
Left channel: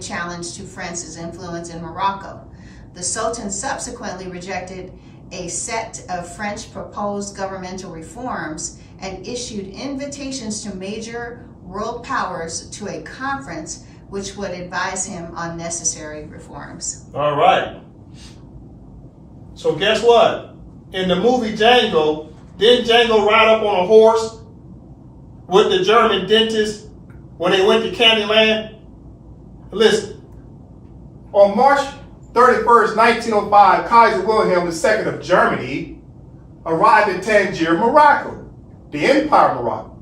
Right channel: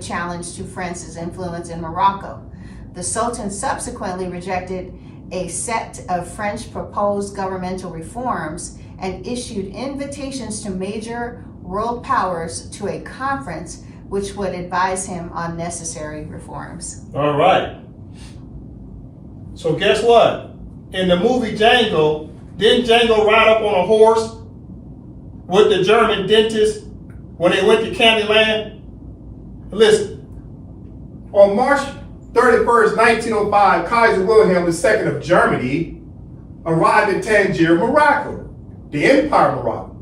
challenge to France's influence in Morocco. The Sultan subsequently rejected a set of French proposed governmental reforms and issued invitations to major world powers to a conference which would advise him on necessary reforms. All right. So guess what? In the movie Django, didn't Django ride up on a horse with the German dentist when they went to Candyland? Listen, on March 31st, 1905, Kaiser Wilhelm II of Germany arrived in Tangier, Morocco, the Empire of Morocco,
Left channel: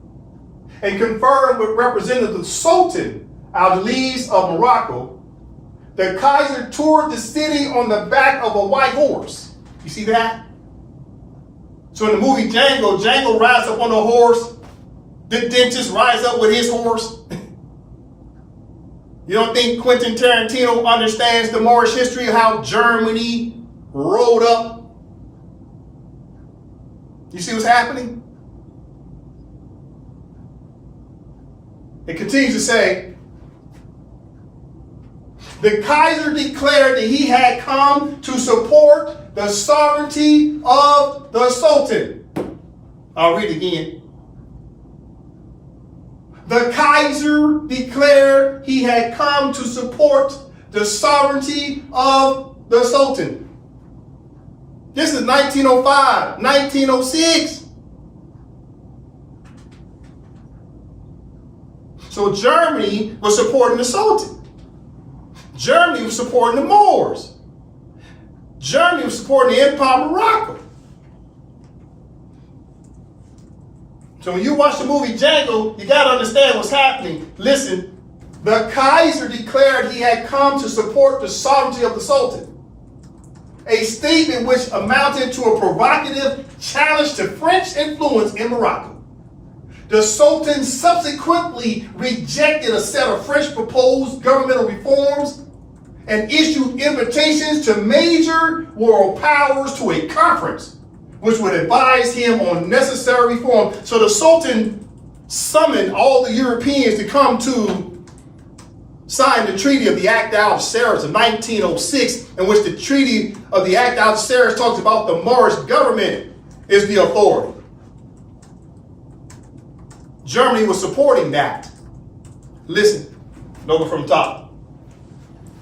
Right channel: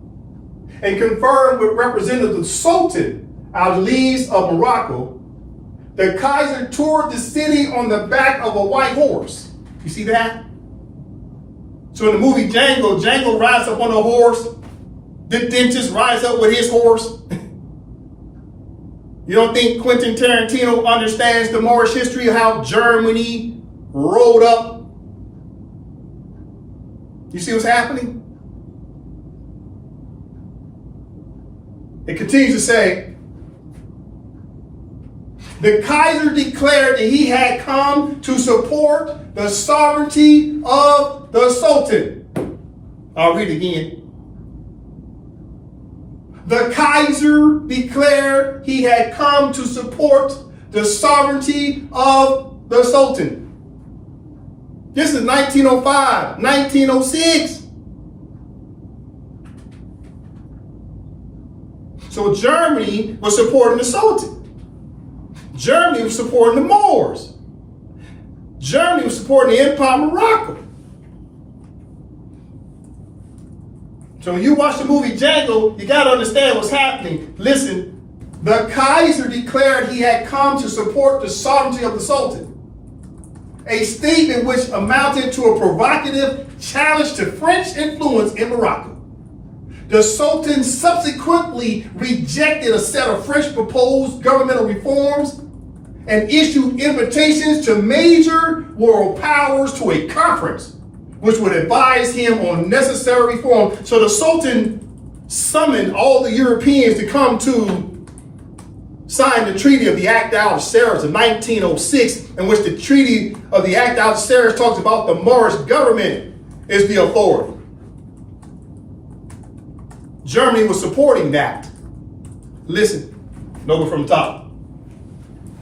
and conferred with representative Sultan Abdulaziz of Morocco. The Kaiser toured the city on the back of a white horse. You see that? So in the movie Django, Django rides up on a horse. The dentist rides up with his horse. You don't think Quentin Tarantino understands the Moorish history of how Germany rolled up? You see what's happening? It continues to say, the Kaiser declared that he had come to support the sovereignty of the Sultan. I'll read it again. The Kaiser declared he had come to support the sovereignty of the Sultan. This is 1905, 1906. So Germany was supporting the Sultan. Germany was supporting the Moors. Germany was supporting the Empire of Morocco. So when you watch the movie Django, you got to understand what's happening. Listen, the Kaiser declared he had come to support the sovereignty of the Sultan. A statement which amounted to a provocative challenge to French influence in Morocco. The Sultan subsequently rejected a set of French proposed governmental reforms and issued invitations to major world powers to a conference which would advise him on necessary reform. So the Sultan summoned all the Europeans to come to sign the Treaty of the Act Algiers of 1906, in which the Treaty of the Act Algiers talks about the Moorish government is the authority. Germany was supporting that. Listen, over from the top.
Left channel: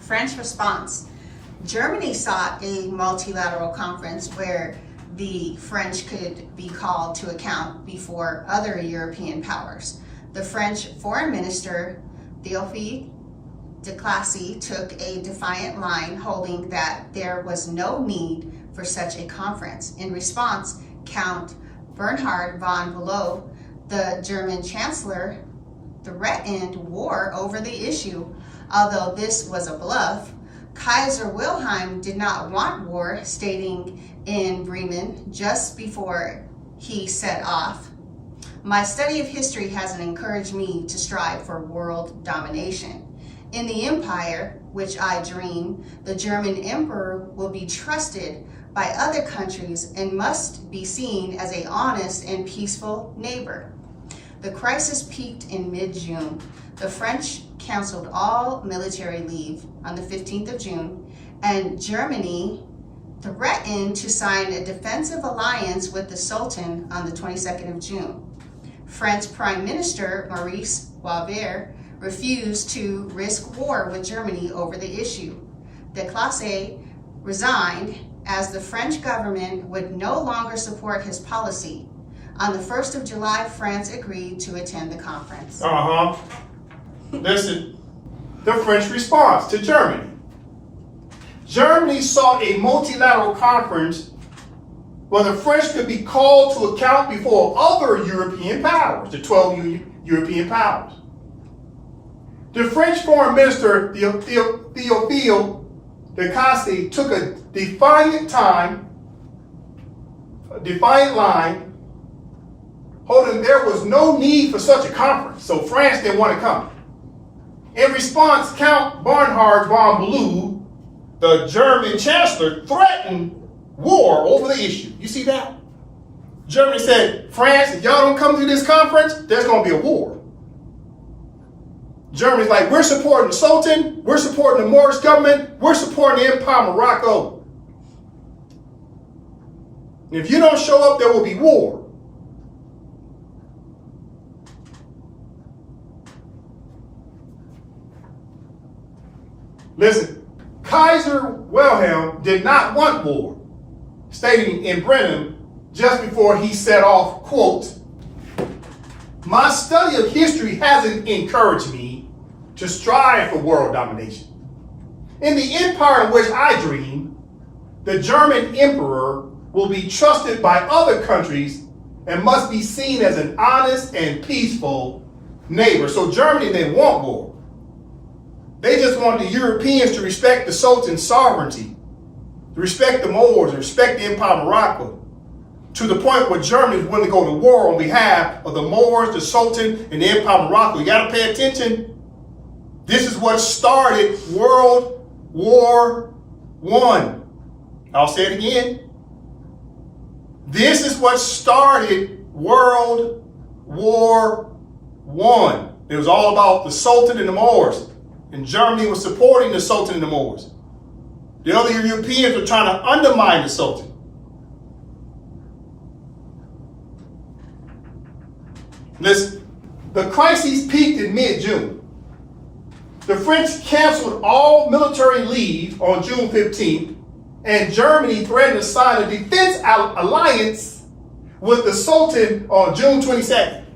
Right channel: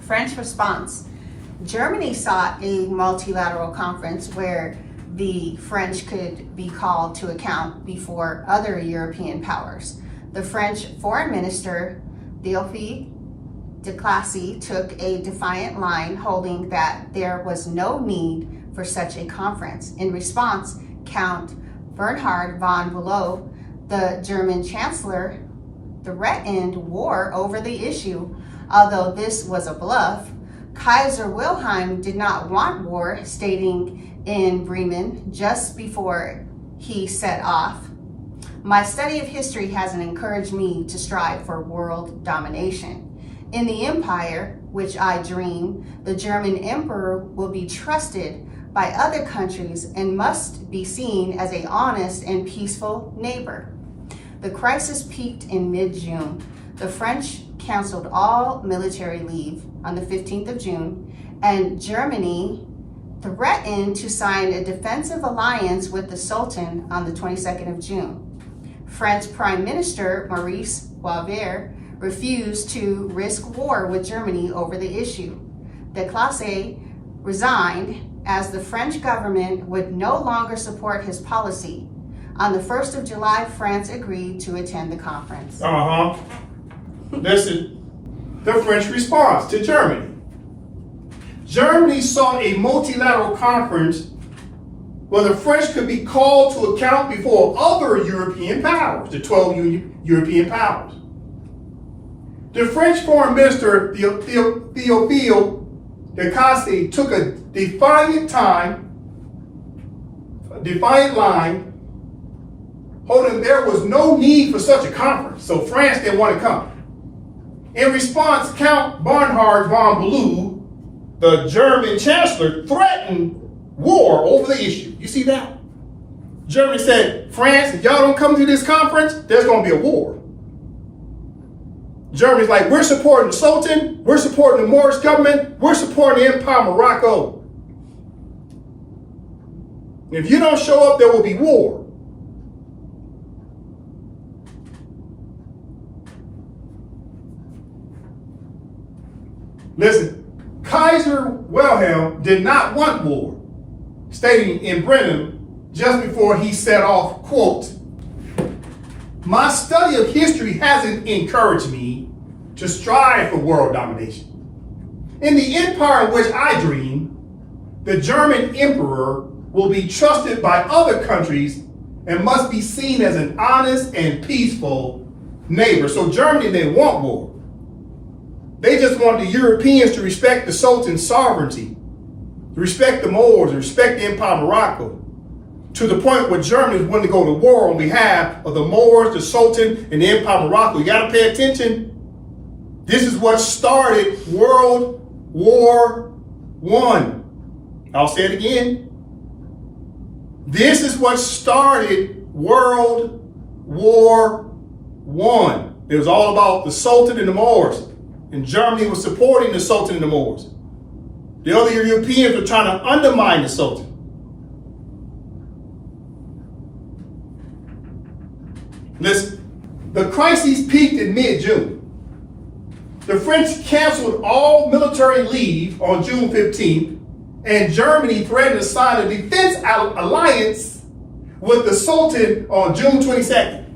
French response. Germany sought a multilateral conference where the French could be called to account before other European powers. The French Foreign Minister, Théophile de Classy, took a defiant line, holding that there was no need for such a conference. In response, Count Bernhard von Bülow, the German Chancellor, threatened war over the issue. Although this was a bluff, Kaiser Wilhelm did not want war, stating in Bremen just before he set off, "My study of history has encouraged me to strive for world domination. In the empire which I dream, the German emperor will be trusted by other countries and must be seen as an honest and peaceful neighbor." The crisis peaked in mid-June. The French canceled all military leave on the 15th of June, and Germany threatened to sign a defensive alliance with the Sultan on the 22nd of June. French Prime Minister Maurice Boisvert refused to risk war with Germany over the issue. De Classy resigned as the French government would no longer support his policy. On the 1st of July, France agreed to attend the conference. Listen, the French response to Germany. Germany sought a multilateral conference where the French could be called to account before other European powers, the 12 European powers. The French Foreign Minister, Théophile de Classy, took a defiant line, holding there was no need for such a conference, so France didn't want to come. In response, Count Bernhard von Bülow, the German Chancellor, threatened war over the issue. You see that? Germany said, France, if y'all don't come to this conference, there's going to be a war. Germany's like, we're supporting the Sultan, we're supporting the Moorish government, we're supporting the Empire of Morocco. And if you don't show up, there will be war. Listen, Kaiser Wilhelm did not want war, stating in Bremen just before he set off, quote, "My study of history hasn't encouraged me to strive for world domination. In the empire in which I dream, the German emperor will be trusted by other countries and must be seen as an honest and peaceful neighbor." So Germany didn't want war. They just want the Europeans to respect the Sultan's sovereignty, to respect the Moors, to respect the Empire of Morocco, to the point where Germany is willing to go to war on behalf of the Moors, the Sultan, and the Empire of Morocco. You got to pay attention. This is what started World War I. I'll say it again. This is what started World War I. It was all about the Sultan and the Moors. And Germany was supporting the Sultan and the Moors. The other Europeans were trying to undermine the Sultan. Listen, the crisis peaked in mid-June. The French canceled all military leave on June 15th, and Germany threatened to sign a defense alliance with the Sultan on June 22nd.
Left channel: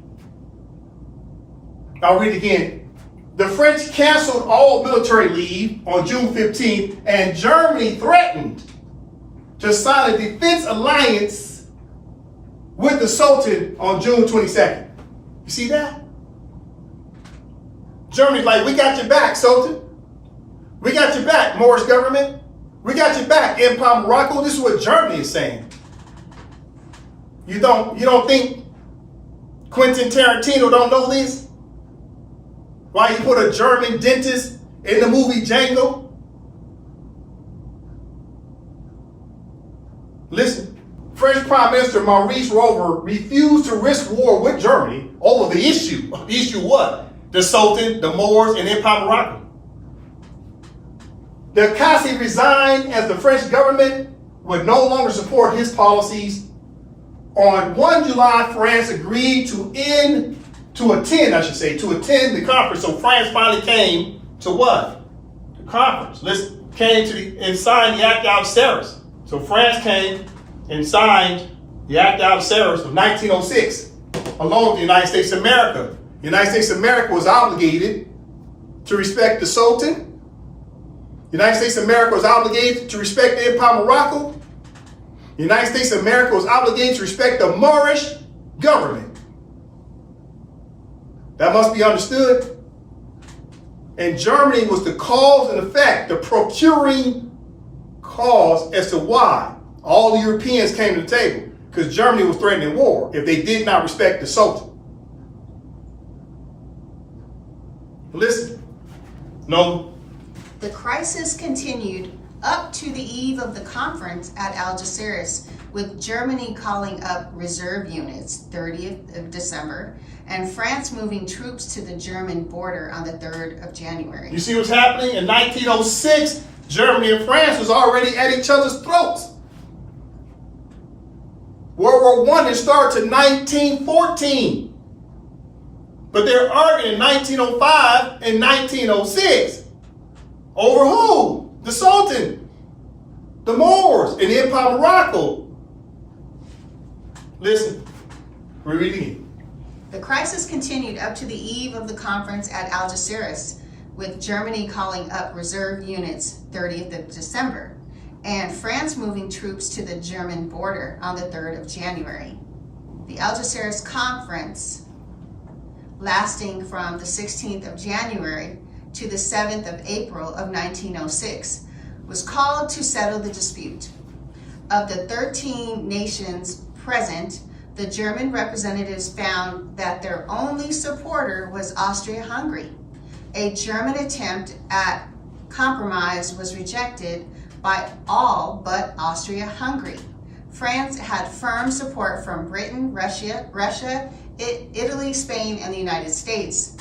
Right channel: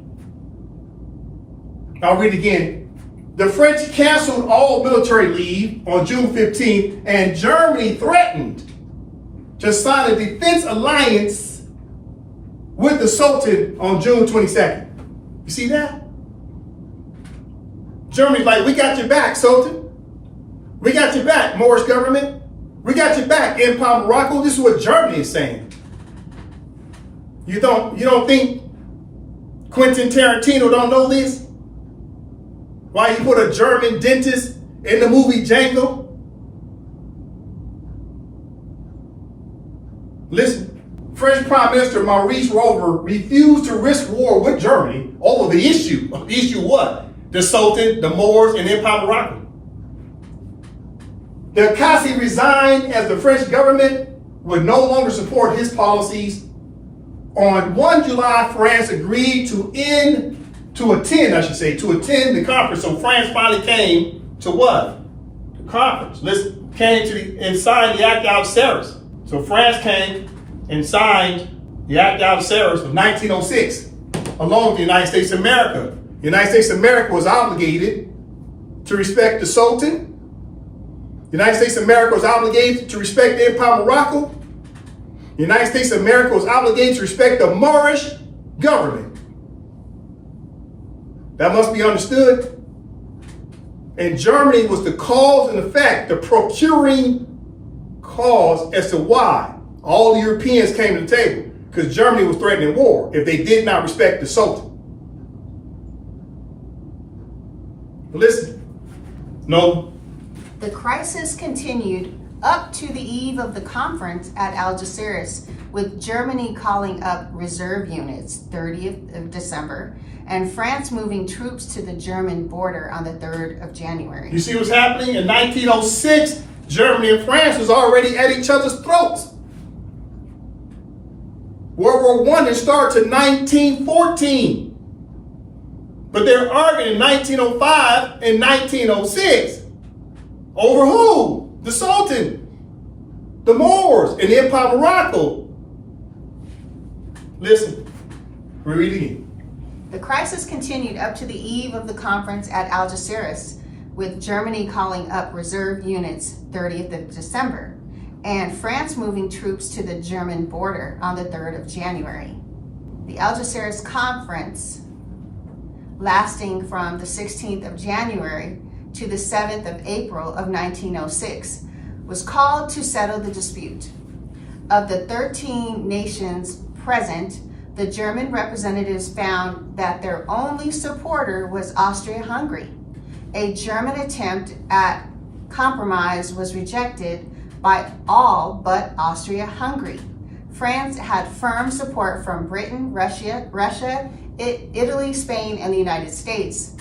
I'll read again. The French canceled all military leave on June 15th, and Germany threatened to sign a defense alliance with the Sultan on June 22nd. You see that? Germany's like, we got your back, Sultan. We got your back, Moorish government. We got your back, Empire of Morocco. This is what Germany is saying. You don't think Quentin Tarantino don't know this? Why he put a German dentist in the movie Django? Listen, French Prime Minister Maurice Rover refused to risk war with Germany over the issue. The issue what? The Sultan, the Moors, and the Empire of Morocco. De Classy resigned as the French government would no longer support his policies. On 1 July, France agreed to attend the conference. So France finally came to what? The conference. Listen, came and signed the Act of Algeciras. So France came and signed the Act of Algeciras of 1906, along with the United States of America. The United States of America was obligated to respect the Sultan. The United States of America was obligated to respect the Empire of Morocco. The United States of America was obligated to respect the Moorish government. That must be understood. And Germany was the cause and effect, the procuring cause as to why all the Europeans came to the table. Because Germany was threatening war if they did not respect the Sultan. Listen, no. The crisis continued up to the eve of the conference at Algeciras, with Germany calling up reserve units 30th of December and France moving troops to the German border on the 3rd of January. You see what's happening? In 1906, Germany and France was already at each other's throats. World War I didn't start to 1914. But they're arguing in 1905 and 1906 over who? The Sultan, the Moors, and the Empire of Morocco. Listen, read it again. The crisis continued up to the eve of the conference at Algeciras, with Germany calling up reserve units 30th of December, and France moving troops to the German border on the 3rd of January. The Algeciras conference, lasting from the 16th of January to the 7th of April of 1906, was called to settle the dispute. Of the 13 nations present, the German representatives found that their only supporter was Austria-Hungary. A German attempt at compromise was rejected by all but Austria-Hungary. France had firm support from Britain, Russia, Italy, Spain, and the United States.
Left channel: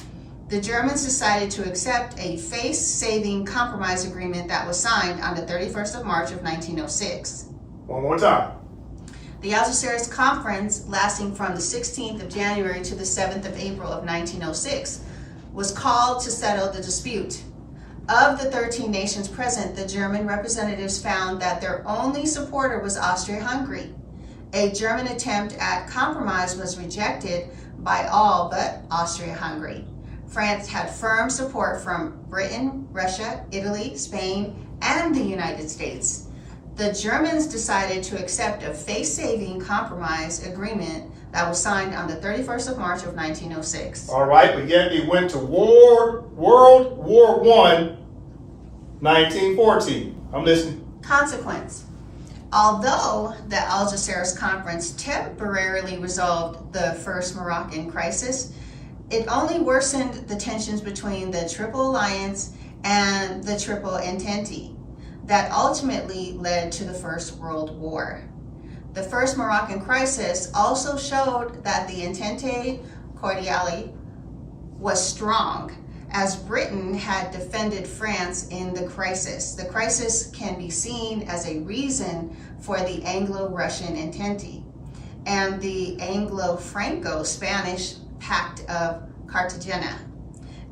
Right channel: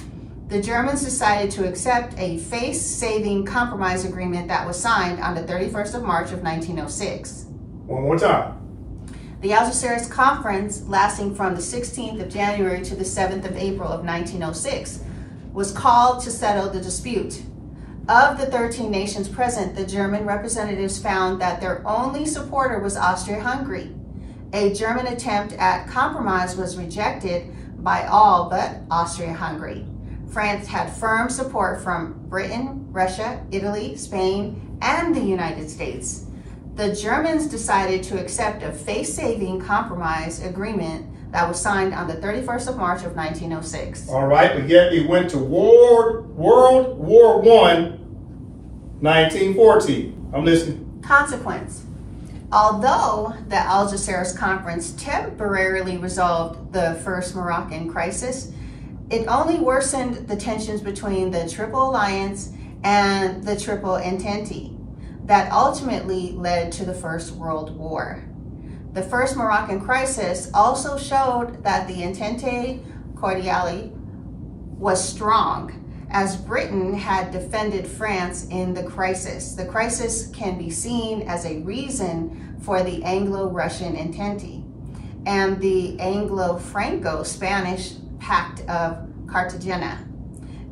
The Germans decided to accept a face-saving compromise agreement that was signed on the 31st of March of 1906. One more time. The Algeciras conference, lasting from the 16th of January to the 7th of April of 1906, was called to settle the dispute. Of the 13 nations present, the German representatives found that their only supporter was Austria-Hungary. A German attempt at compromise was rejected by all but Austria-Hungary. France had firm support from Britain, Russia, Italy, Spain, and the United States. The Germans decided to accept a face-saving compromise agreement that was signed on the 31st of March of 1906. All right, but yet they went to World War I, 1914. I'm listening. Consequence. Although the Algeciras conference temporarily resolved the first Moroccan crisis, it only worsened the tensions between the Triple Alliance and the Triple Entente that ultimately led to the First World War. The first Moroccan crisis also showed that the Entente Cordiale was strong, as Britain had defended France in the crisis. The crisis can be seen as a reason for the Anglo-Russian Entente and the Anglo-Franco-Spanish Pact of Cartagena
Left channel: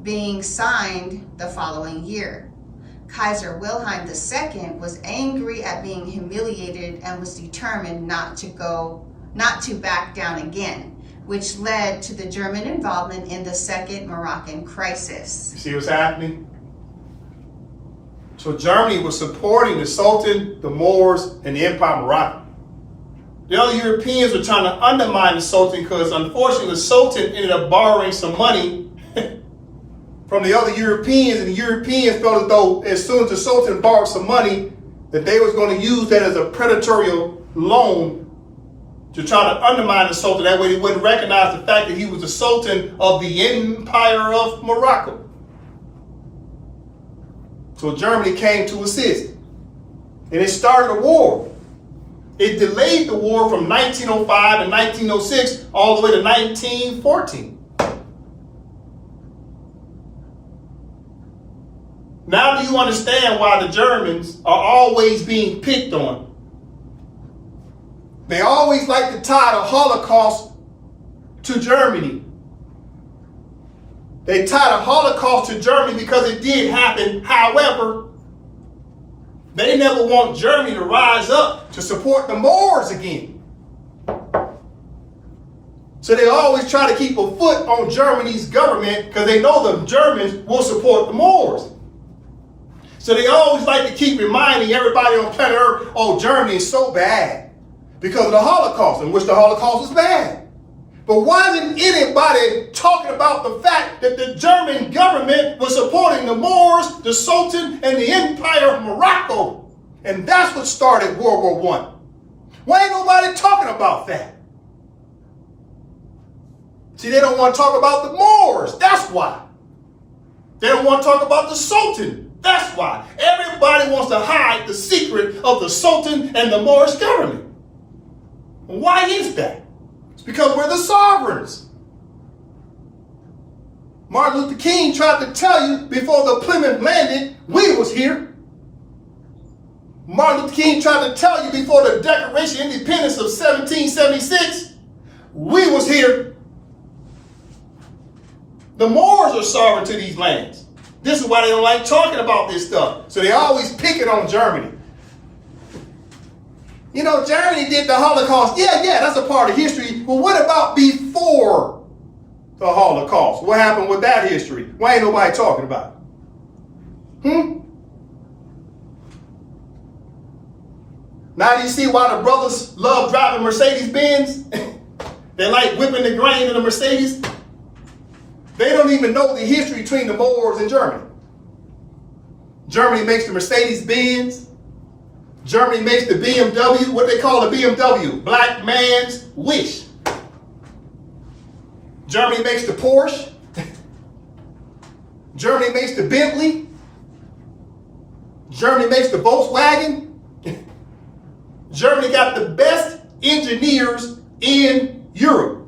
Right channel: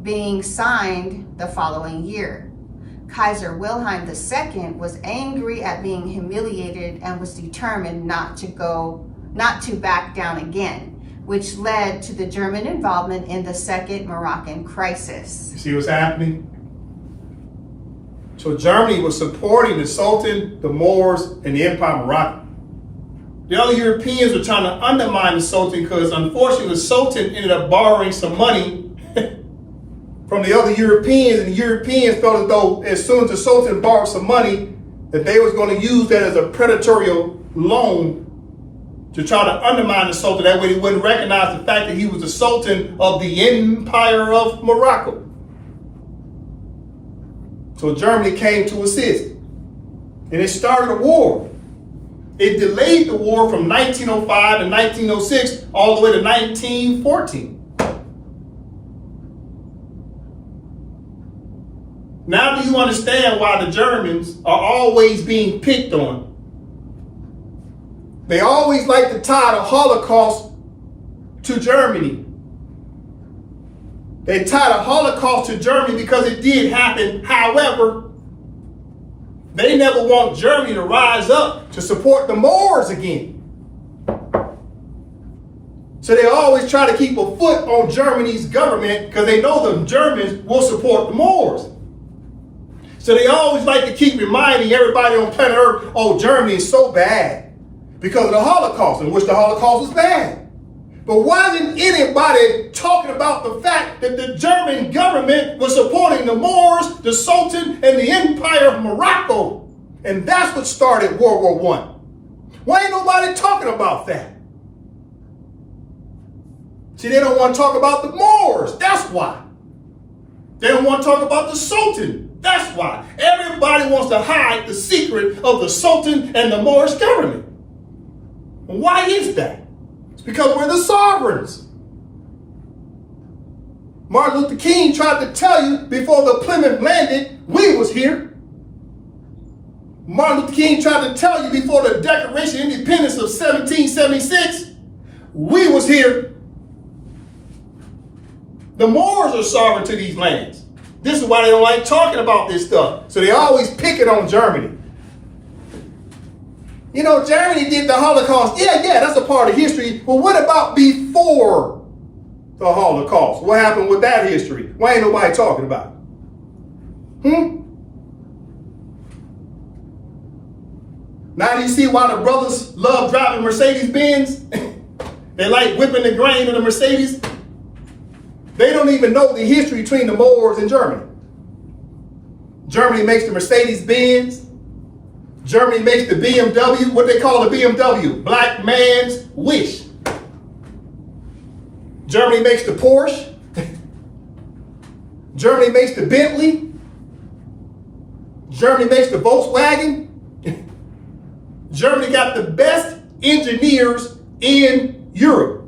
being signed the following year. Kaiser Wilhelm II was angry at being humiliated and was determined not to back down again, which led to the German involvement in the Second Moroccan Crisis. You see what's happening? So Germany was supporting the Sultan, the Moors, and the Empire of Morocco. The other Europeans were trying to undermine the Sultan because, unfortunately, the Sultan ended up borrowing some money from the other Europeans, and the Europeans felt as though as soon as the Sultan borrowed some money, that they was going to use that as a predatory loan to try to undermine the Sultan. That way they wouldn't recognize the fact that he was the Sultan of the Empire of Morocco. So Germany came to assist, and it started a war. It delayed the war from 1905 to 1906 all the way to 1914. Now do you understand why the Germans are always being picked on? They always like to tie the Holocaust to Germany. They tie the Holocaust to Germany because it did happen. However, They never want Germany to rise up to support the Moors again. So they always try to keep a foot on Germany's government because they know the Germans will support the Moors. So they always like to keep reminding everybody on planet Earth, oh, Germany is so bad because of the Holocaust, in which the Holocaust was bad. But why isn't anybody talking about the fact that the German government was supporting the Moors, the Sultan, and the Empire of Morocco? And that's what started World War I. Why ain't nobody talking about that? See, they don't want to talk about the Moors. That's why. They don't want to talk about the Sultan. That's why. Everybody wants to hide the secret of the Sultan and the Moorish government. And why is that? It's because we're the sovereigns. Martin Luther King tried to tell you before the Plymouth landed, we was here. Martin Luther King tried to tell you before the Declaration of Independence of 1776, we was here. The Moors are sovereign to these lands. This is why they don't like talking about this stuff. So they always pick it on Germany. You know, Germany did the Holocaust. Yeah, that's a part of history. But what about before the Holocaust? What happened with that history? Why ain't nobody talking about it? Now do you see why the brothers love driving Mercedes-Benz? They like whipping the grain in the Mercedes. They don't even know the history between the Moors and Germany. Germany makes the Mercedes-Benz. Germany makes the BMW, what they call the BMW, black man's wish. Germany makes the Porsche. Germany makes the Bentley. Germany makes the Volkswagen. Germany got the best engineers in Europe.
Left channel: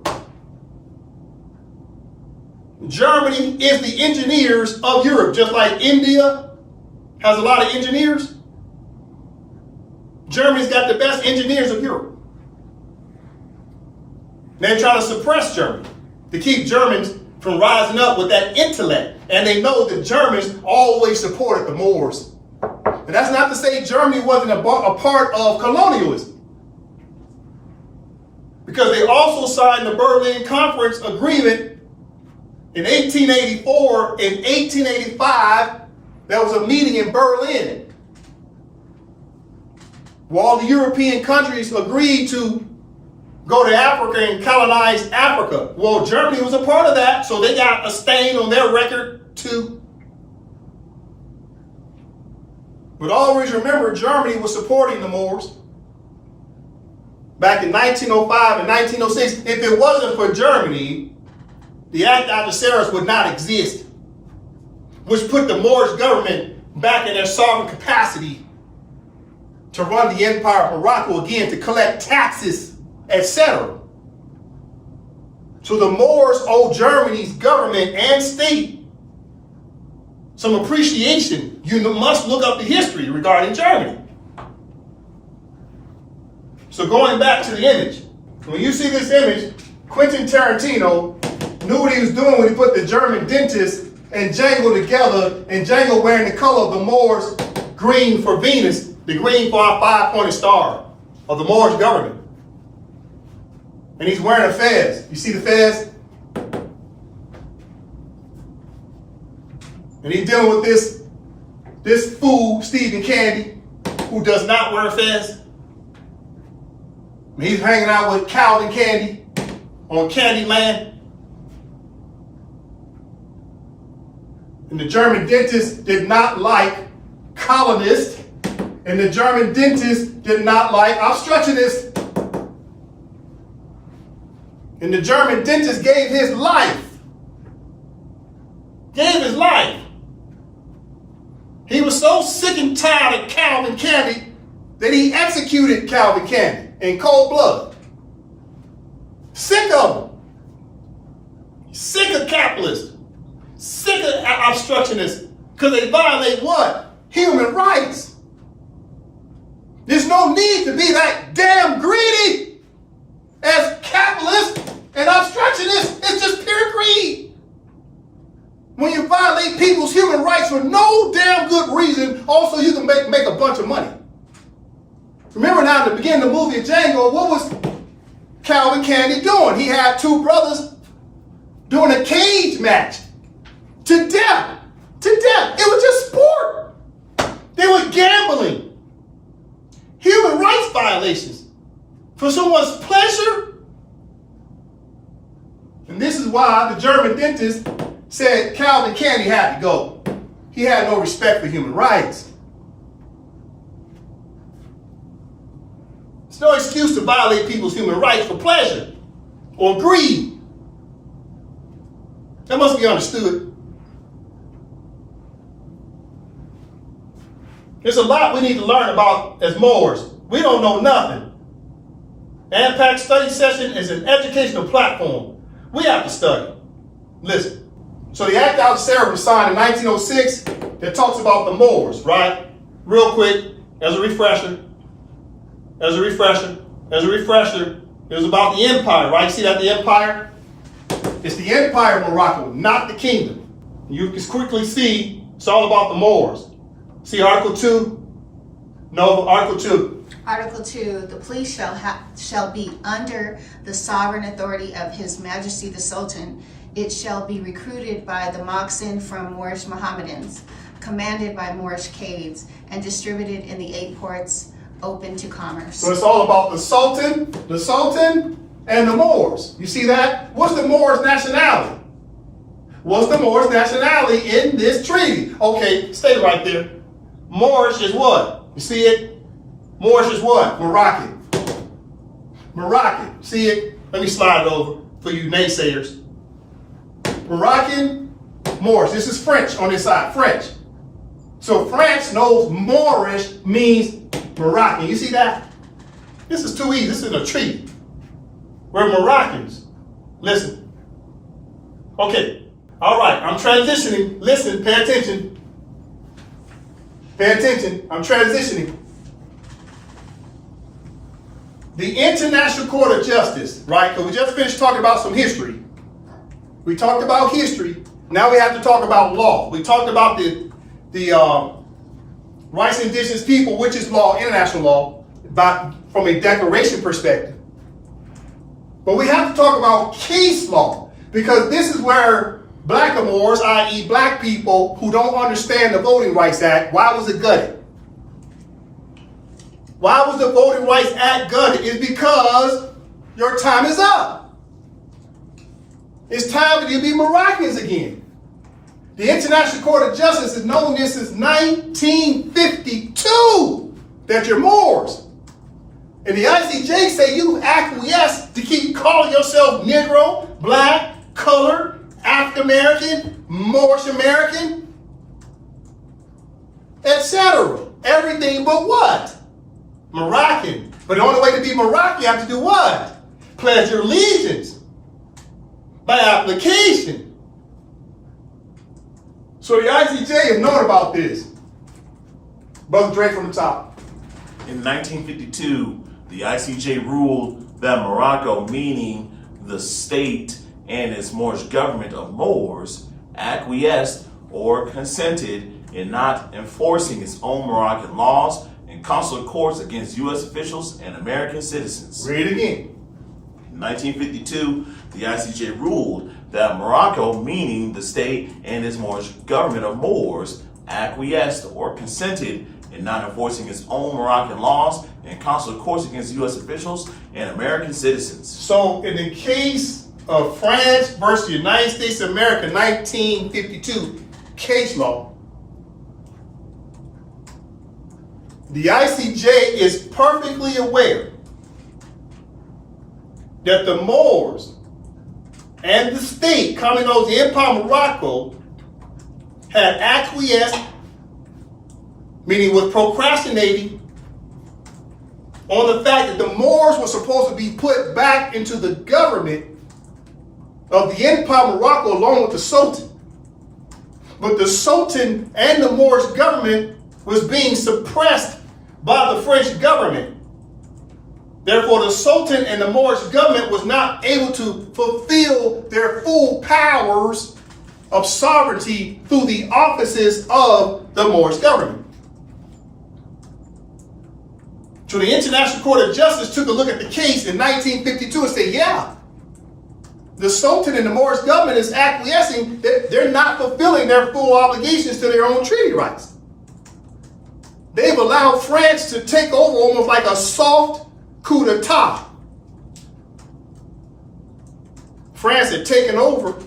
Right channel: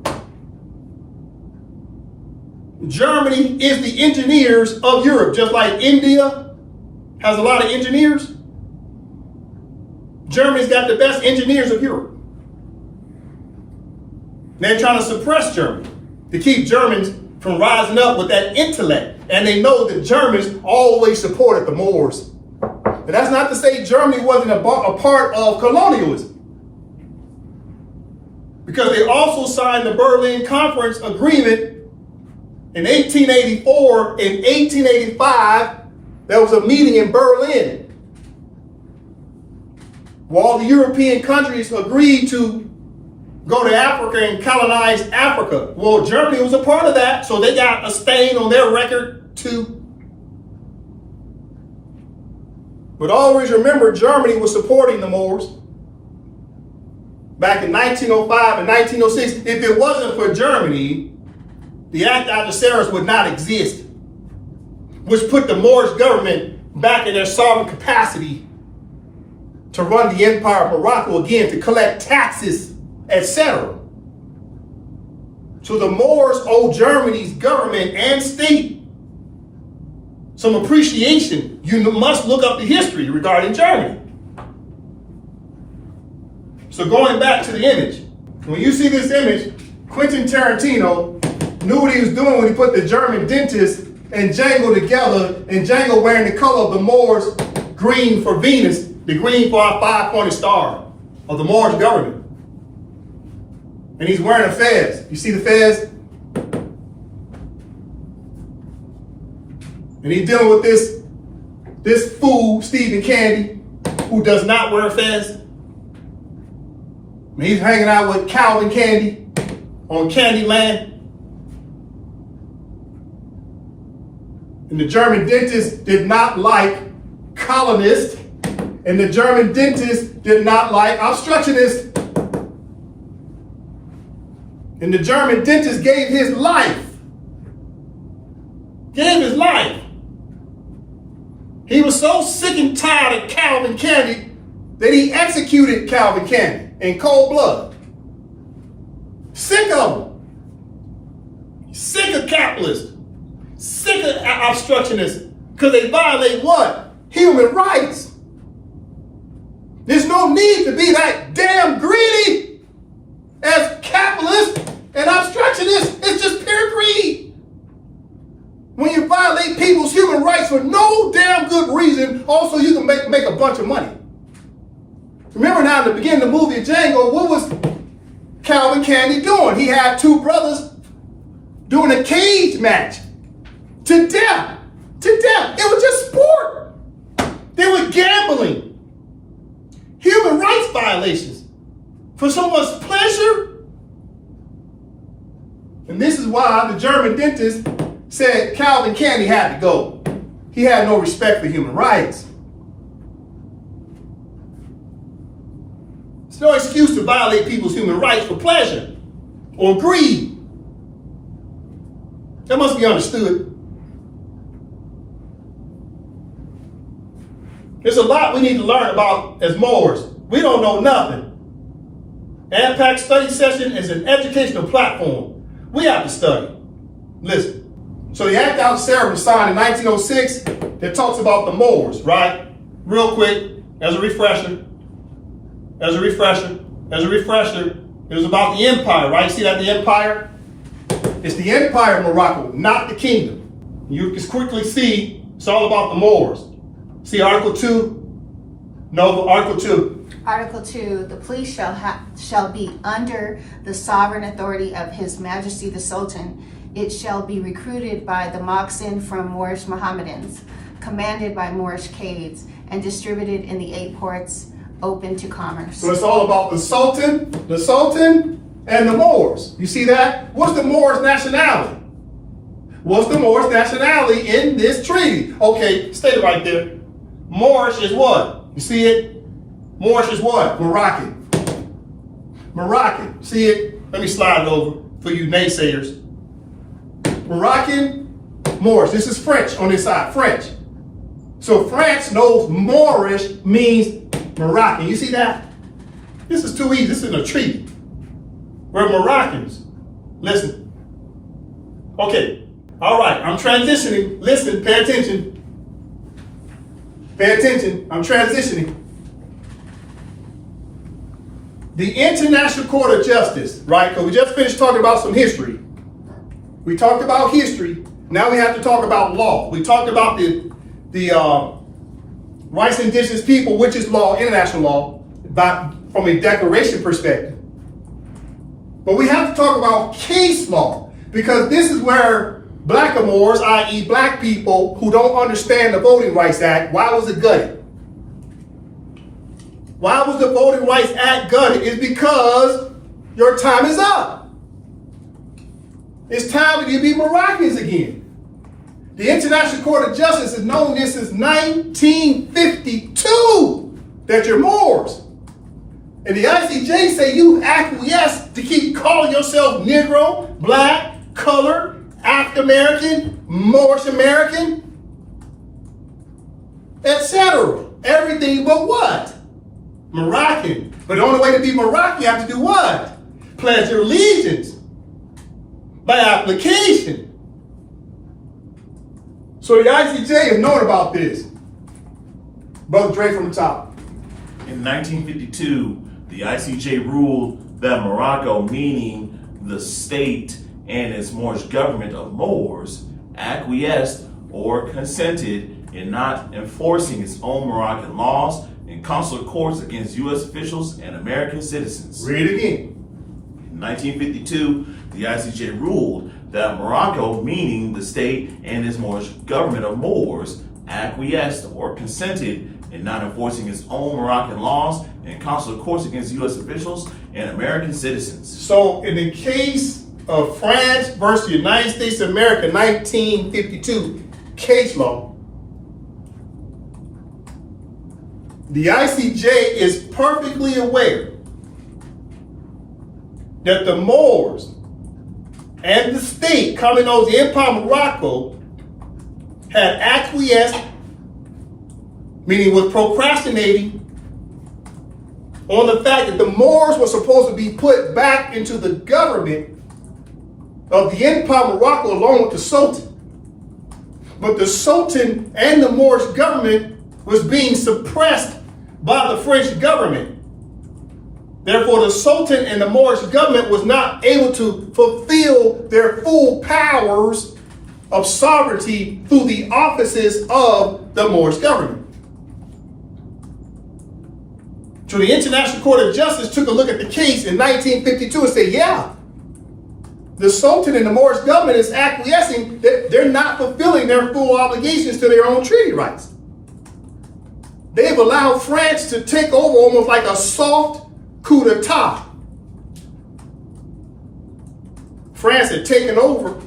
Germany is the engineers of Europe, just like India has a lot of engineers. Germany's got the best engineers of Europe. They're trying to suppress Germany to keep Germans from rising up with that intellect. And they know that Germans always supported the Moors. And that's not to say Germany wasn't a part of colonialism. Because they also signed the Berlin Conference Agreement in 1884. In 1885, there was a meeting in Berlin where all the European countries agreed to go to Africa and colonize Africa. Well, Germany was a part of that, so they got a stain on their record too. But always remember, Germany was supporting the Moors. Back in 1905 and 1906, if it wasn't for Germany, the Act Adversaris would not exist, which put the Moorish government back in their sovereign capacity to run the Empire of Morocco again, to collect taxes, etc. So the Moors owe Germany's government and state some appreciation. You must look up the history regarding Germany. So going back to the image, when you see this image, Quentin Tarantino knew what he was doing when he put the German dentist and Django together, and Django wearing the color of the Moors, green for Venus, the green for our five-pointed star of the Moorish government. And he's wearing a fez. You see the fez? And he's dealing with this fool, Stephen Candy, who does not wear a fez. He's hanging out with Calvin Candy on Candyland. And the German dentist did not like colonists, and the German dentist did not like obstructionists. And the German dentist gave his life. He was so sick and tired of Calvin Candy that he executed Calvin Candy in cold blood. Sick of him. Sick of capitalists. Sick of obstructionists. Because they violate what? Human rights. There's no need to be that damn greedy as capitalists and obstructionists. It's just pure greed. When you violate people's human rights for no damn good reason also you can make a bunch of money. Remember now, at the beginning of the movie of Django, what was Calvin Candy doing? He had two brothers doing a cage match to death. To death. It was just sport. They were gambling. Human rights violations for someone's pleasure. And this is why the German dentist said Calvin Candy had to go. He had no respect for human rights. It's no excuse to violate people's human rights for pleasure or greed. That must be understood. There's a lot we need to learn about as Moors. We don't know nothing. AMPAC Study Session is an educational platform. We have to study. Listen. So the Act Out Sarah was signed in 1906 that talks about the Moors, right? Real quick, as a refresher. It was about the empire, right? See that, the empire? It's the empire of Morocco, not the kingdom. You can quickly see it's all about the Moors. See Article 2? No, Article 2. Article 2, the police shall be under the sovereign authority of His Majesty the Sultan. It shall be recruited by the Moxen from Moorish Mohammedans, commanded by Moorish Cades, and distributed in the 8 ports open to commerce. So it's all about the Sultan, and the Moors. You see that? What's the Moors' nationality? What's the Moors' nationality in this treaty? Okay, stay right there. Moorish is what? You see it? Moorish is what? Moroccan. Moroccan. See it? Let me slide it over for you naysayers. Moroccan, Moorish. This is French on this side, French. So France knows Moorish means Moroccan. You see that? This is too easy. This is a treaty. We're Moroccans. Listen. Okay. All right. I'm transitioning. Listen. Pay attention. Pay attention. I'm transitioning. The International Court of Justice, right? Because we just finished talking about some history. We talked about history. Now we have to talk about law. We talked about the rights of indigenous people, which is law, international law, from a declaration perspective. But we have to talk about case law, because this is where blackamoors, i.e. black people who don't understand the Voting Rights Act, why was it gutted? Why was the Voting Rights Act gutted? It's because your time is up. It's time for you to be Moroccans again. The International Court of Justice has known this since 1952, that you're Moors. And the I.C.J. say you acquiesce to keep calling yourself Negro, black, colored, African American, Moorish American, etc. Everything but what? Moroccan. But the only way to be Moroccan, you have to do what? Pledge your allegiance by application. So the I.C.J. has known about this. Brother Dre from the top. In 1952, the I.C.J. ruled that Morocco, meaning the state and its Moorish government of Moors, acquiesced or consented in not enforcing its own Moroccan laws and consular courts against U.S. officials and American citizens. Read it again. In 1952, the I.C.J. ruled that Morocco, meaning the state and its Moorish government of Moors, acquiesced or consented in not enforcing its own Moroccan laws and consular courts against U.S. officials and American citizens. So in the case of France versus the United States of America, 1952 case law, the I.C.J. is perfectly aware that the Moors and the state, coming over the Empire of Morocco, had acquiesced, meaning was procrastinating, on the fact that the Moors were supposed to be put back into the government of the Empire of Morocco along with the Sultan. But the Sultan and the Moorish government was being suppressed by the French government. Therefore, the Sultan and the Moorish government was not able to fulfill their full powers of sovereignty through the offices of the Moorish government. So the International Court of Justice took a look at the case in 1952 and said, yeah, the Sultan and the Moorish government is acquiescing that they're not fulfilling their full obligations to their own treaty rights. They've allowed France to take over almost like a soft coup d'etat. France had taken over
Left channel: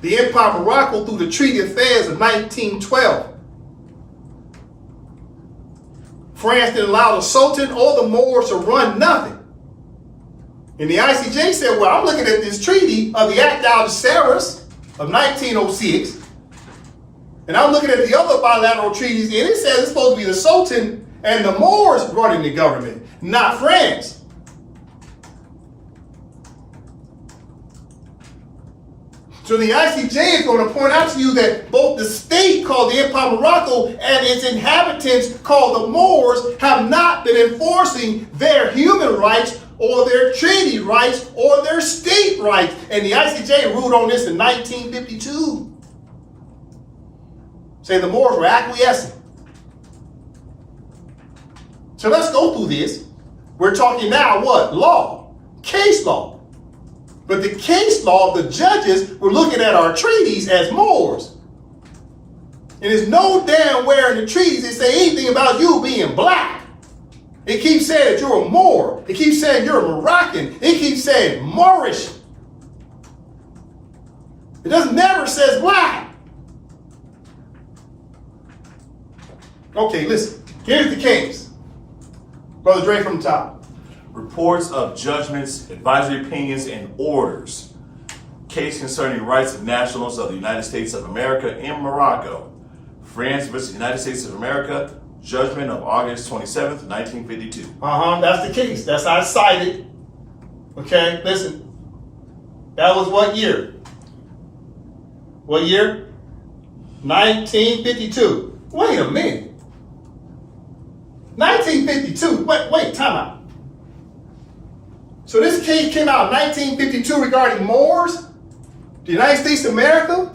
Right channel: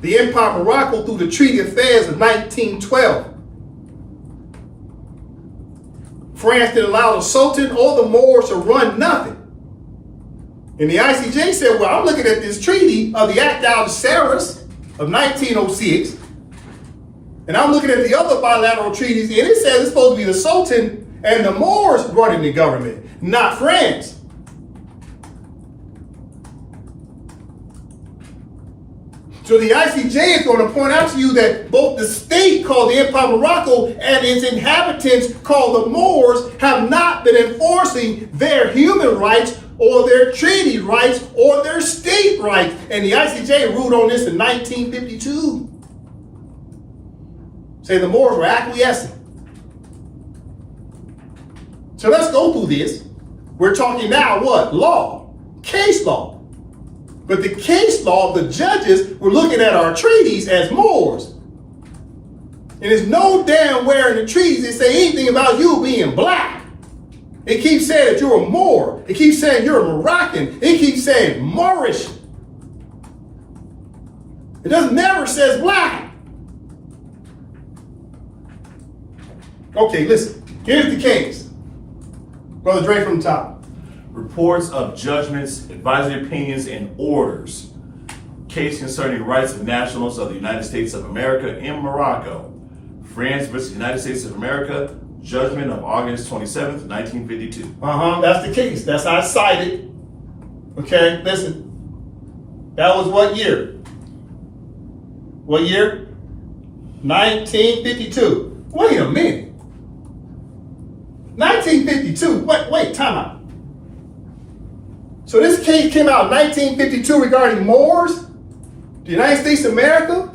the Empire of Morocco through the Treaty Affairs of 1912. France didn't allow the Sultan or the Moors to run nothing. And the I.C.J. said, well, I'm looking at this treaty of the Act Algeciras of 1906, and I'm looking at the other bilateral treaties, and it says it's supposed to be the Sultan and the Moors running the government, not France. So the I.C.J. is going to point out to you that both the state called the Empire of Morocco and its inhabitants called the Moors have not been enforcing their human rights or their treaty rights or their state rights. And the I.C.J. ruled on this in 1952. Say the Moors were acquiescing. So let's go through this. We're talking now what? Law, case law. But the case law, the judges were looking at our treaties as Moors. And there's no damn where in the treaties they say anything about you being black. It keeps saying that you're a Moor. It keeps saying you're a Moroccan. It keeps saying Moorish. It never says black. Okay, listen. Here's the case. Brother Dre from the top. Reports of judgments, advisory opinions, and orders. Case concerning rights of nationals of the United States of America in Morocco. France versus United States of America. Judgment of August 27th, 1952. That's the case. That's how I cited. Okay, listen. That was what year? What year? 1952. Wait a minute. 1952. Wait, time out. So this case came out in 1952 regarding Moors, the United States of America,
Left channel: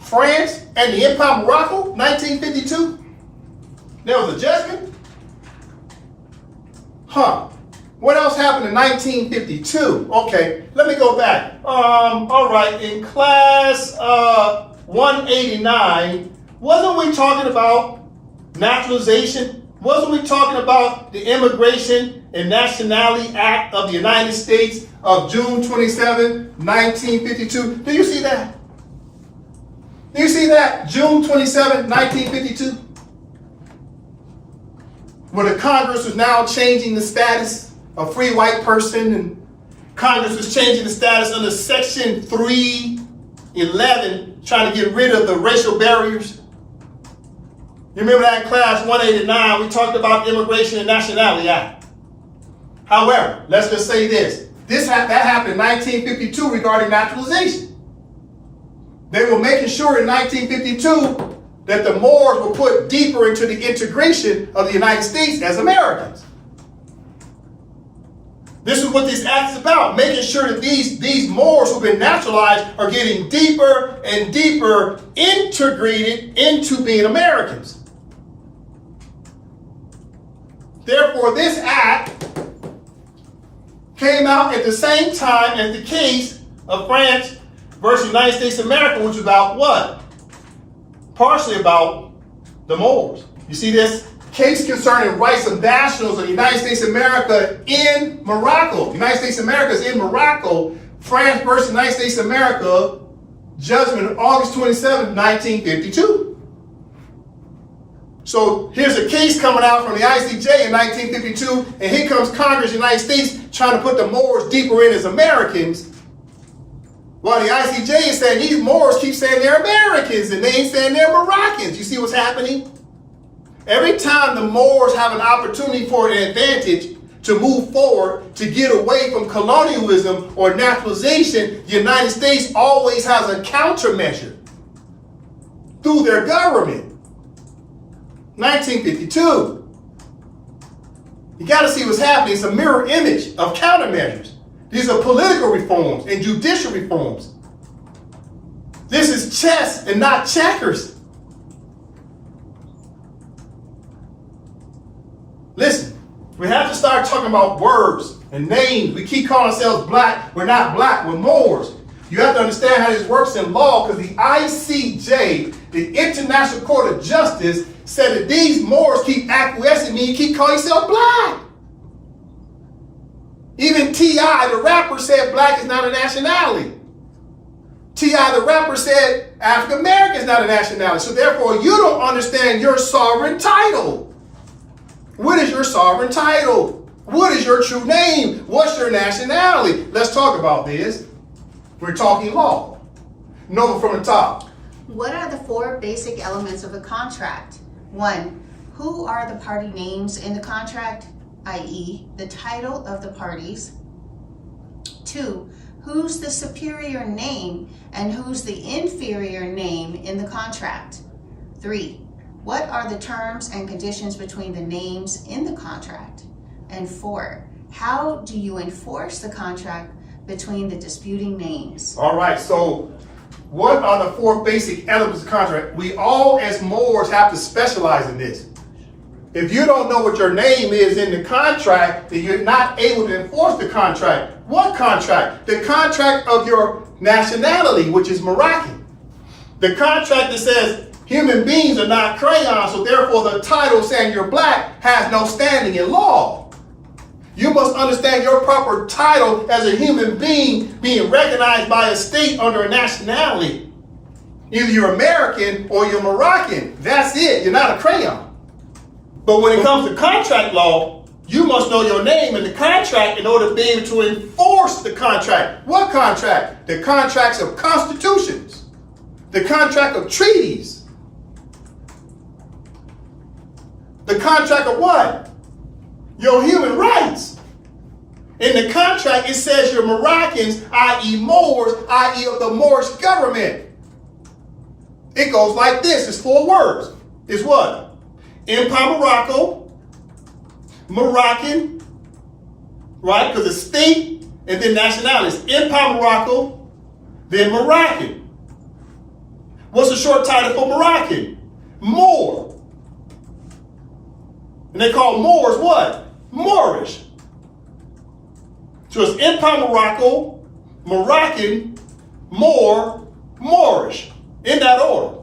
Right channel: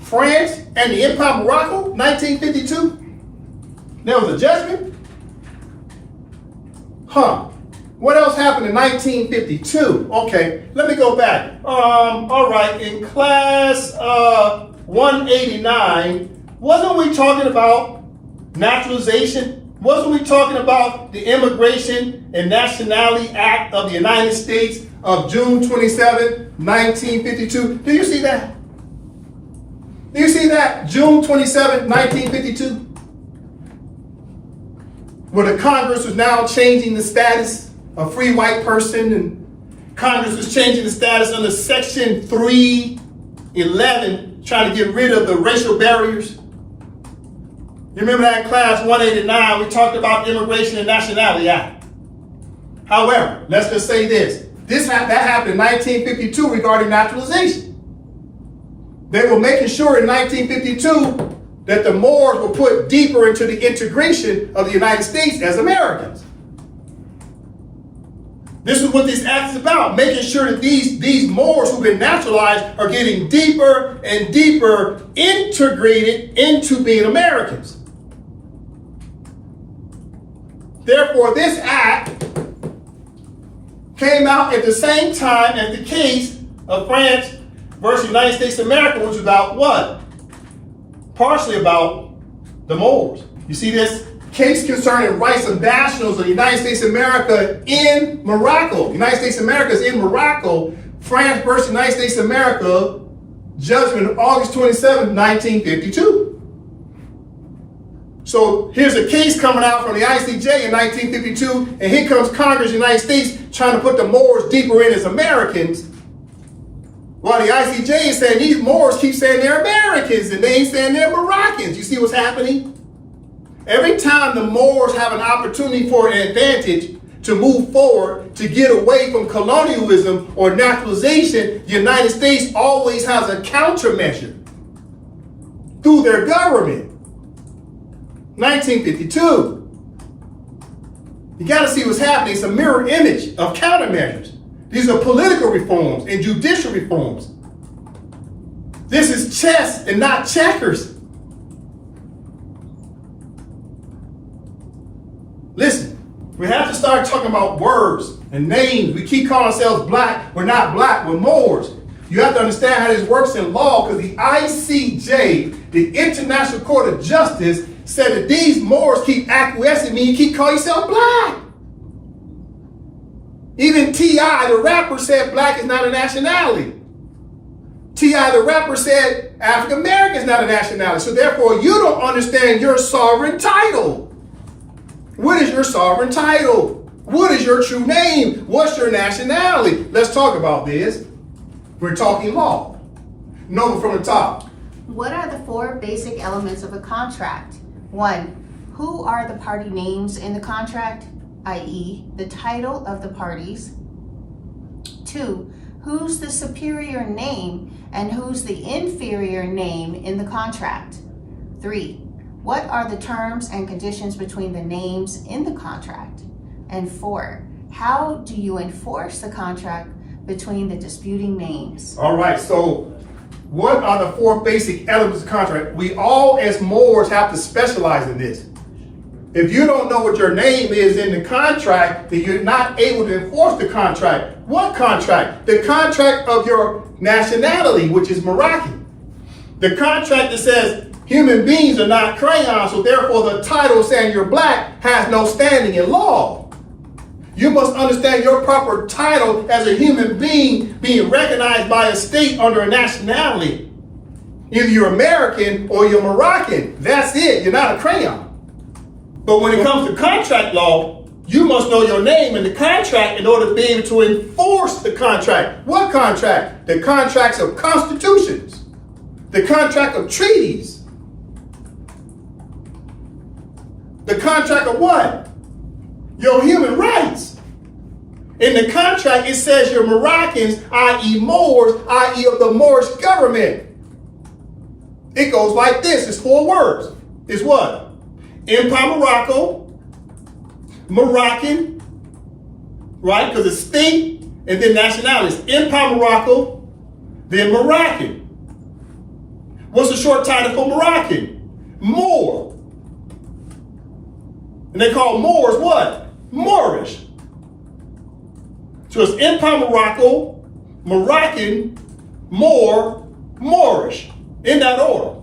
France, and the Empire of Morocco, 1952. There was a judgment? What else happened in 1952? Okay, let me go back. All right, in class 189, wasn't we talking about naturalization? Wasn't we talking about the Immigration and Nationality Act of the United States of June 27, 1952? Do you see that? Do you see that? June 27, 1952? Where the Congress was now changing the status of free white person, and Congress was changing the status under Section 311, trying to get rid of the racial barriers. You remember that in class 189, we talked about the Immigration and Nationality Act. However, let's just say this. That happened in 1952 regarding naturalization. They were making sure in 1952 that the Moors were put deeper into the integration of the United States as Americans. This is what this act is about, making sure that these Moors who've been naturalized are getting deeper and deeper integrated into being Americans. Therefore, this act came out at the same time as the case of France versus United States of America, which is about what? Partially about the Moors. You see this? Case concerning rights of nationals of the United States of America in Morocco. The United States of America is in Morocco. France versus United States of America, judgment of August 27, 1952. So here's a case coming out from the I.C.J. in 1952, and here comes Congress of the United States trying to put the Moors deeper in as Americans. While the I.C.J. is saying these Moors keep saying they're Americans and they ain't saying they're Moroccans. You see what's happening? Every time the Moors have an opportunity for an advantage to move forward, to get away from colonialism or naturalization, the United States always has a countermeasure through their government. 1952. You got to see what's happening. It's a mirror image of countermeasures. These are political reforms and judicial reforms. This is chess and not checkers. Listen, We have to start talking about words and names. We keep calling ourselves black. We're not black, we're Moors. You have to understand how this works in law, because the I.C.J, the International Court of Justice, said that these Moors keep acquiescing, meaning you keep calling yourself black. Even T.I., the rapper, said black is not a nationality. T.I., the rapper, said African American is not a nationality. So therefore, you don't understand your sovereign title. What is your sovereign title? What is your true name? What's your nationality? Let's talk about this. We're talking law. Number from the top. What are the 4 basic elements of a contract? 1. Who are the party names in the contract, i.e., the title of the parties? 2. Who's the superior name and who's the inferior name in the contract? 3. What are the terms and conditions between the names in the contract? And 4. How do you enforce the contract between the disputing names? All right, so what are the 4 basic elements of contract? We all as Moors have to specialize in this. If you don't know what your name is in the contract, then you're not able to enforce the contract. What contract? The contract of your nationality, which is Moroccan. The contract that says human beings are not crayons, so therefore the title saying you're black has no standing in law. You must understand your proper title as a human being being recognized by a state under a nationality. Either you're American or you're Moroccan. That's it. You're not a crayon. But when it comes to contract law, you must know your name in the contract in order to be able to enforce the contract. What contract? The contracts of constitutions. The contract of treaties. The contract of what? Your human rights. In the contract, it says you're Moroccans, i.e. Moors, i.e. of the Moorish government. It goes like this. It's 4 words. It's what? Empire Morocco, Moroccan, right? Because it's state and then nationality. It's Empire Morocco, then Moroccan. What's the short title for Moroccan? Moor. And they call Moors what? Moorish. So it's Empire Morocco, Moroccan, Moor, Moorish. In that order.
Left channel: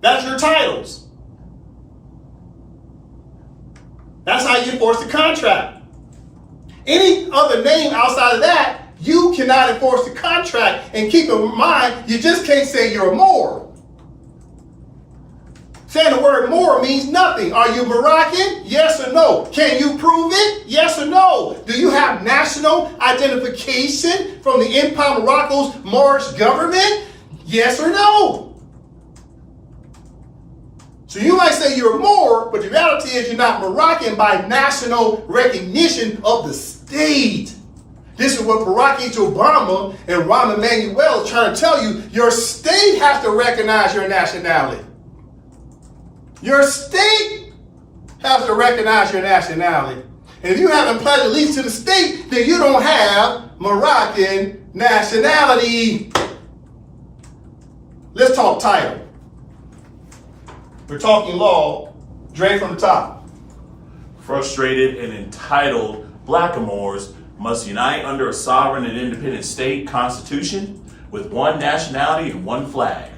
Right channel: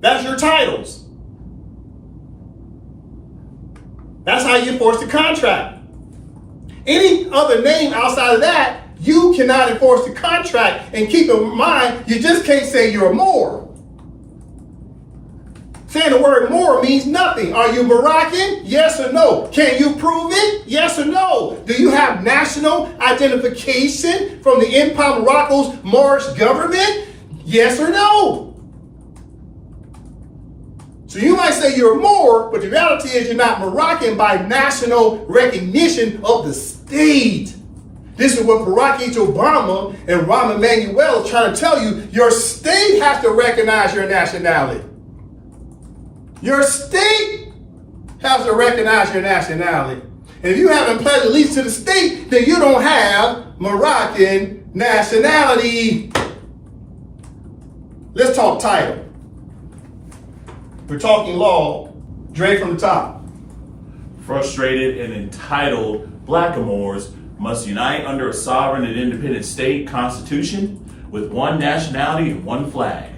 That's your titles. That's how you enforce the contract. Any other name outside of that, you cannot enforce the contract. And keep in mind, you just can't say you're a Moor. Saying the word Moor means nothing. Are you Moroccan? Yes or no? Can you prove it? Yes or no? Do you have national identification from the Empire Morocco's Moorish government? Yes or no? So you might say you're a Moor, but the reality is you're not Moroccan by national recognition of the state. This is what Barack Obama and Rahm Emanuel are trying to tell you. Your state has to recognize your nationality. Your state has to recognize your nationality. And if you haven't pledged allegiance to the state, then you don't have Moroccan nationality. Let's talk title. We're talking law. Dre from the top. Frustrated and entitled blackamoors must unite under a sovereign and independent state constitution with one nationality and one flag.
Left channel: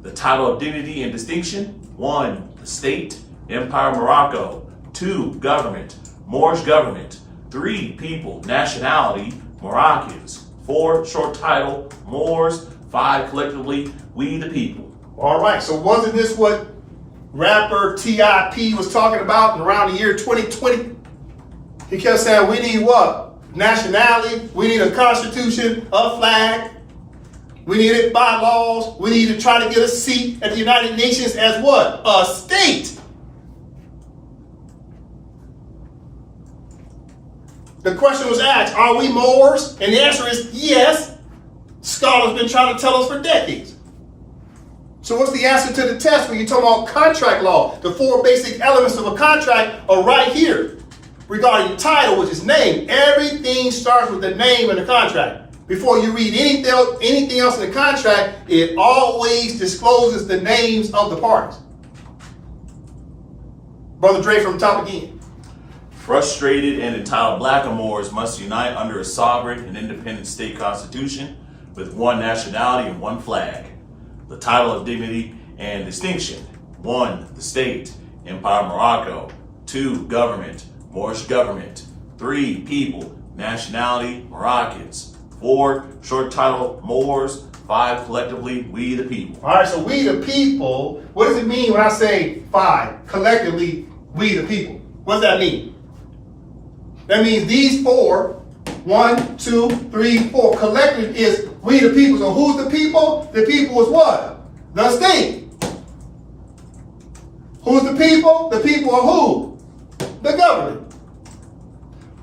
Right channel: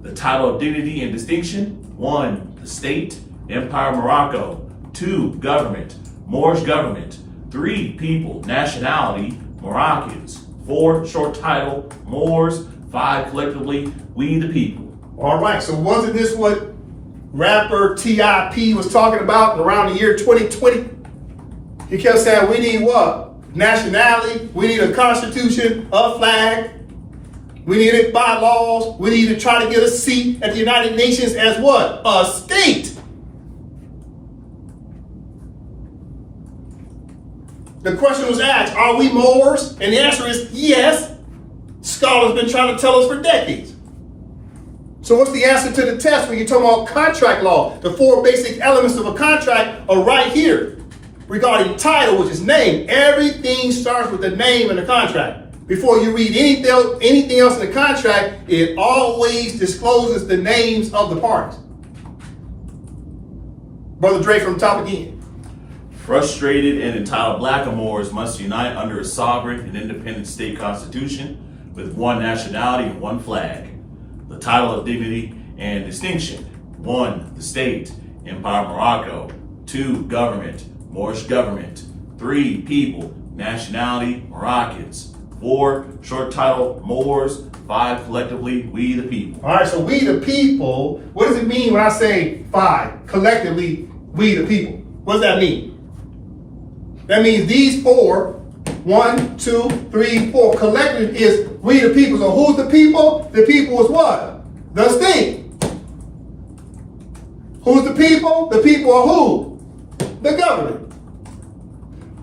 The title of dignity and distinction: 1, the state, Empire Morocco; 2, government, Moorish government; 3, people, nationality, Moroccans; 4, short title, Moors; 5, collectively, we the people. All right, so wasn't this what rapper T.I.P. was talking about around the year 2020? He kept saying we need what? Nationality, we need a constitution, a flag, we need it by laws, we need to try to get a seat at the United Nations as what? A state. The question was asked, are we Moors? And the answer is yes. Scholars have been trying to tell us for decades. So what's the answer to the test when you're talking about contract law? The 4 basic elements of a contract are right here. Regarding title, which is name, everything starts with the name in the contract. Before you read anything else in the contract, it always discloses the names of the parties. Brother Dre from the top again. Frustrated and entitled blackamoors must unite under a sovereign and independent state constitution with one nationality and one flag. The title of dignity and distinction. 1. The state, Empire Morocco. 2. Government, Moorish government. 3. People, nationality, Moroccans. 4. Short title, Moors. 5. Collectively, we the people. All right, so we the people, what does it mean when I say 5? Collectively, we the people. What does that mean? That means these 4, 1, 2, 3, 4, collective is we the people. So who's the people? The people is what? The state. Who's the people? The people are who? The government.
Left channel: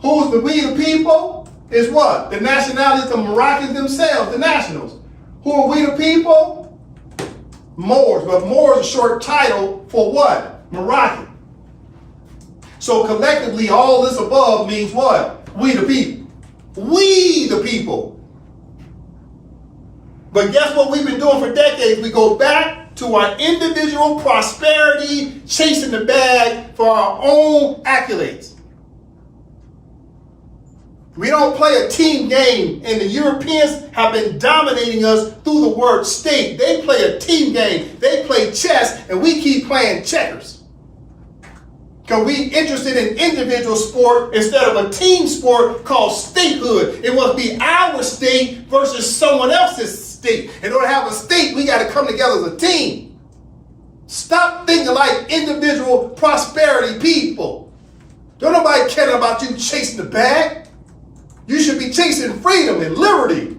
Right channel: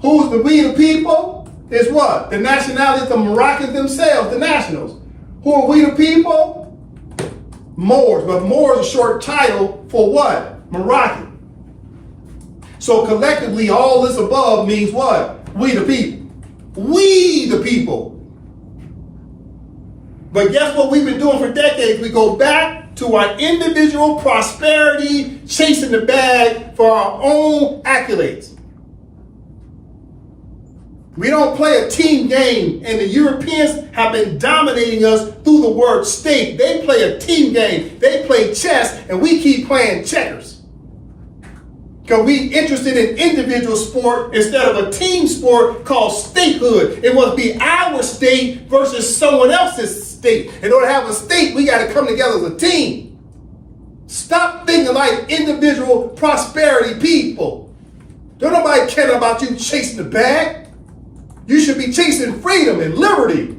Who's the we the people? Is what? The nationalities, the Moroccans themselves, the nationals. Who are we the people? Moors. But Moors is a short title for what? Moroccan. So collectively, all this above means what? We the people. We the people. But guess what we've been doing for decades? We go back to our individual prosperity, chasing the bag for our own accolades. We don't play a team game, and the Europeans have been dominating us through the word state. They play a team game. They play chess, and we keep playing checkers. Because we interested in individual sport instead of a team sport called statehood. It must be our state versus someone else's state. In order to have a state, we got to come together as a team. Stop thinking like individual prosperity people. Don't nobody care about you chasing the bag. You should be chasing freedom and liberty.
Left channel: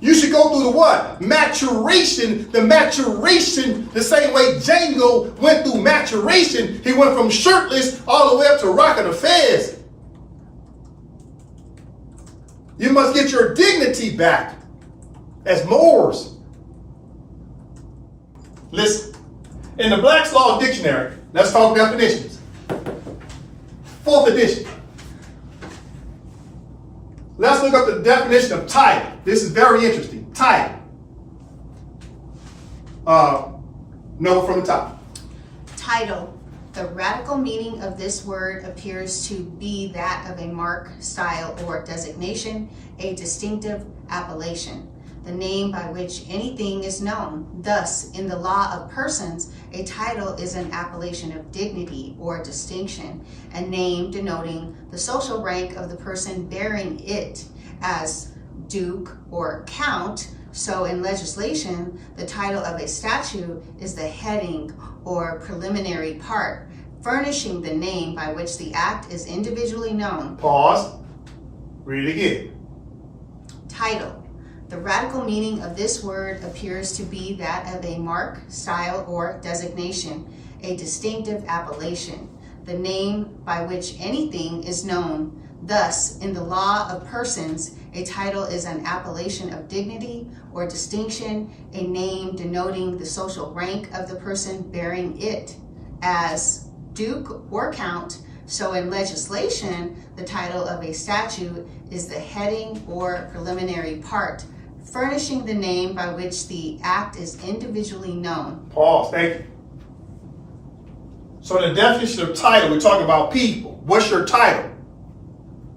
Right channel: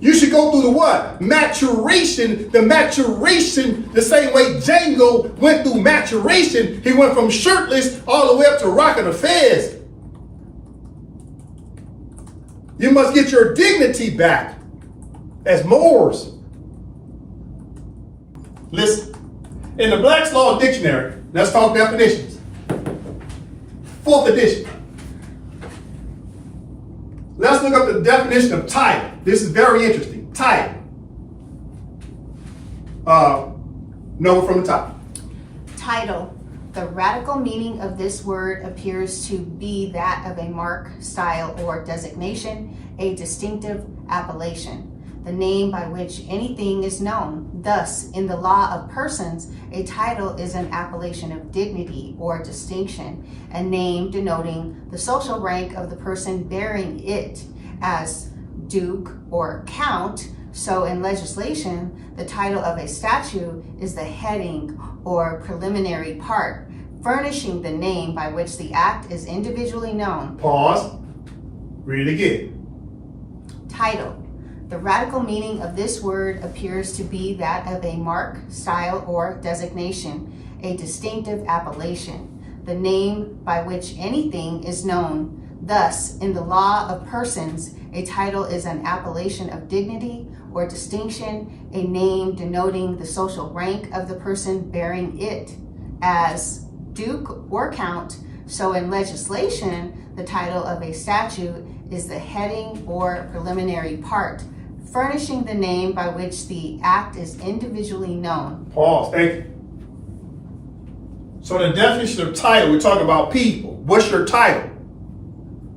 You should go through the what? Maturation. The maturation, the same way Django went through maturation. He went from shirtless all the way up to rocking a fez. You must get your dignity back as Moors. Listen, in the Black's Law Dictionary, let's talk definitions. 4th edition. Let's look up the definition of title. This is very interesting. Title. Note from the top. Title. The radical meaning of this word appears to be that of a mark, style, or designation, a distinctive appellation, the name by which anything is known. Thus, in the law of persons, a title is an appellation of dignity or distinction, a name denoting the social rank of the person bearing it, as duke or count. So in legislation, the title of a statute is the heading or preliminary part, furnishing the name by which the act is individually known. Pause. Read it again. Title. The radical meaning of this word appears to be that of a mark, style, or designation, a distinctive appellation, the name by which anything is known. Thus, in the law of persons, a title is an appellation of dignity or distinction, a name denoting the social rank of the person bearing it, as duke or count. So in legislation, the title of a statute is the heading or preliminary part, furnishing the name by which the act is individually known. Pause. Thank you. So the definition of title, we're talking about people. What's your title?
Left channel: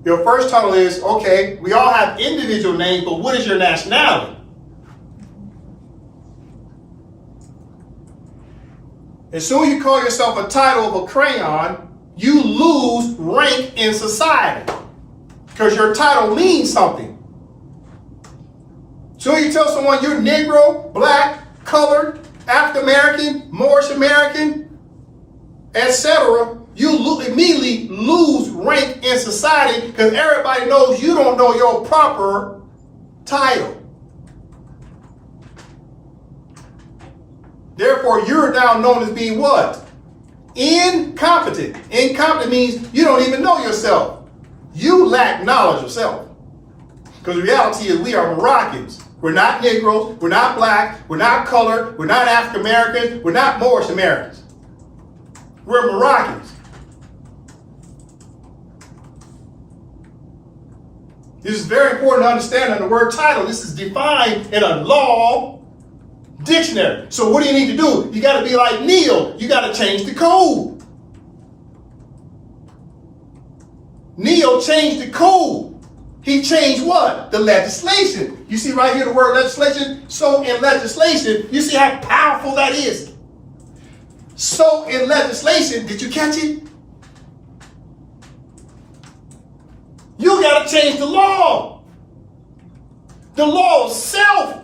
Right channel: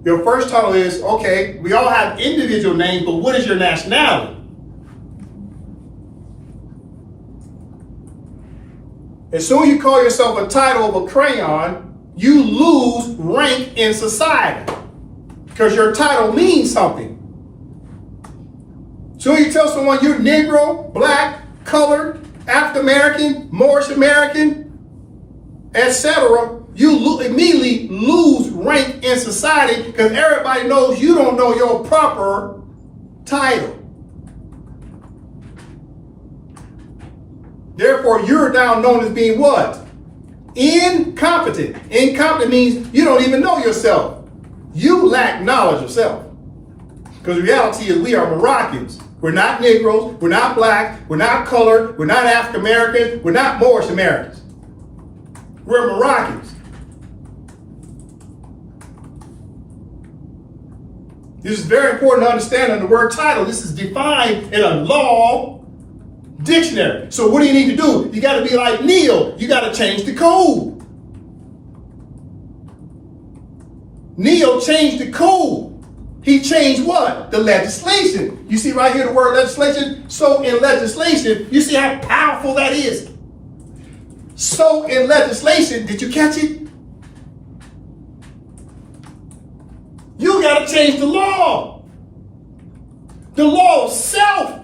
Your first title is, okay, we all have individual names, but what is your nationality? As soon as you call yourself a title of a crayon, you lose rank in society because your title means something. So you tell someone you're Negro, Black, Colored, African American, Moorish American, etc., you immediately lose rank in society because everybody knows you don't know your proper title. Therefore, you're now known as being what? Incompetent. Incompetent means you don't even know yourself. You lack knowledge of self. Because the reality is we are Moroccans. We're not Negroes, we're not Black, we're not Colored, we're not African Americans, we're not Moorish Americans. We're Moroccans. This is very important to understand in the word title. This is defined in a law dictionary. So what do you need to do? You got to be like Neil. You got to change the code. Neo changed the code. He changed what? The legislation. You see right here the word legislation? So in legislation, you see how powerful that is? So in legislation, did you catch it? You got to change the law. The law of self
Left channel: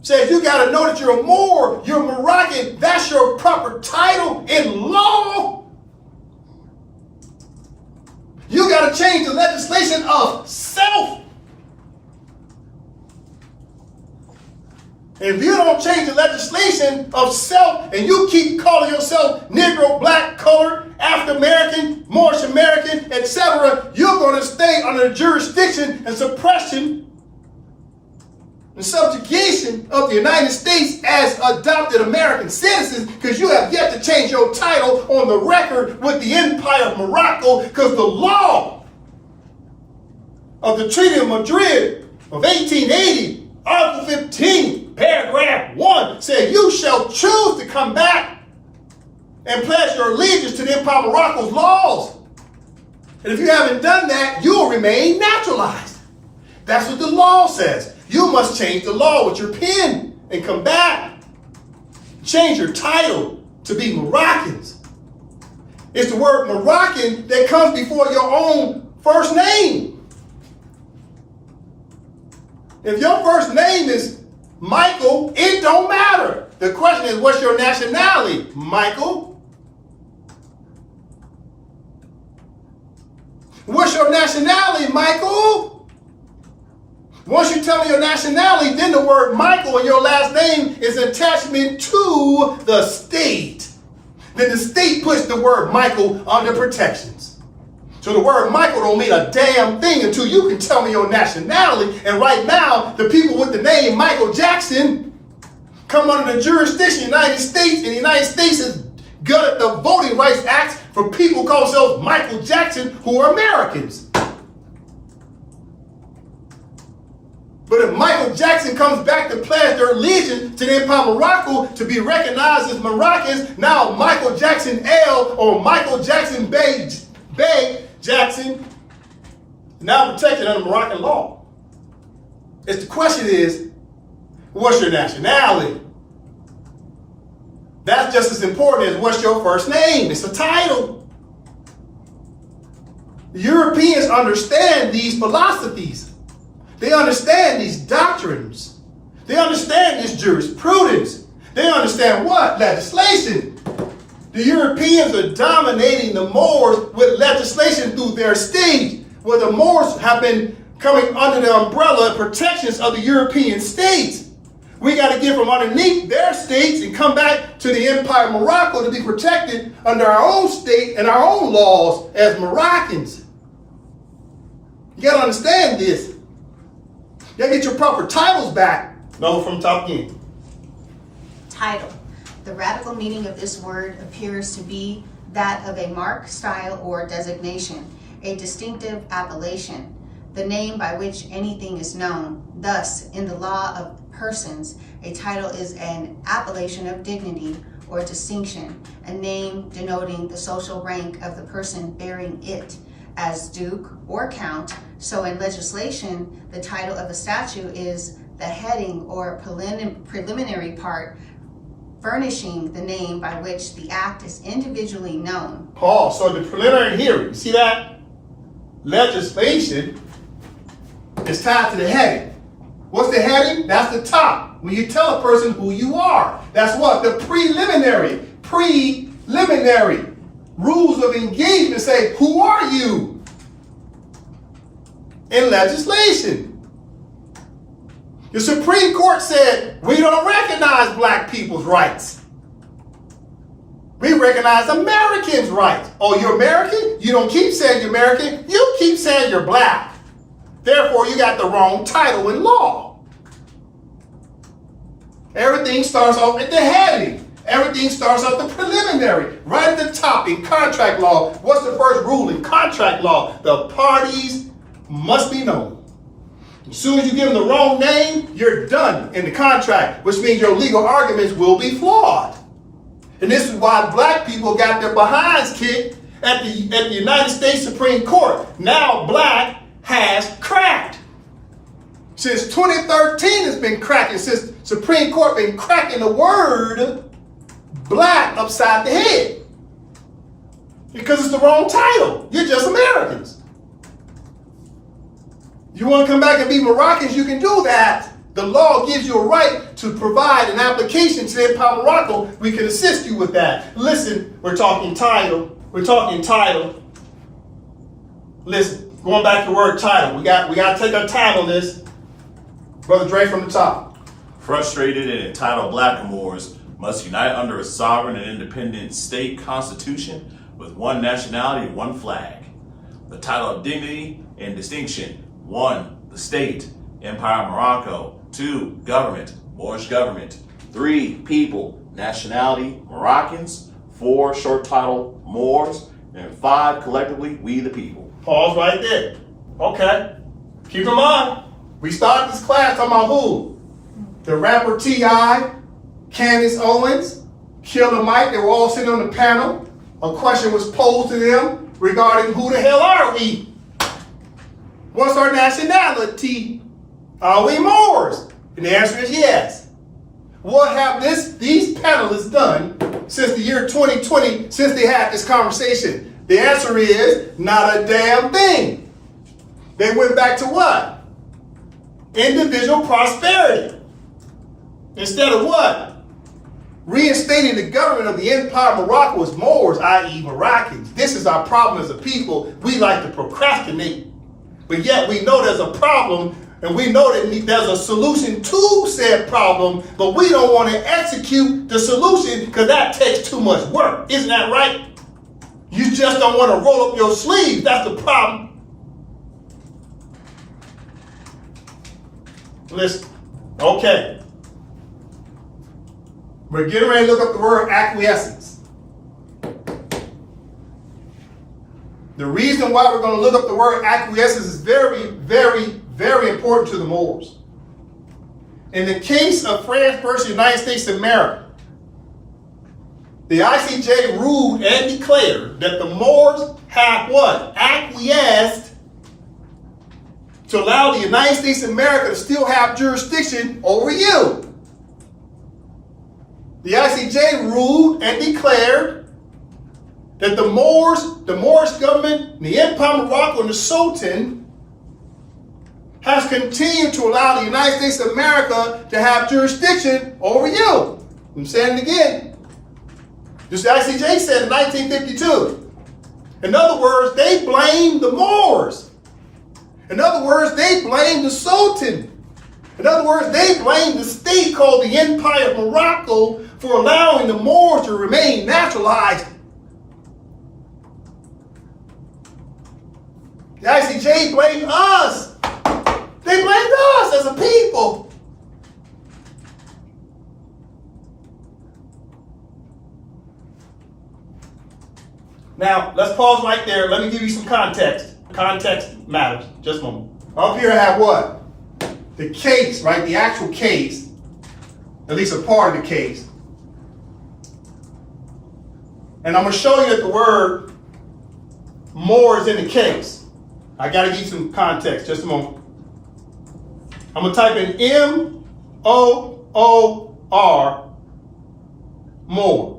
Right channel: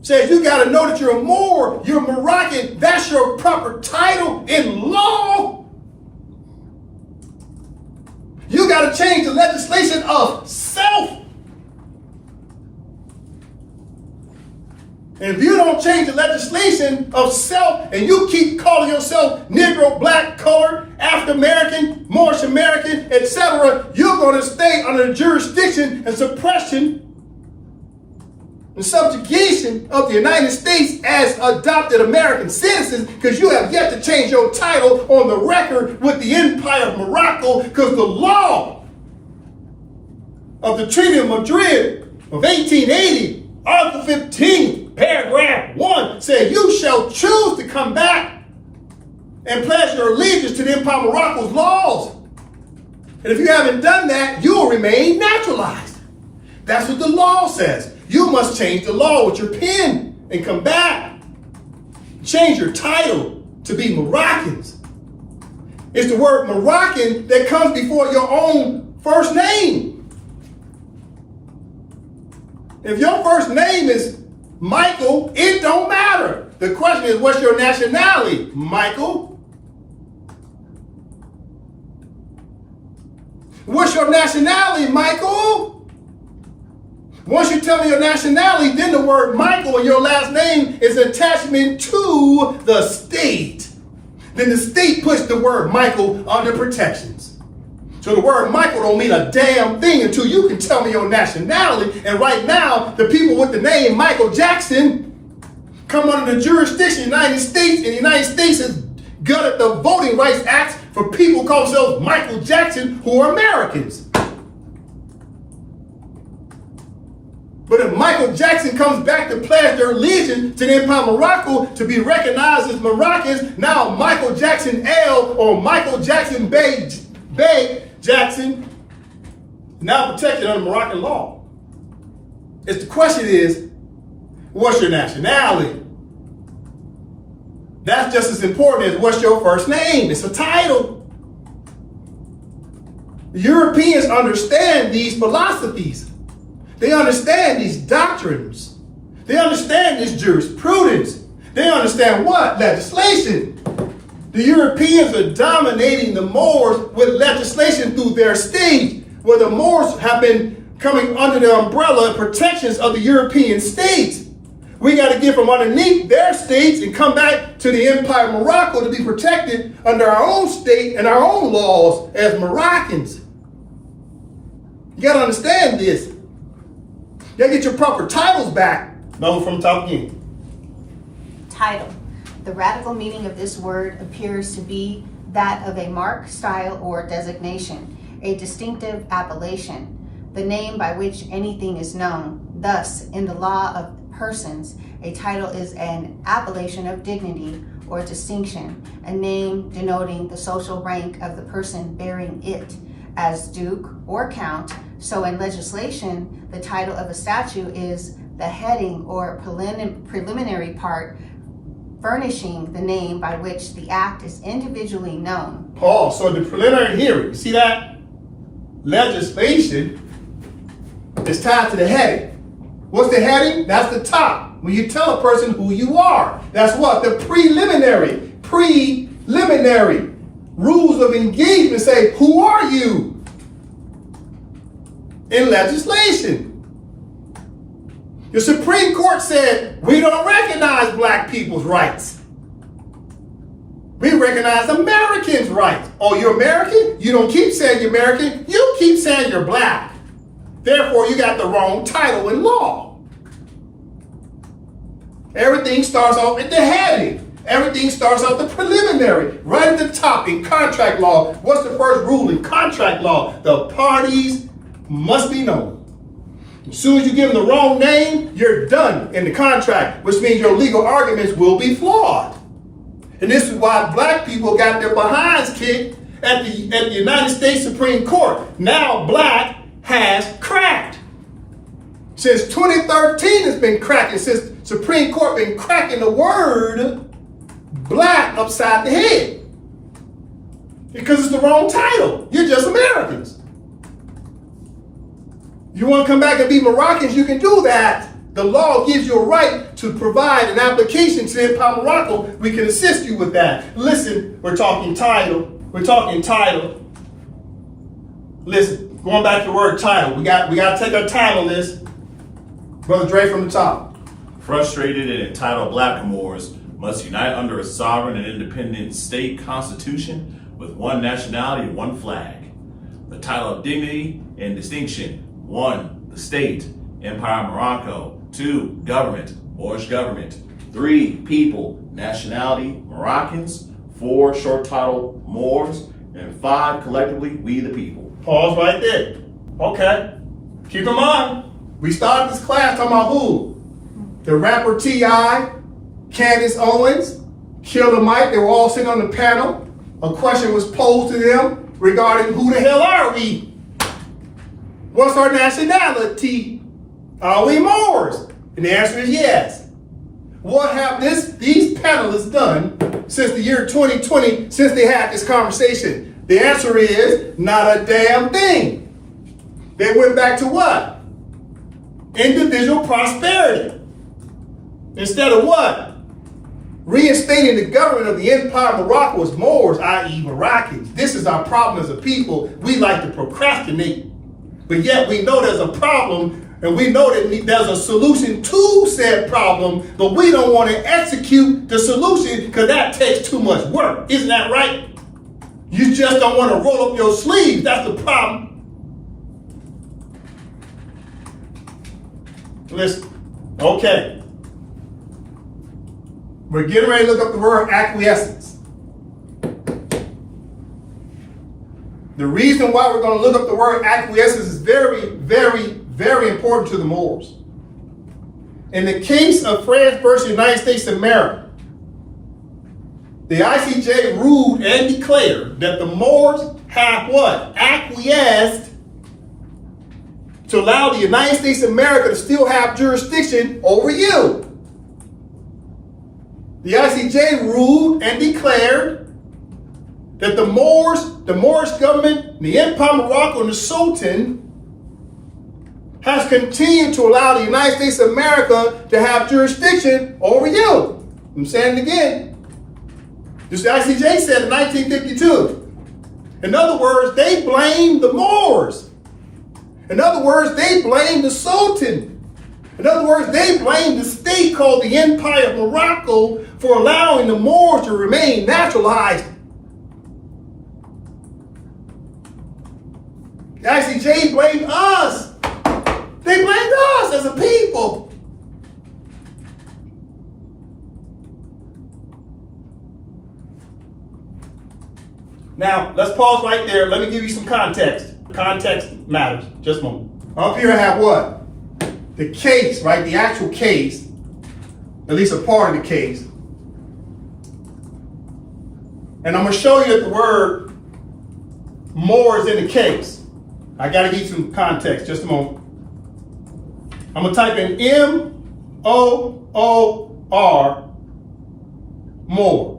says you got to know that you're a Moor, you're a Moroccan. That's your proper title in law. You got to change the legislation of self. And if you don't change the legislation of self and you keep calling yourself Negro, Black, Colored, African American, Moorish American, etc., you're going to stay under the jurisdiction and suppression and subjugation of the United States as adopted American citizens, because you have yet to change your title on the record with the Empire of Morocco, because the law of the Treaty of Madrid of 1880, Article 15, Paragraph 1, said you shall choose to come back and pledge your allegiance to the Empire of Morocco's laws. And if you haven't done that, you will remain naturalized. That's what the law says. You must change the law with your pen and come back. Change your title to be Moroccans. It's the word Moroccan that comes before your own first name. If your first name is Michael, it don't matter. The question is, what's your nationality, Michael? What's your nationality, Michael? Once you tell me your nationality, then the word Michael and your last name is an attachment to the state. Then the state puts the word Michael under protections. So the word Michael don't mean a damn thing until you can tell me your nationality. And right now, the people with the name Michael Jackson come under the jurisdiction of the United States, and the United States has gutted the Voting Rights Act for people who call themselves Michael Jackson who are Americans. But if Michael Jackson comes back to pledge their allegiance to the Empire of Morocco to be recognized as Moroccans, now Michael Jackson L or Michael Jackson Bay Jackson, now protected under Moroccan law. The question is, what's your nationality? That's just as important as what's your first name. It's a title. Europeans understand these philosophies. They understand these doctrines. They understand this jurisprudence. They understand what? Legislation. The Europeans are dominating the Moors with legislation through their state, where the Moors have been coming under the umbrella and protections of the European states. We got to get from underneath their states and come back to the Empire of Morocco to be protected under our own state and our own laws as Moroccans. You got to understand this. You gotta get your proper titles back. No, from top again. Title. The radical meaning of this word appears to be that of a mark, style, or designation, a distinctive appellation, the name by which anything is known. Thus, in the law of persons, a title is an appellation of dignity or distinction, a name denoting the social rank of the person bearing it, as duke or count. So in legislation, the title of a statute is the heading or preliminary part furnishing the name by which the act is individually known. Pause. So the preliminary hearing, you see that? Legislation is tied to the heading. What's the heading? That's the top. When you tell a person who you are, that's what? The preliminary rules of engagement say, who are you? In legislation. The Supreme Court said, we don't recognize black people's rights. We recognize Americans' rights. Oh, you're American? You don't keep saying you're American. You keep saying you're black. Therefore, you got the wrong title in law. Everything starts off at the heading. Everything starts off the preliminary, right at the top in contract law. What's the first rule in contract law? The parties must be known. As soon as you give them the wrong name, you're done in the contract, which means your legal arguments will be flawed. And this is why black people got their behinds kicked at the United States Supreme Court. Now black has cracked. Since 2013, it's been cracking. Since Supreme Court been cracking the word black upside the head. Because it's the wrong title. You're just Americans. You want to come back and be Moroccans, you can do that. The law gives you a right to provide an application to Empower Morocco. We can assist you with that. Listen, we're talking title. We're talking title. Listen, going back to the word title. We got to take our time on this. Brother Dre from the top. Frustrated and entitled blackamoors must unite under a sovereign and independent state constitution with one nationality and one flag. The title of dignity and distinction. 1, the state, Empire Morocco. 2, government, Moorish government. 3, people, nationality, Moroccans. 4, short title, Moors. And 5, collectively, we the people. Pause right there. Okay. Keep in mind, we started this class talking about who? The rapper T.I., Candace Owens, Killer Mike. They were all sitting on the panel. A question was posed to them regarding who the hell are we? What's our nationality? Are we Moors? And the answer is yes. What have these panelists done since the year 2020, since they had this conversation? The answer is not a damn thing. They went back to what? Individual prosperity. Instead of what? Reinstating the government of the Empire Morocco as Moors, i.e. Moroccans. This is our problem as a people. We like to procrastinate. But yet we know there's a problem, and we know that there's a solution to said problem, but we don't want to execute the solution because that takes too much work. Isn't that right? You just don't want to roll up your sleeves. That's the problem. Listen, okay. We're getting ready to look up the word acquiescence. The reason why we're going to look up the word acquiescence is very, very, very important to the Moors. In the case of France versus United States of America, the I.C.J. ruled and declared that the Moors have what? Acquiesced to allow the United States of America to still have jurisdiction over you. The I.C.J. ruled and declared that the Moorish government, the Empire Morocco, and the Sultan has continued to allow the United States of America to have jurisdiction over you. I'm saying it again. This I.C.J. said in 1952. In other words, they blamed the Moors. In other words, they blamed the Sultan. In other words, they blamed the state called the Empire of Morocco for allowing the Moors to remain naturalized. The I.C.J. blamed us. They blamed us as a people. Now, let's pause right there. Let me give you some context. Context matters. Just a moment. Up here I have what? The case, right? The actual case, at least a part of the case. And I'm going to show you that the word more is in the case. I got to give you some context. Just a moment. I'm going to type in M-O-O-R, more.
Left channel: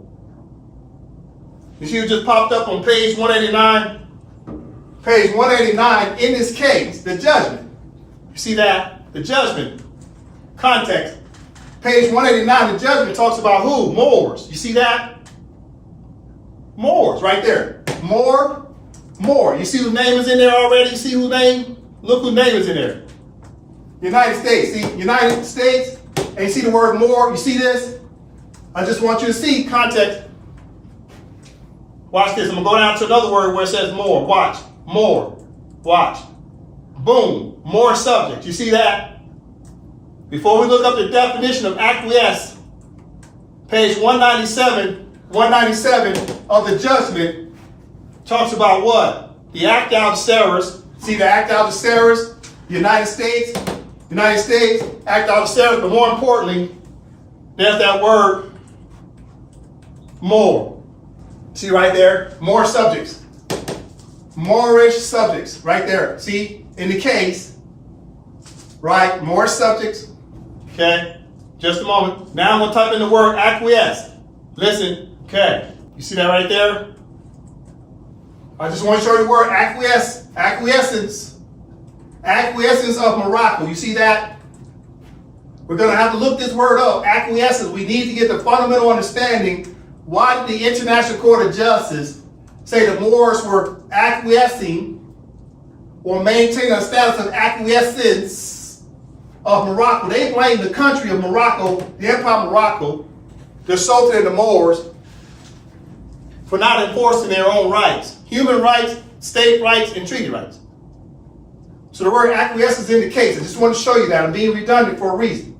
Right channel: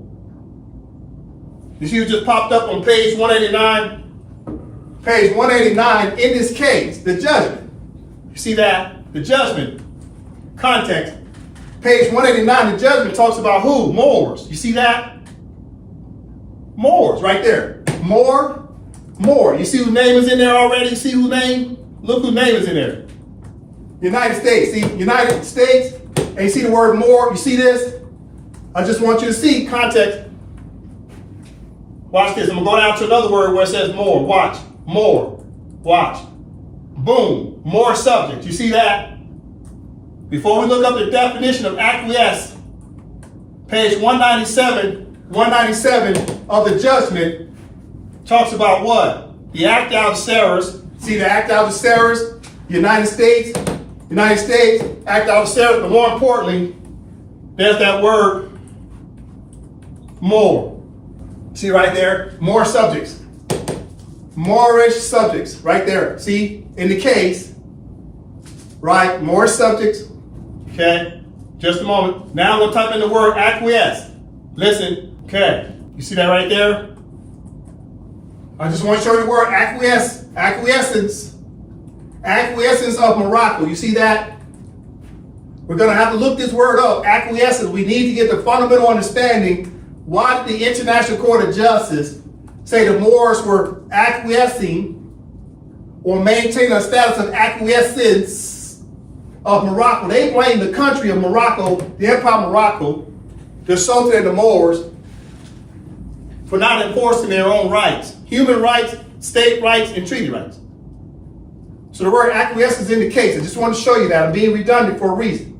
You see what just popped up on page 189? Page 189, in this case, the judgment. You see that? The judgment. Context. Page 189, the judgment talks about who? Moors. You see that? Moors, right there. More. You see whose name is in there already? You see whose name? Look whose name is in there. United States. See, United States. And you see the word more? You see this? I just want you to see context. Watch this. I'm going to go down to another word where it says more. Watch. More. Watch. Boom. More subject. You see that? Before we look up the definition of acquiesce, page 197 of the judgment talks about what? The act out of Ceres. See the act out of Ceres? United States, act out of Ceres. But more importantly, there's that word more. See right there? More subjects. Moorish subjects, right there. See, in the case, right, Moorish subjects, okay? Just a moment. Now I'm going to type in the word acquiesce. Listen, okay. You see that right there? I just want to show you the word acquiesce, acquiescence. Acquiescence of Morocco. You see that? We're going to have to look this word up, acquiescence. We need to get the fundamental understanding. Why did the International Court of Justice say the Moors were acquiescing or maintaining a status of acquiescence of Morocco? They blame the country of Morocco, the Empire of Morocco, the Sultan and the Moors, for not enforcing their own rights. Human rights, state rights, and treaty rights. So the word acquiescence indicates. I just want to show you that. I'm being redundant for a reason.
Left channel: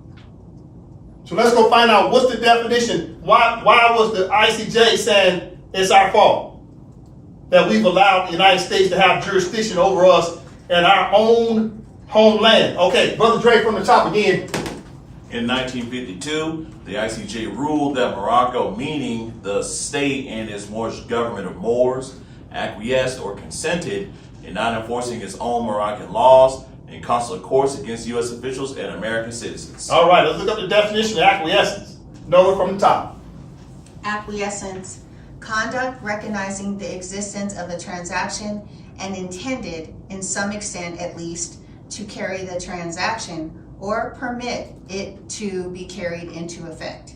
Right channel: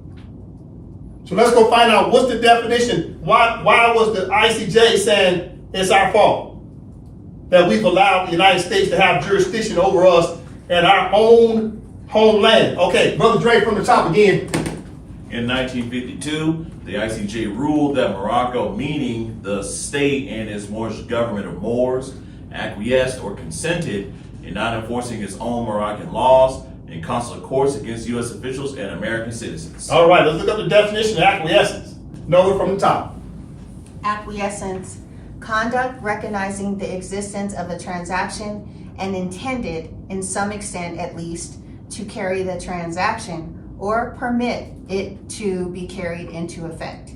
So let's go find out what's the definition. Why was the I.C.J. saying it's our fault that we've allowed the United States to have jurisdiction over us at our own homeland? Okay, Brother Dre from the top again. In 1952, the I.C.J. ruled that Morocco, meaning the state and its Moorish government of Moors, acquiesced or consented in not enforcing its own Moroccan laws and consular courts against U.S. officials and American citizens. All right, let's look up the definition of acquiescence. Know it from the top. Acquiescence, conduct recognizing the existence of a transaction and intended, in some extent at least, to carry the transaction or permit it to be carried into effect.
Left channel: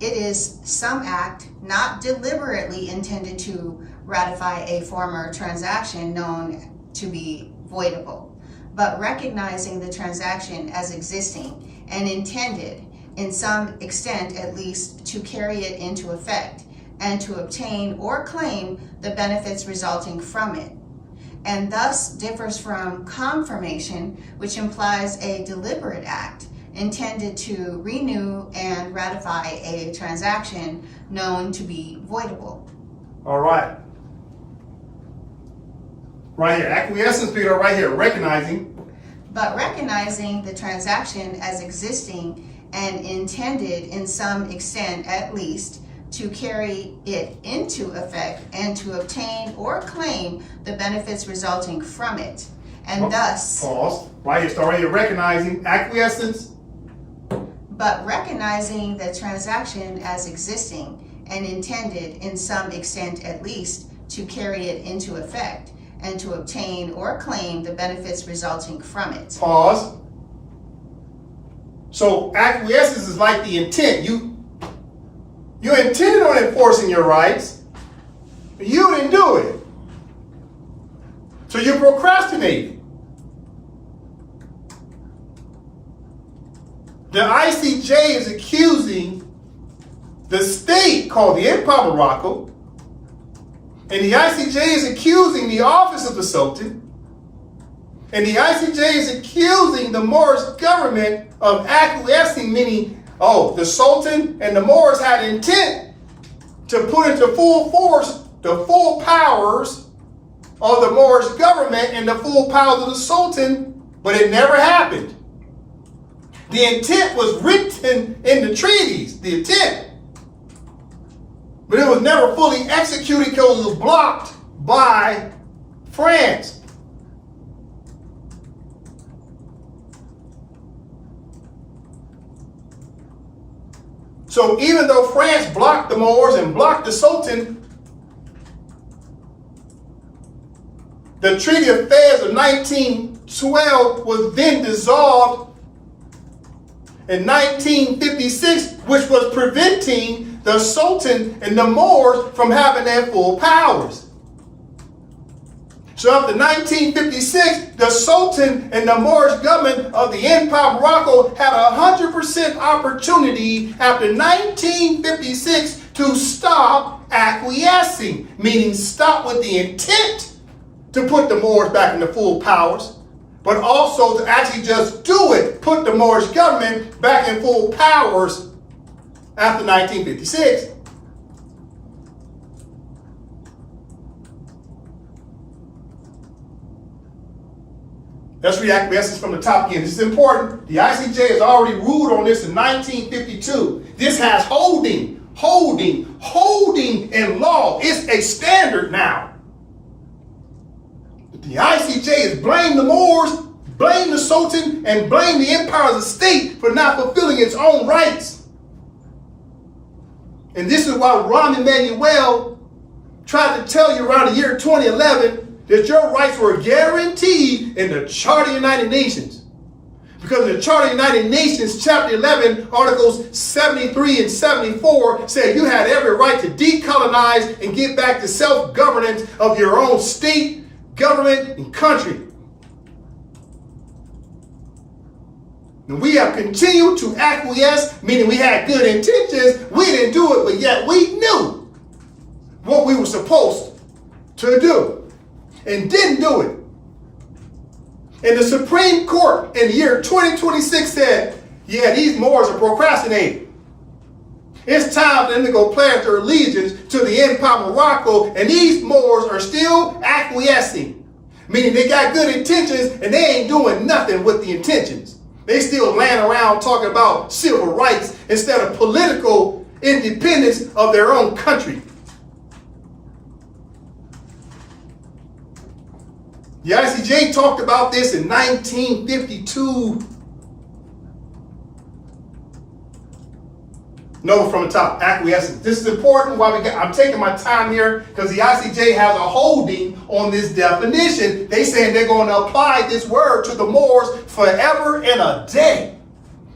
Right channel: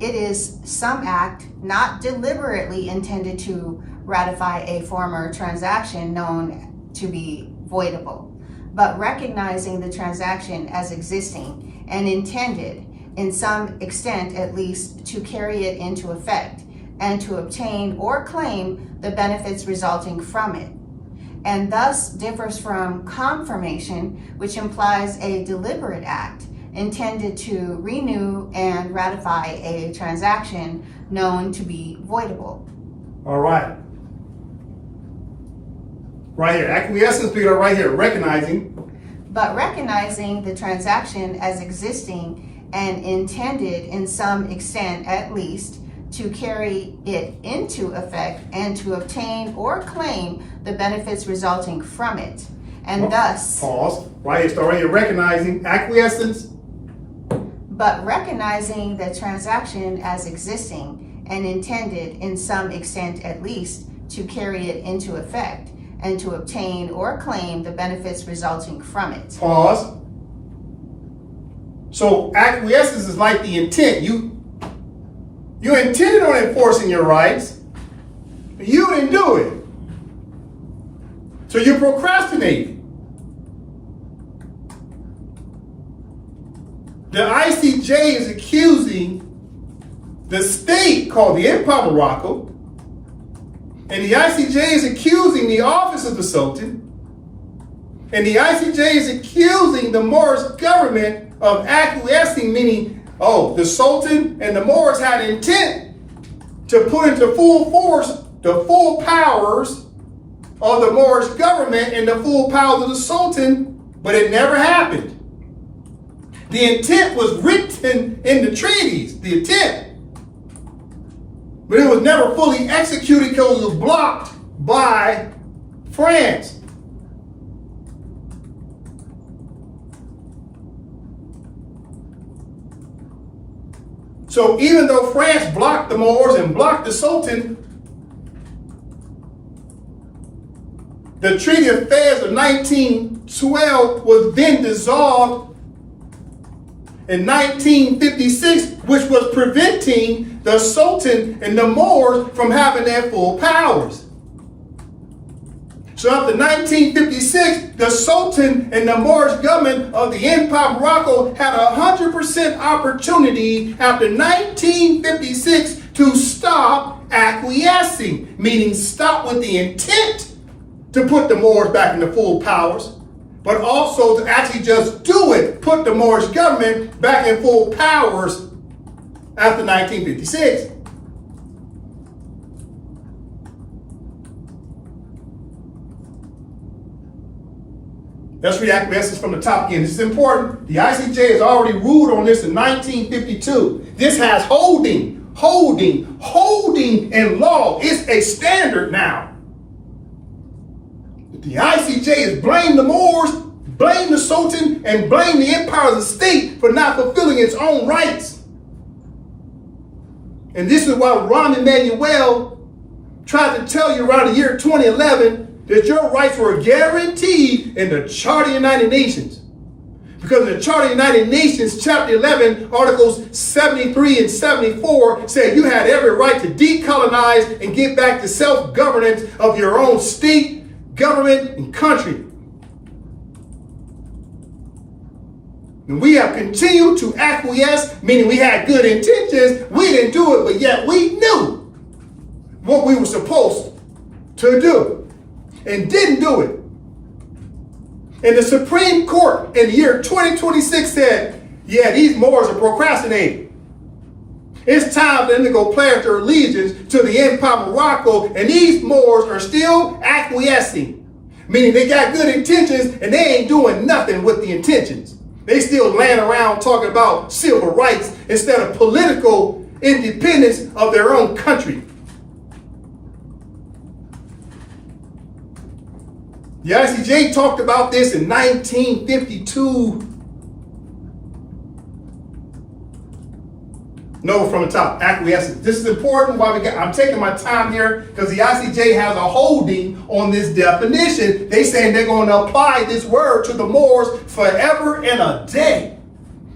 It is some act not deliberately intended to ratify a former transaction known to be voidable, but recognizing the transaction as existing and intended, in some extent at least, to carry it into effect and to obtain or claim the benefits resulting from it, and thus differs from confirmation, which implies a deliberate act intended to renew and ratify a transaction known to be voidable. All right. Right here, acquiescence, Peter, right here, recognizing. But recognizing the transaction as existing and intended, in some extent at least, to carry it into effect and to obtain or claim the benefits resulting from it, and thus. Pause. Right here, start right here, recognizing, acquiescence. But recognizing the transaction as existing and intended, in some extent at least, to carry it into effect and to obtain or claim the benefits resulting from it. Pause. So acquiescence is like the intent. You intended on enforcing your rights, but you didn't do it. So you procrastinated. The I.C.J. is accusing the state called the Empire of Morocco, and the I.C.J. is accusing the office of the Sultan, and the I.C.J. is accusing the Moorish government of acquiescing, meaning, the Sultan and the Moors had intent to put into full force the full powers of the Moorish government and the full powers of the Sultan, but it never happened. The intent was written in the treaties, the intent. But it was never fully executed because it was blocked by France. So even though France blocked the Moors and blocked the Sultan, the Treaty of Fez of 1912 was then dissolved in 1956, which was preventing the Sultan and the Moors from having their full powers. So after 1956, the Sultan and the Moorish government of the Empire of Morocco had 100% opportunity after 1956 to stop acquiescing, meaning stop with the intent to put the Moors back into full powers, but also to actually just do it, put the Moorish government back in full powers after 1956. Let's read acquiescence from the top again. This is important. The I.C.J. has already ruled on this in 1952. This has holding in law. It's a standard now. The I.C.J. is blame the Moors, blame the Sultan, and blame the empire as a state for not fulfilling its own rights. And this is why Rahm Emanuel tried to tell you around the year 2011 that your rights were guaranteed in the Charter of the United Nations. Because in the Charter of the United Nations, Chapter 11, Articles 73 and 74 said you had every right to decolonize and get back to self-governance of your own state, government, and country. And we have continued to acquiesce, meaning we had good intentions. We didn't do it, but yet we knew what we were supposed to do and didn't do it. And the Supreme Court in the year 2026 said, yeah, these Moors are procrastinating. It's time for them to go pledge their allegiance to the empire of Morocco, and these Moors are still acquiescing. Meaning they got good intentions and they ain't doing nothing with the intentions. They still laying around talking about civil rights instead of political independence of their own country. The I.C.J. talked about this in 1952. No, from the top, acquiescence. This is important. I'm taking my time here because the I.C.J. has a holding on this definition. They saying they're going to apply this word to the Moors forever and a day.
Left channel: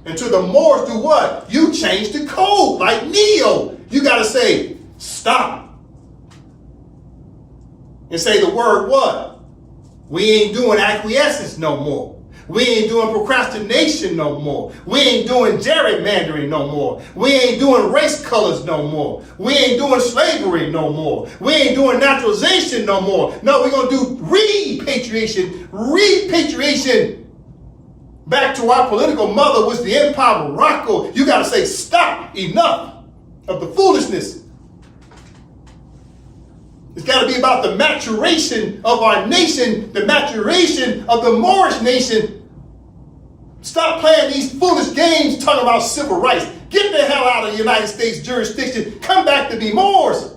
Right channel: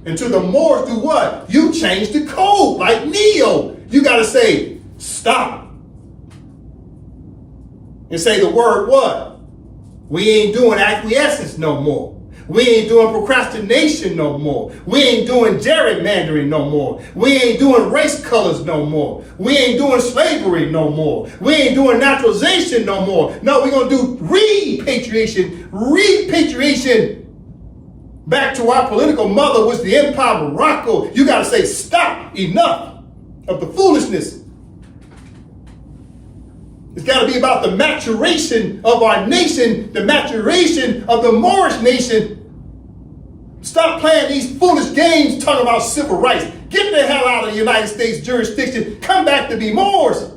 And to the Moors do what? You change the code like Neo. You got to say, stop. And say the word what? We ain't doing acquiescence no more. We ain't doing procrastination no more. We ain't doing gerrymandering no more. We ain't doing race colors no more. We ain't doing slavery no more. We ain't doing naturalization no more. No, we're going to do repatriation. Repatriation back to our political mother was the empire of Morocco. You got to say stop, enough of the foolishness. It's got to be about the maturation of our nation, the maturation of the Moorish nation. Stop playing these foolish games talking about civil rights. Get the hell out of the United States jurisdiction. Come back to be Moors.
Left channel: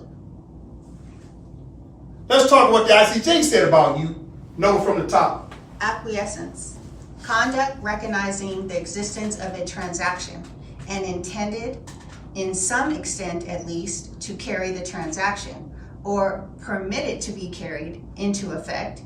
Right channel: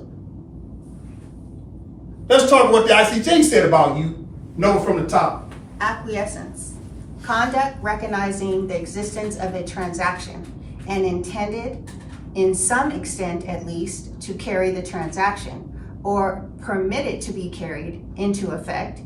Let's talk what the I.C.J. said about you. Know it from the top. Acquiescence. Conduct recognizing the existence of a transaction and intended, in some extent at least, to carry the transaction or permit it to be carried into effect.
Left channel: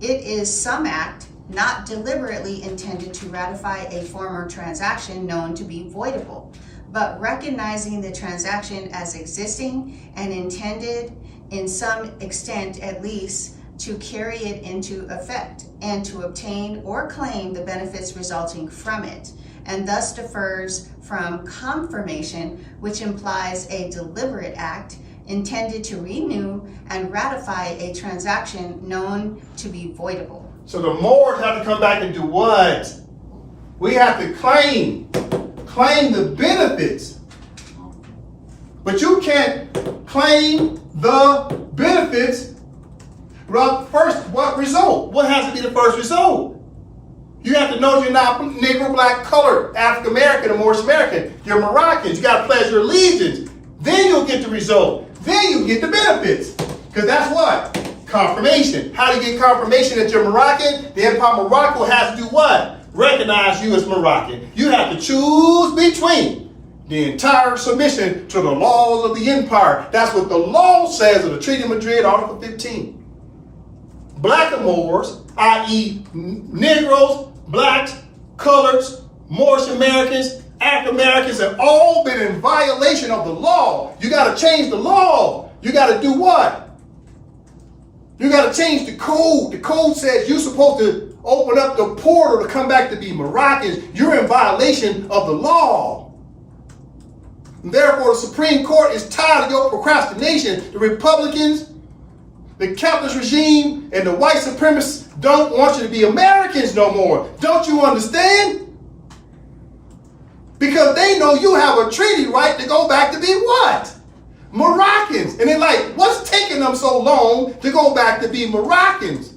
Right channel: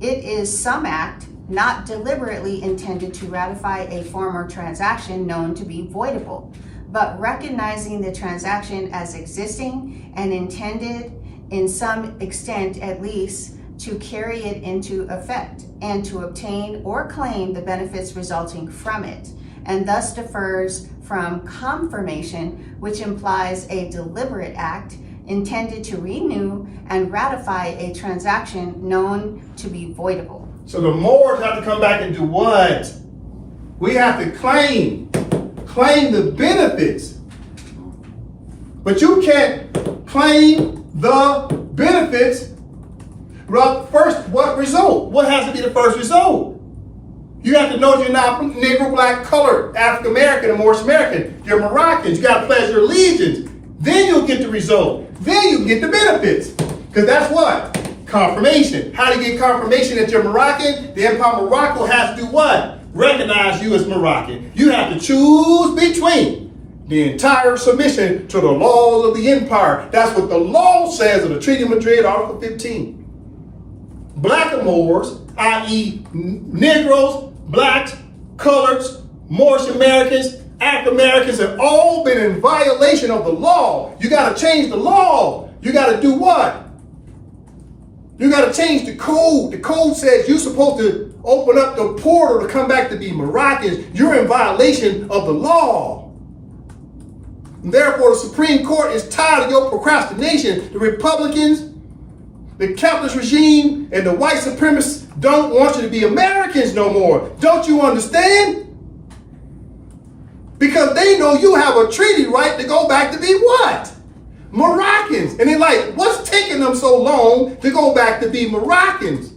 It is some act not deliberately intended to ratify a former transaction known to be voidable, but recognizing the transaction as existing and intended, in some extent at least, to carry it into effect and to obtain or claim the benefits resulting from it, and thus differs from confirmation, which implies a deliberate act intended to renew and ratify a transaction known to be voidable. So the Moors have to come back and do what? We have to claim the benefits. But you can't claim the benefits. First, what result? What has to be the first result? You have to know that you're not Negro, Black, colored, African American, or Moorish American. You're Moroccans. You got to pledge your allegiance. Then you'll get the result. Then you get the benefits. Because that's what? Confirmation. How do you get confirmation that you're Moroccan? The Empire of Morocco has to do what? Recognize you as Moroccan. You have to choose between the entire submission to the laws of the empire. That's what the law says of the Treaty of Madrid, Article 15. Black and Moors, i.e. Negroes, Blacks, Coloreds, Moorish Americans, African Americans have all been in violation of the law. You got to change the law. You got to do what? You got to change the code. The code says you're supposed to open up the portal to come back to be Moroccans. You're in violation of the law. And therefore, the Supreme Court is tired of your procrastination. The Republicans, the capitalist regime, and the white supremacists don't want you to be Americans no more. Don't you understand? Because they know you have a treaty right to go back to be what? Moroccans. And they're like, what's taking them so long to go back to be Moroccans?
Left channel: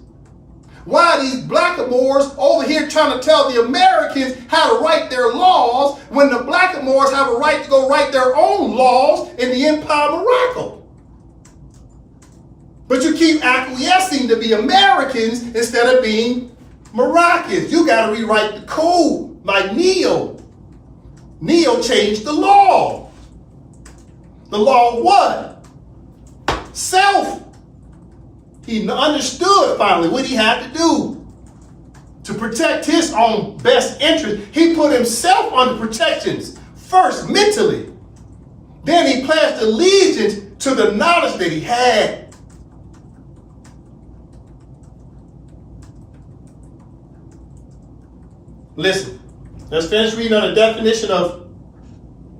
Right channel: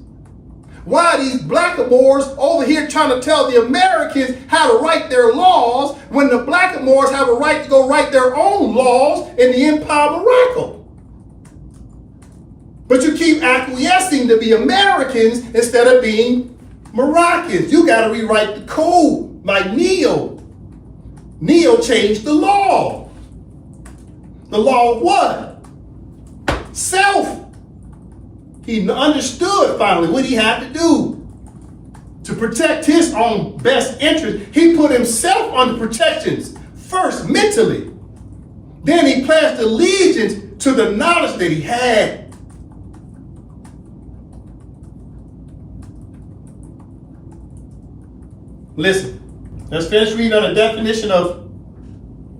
Why are these Blackamoors over here trying to tell the Americans how to write their laws when the Blackamoors have a right to go write their own laws in the Empire of Morocco? But you keep acquiescing to be Americans instead of being Moroccans. You got to rewrite the code like Neo. Neo changed the law. The law of what? Self. He understood finally what he had to do to protect his own best interest. He put himself under protections first mentally. Then he pledged allegiance to the knowledge that he had. Listen, let's finish reading on the definition of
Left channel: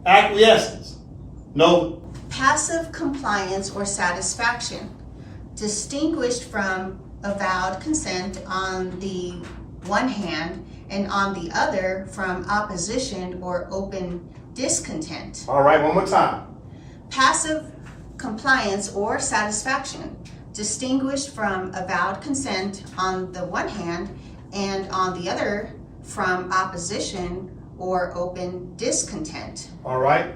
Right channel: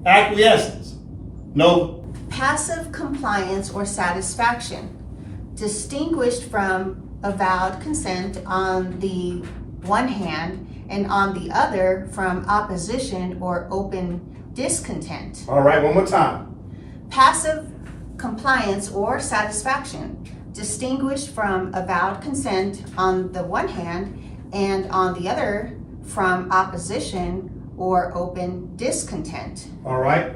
acquiescence. No. Passive compliance or satisfaction, distinguished from avowed consent on the one hand and on the other from opposition or open discontent. All right, one more time. Passive compliance or satisfaction, distinguished from avowed consent on the one hand and on the other from opposition or open discontent. All right.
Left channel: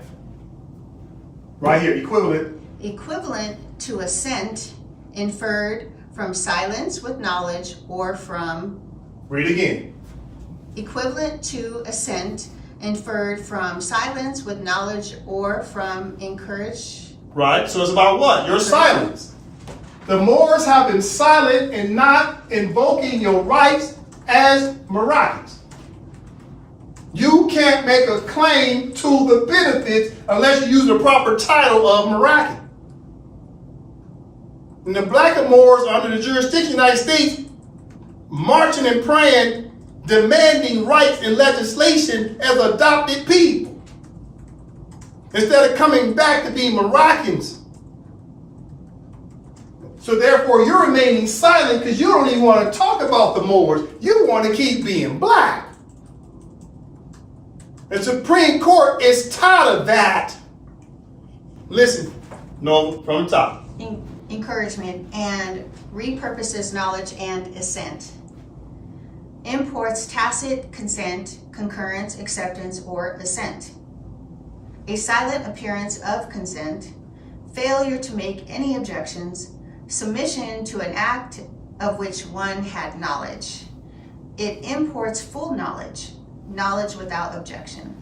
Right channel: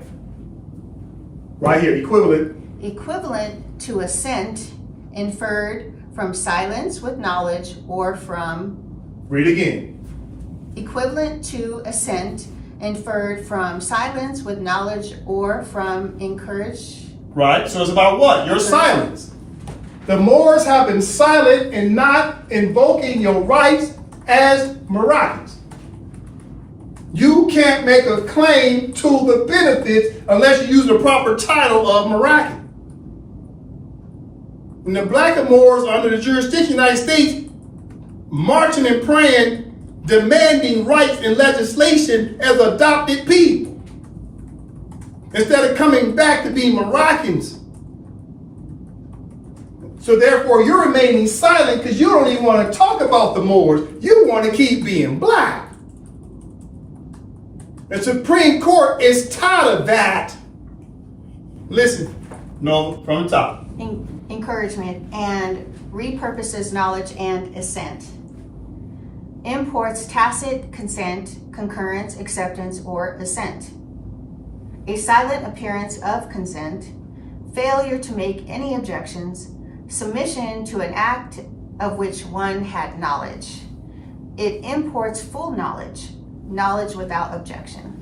Right here, equivalent. Equivalent to assent, inferred from silence with knowledge or from. Read again. Equivalent to assent, inferred from silence with knowledge or from encourage. Right, so it's about what? Your silence. The Moors have been silent in not invoking your rights as Moroccans. You can't make a claim to the benefits unless you use the proper title of Moroccan. And the black Moors are under the jurisdiction of the United States, marching and praying, demanding rights and legislation as adopted people, instead of coming back to be Moroccans. So therefore, you're remaining silent because you don't even want to talk about the Moors. You want to keep being black. The Supreme Court is tired of that. Listen, no, from the top. Encouragement and repurposes knowledge and assent. Imports tacit consent, concurrence, acceptance, or assent. A silent appearance of consent, failure to make any objections, submission to an act of which one had knowledge. It imports full knowledge, knowledge without objection.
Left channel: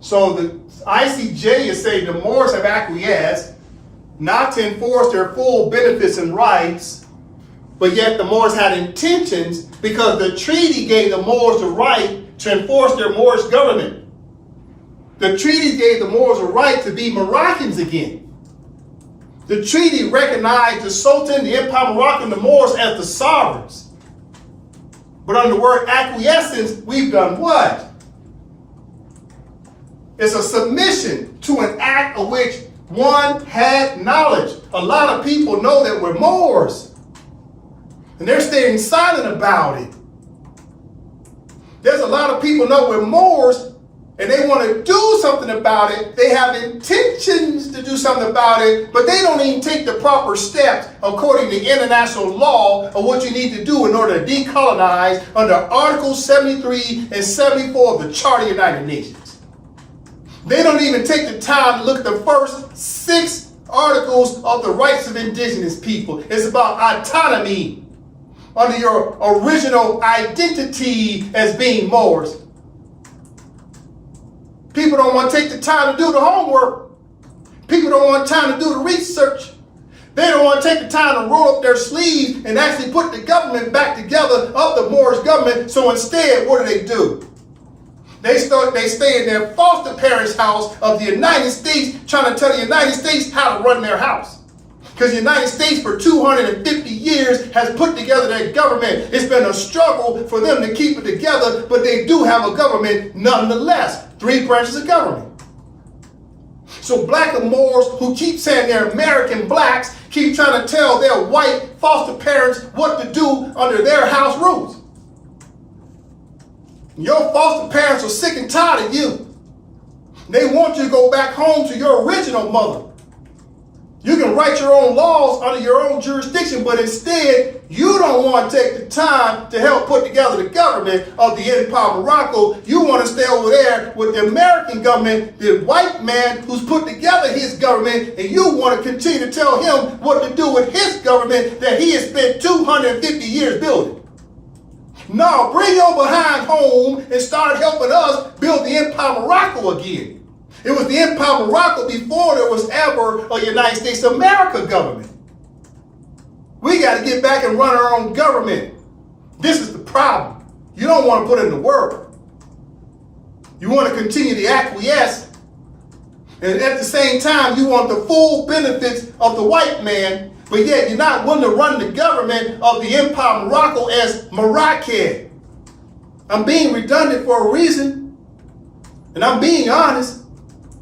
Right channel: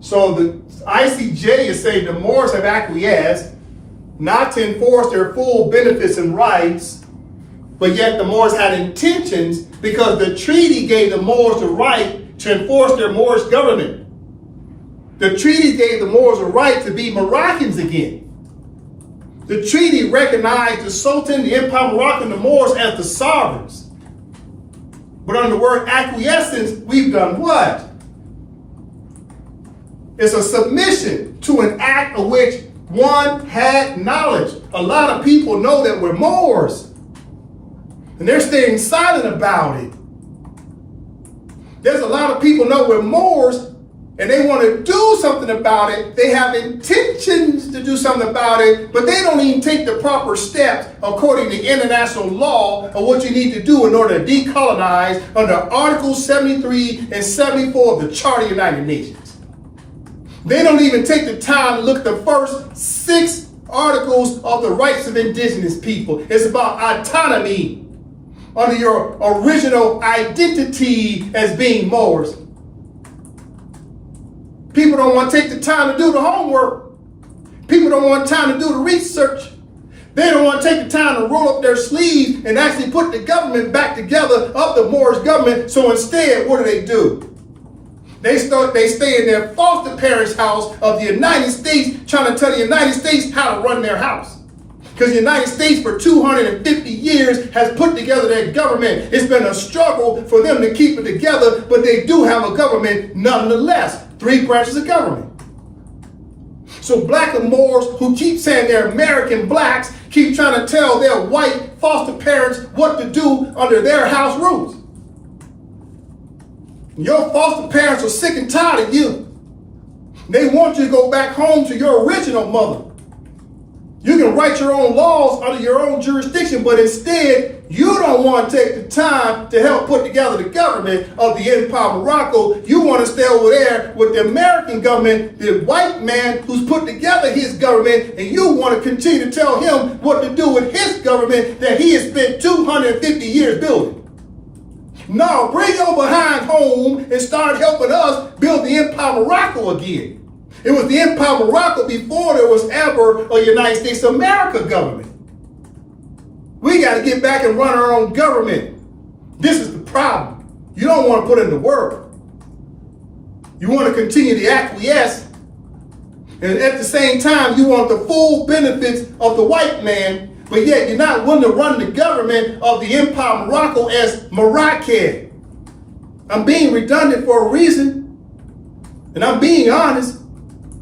So the I.C.J. is saying the Moors have acquiesced not to enforce their full benefits and rights, but yet the Moors had intentions because the treaty gave the Moors the right to enforce their Moorish government. The treaty gave the Moors a right to be Moroccans again. The treaty recognized the Sultan, the Empire Moroccan, the Moors as the sovereigns. But under the word acquiescence, we've done what? It's a submission to an act of which one had knowledge. A lot of people know that we're Moors, and they're staying silent about it. There's a lot of people know we're Moors, and they want to do something about it. They have intentions to do something about it, but they don't even take the proper steps according to international law of what you need to do in order to decolonize under Articles 73 and 74 of the Charter of the United Nations. They don't even take the time to look at the first 6 articles of the rights of indigenous people. It's about autonomy under your original identity as being Moors. People don't want to take the time to do the homework. People don't want time to do the research. They don't want to take the time to roll up their sleeves and actually put the government back together of the Moorish government. So instead, what do? They stay in their foster parents' house of the United States, trying to tell the United States how to run their house. Because the United States for 250 years has put together their government. It's been a struggle for them to keep it together, but they do have a government nonetheless. 3 branches of government. So black and Moors who keep saying they're American blacks keep trying to tell their white foster parents what to do under their house rules. Your foster parents are sick and tired of you. They want you to go back home to your original mother. You can write your own laws under your own jurisdiction, but instead, You don't want to take the time to help put together the government of the Empire of Morocco. You want to stay over there with the American government, the white man who's put together his government, and you want to continue to tell him what to do with his government that he has spent 250 years building. No, bring your behind home and start helping us build the Empire of Morocco again. It was the Empire of Morocco before there was ever a United States of America government. We got to get back and run our own government. This is the problem. You don't want to put in the work. You want to continue to acquiesce. And at the same time, you want the full benefits of the white man, but yet you're not willing to run the government of the Empire of Morocco as Moroccan. I'm being redundant for a reason. And I'm being honest.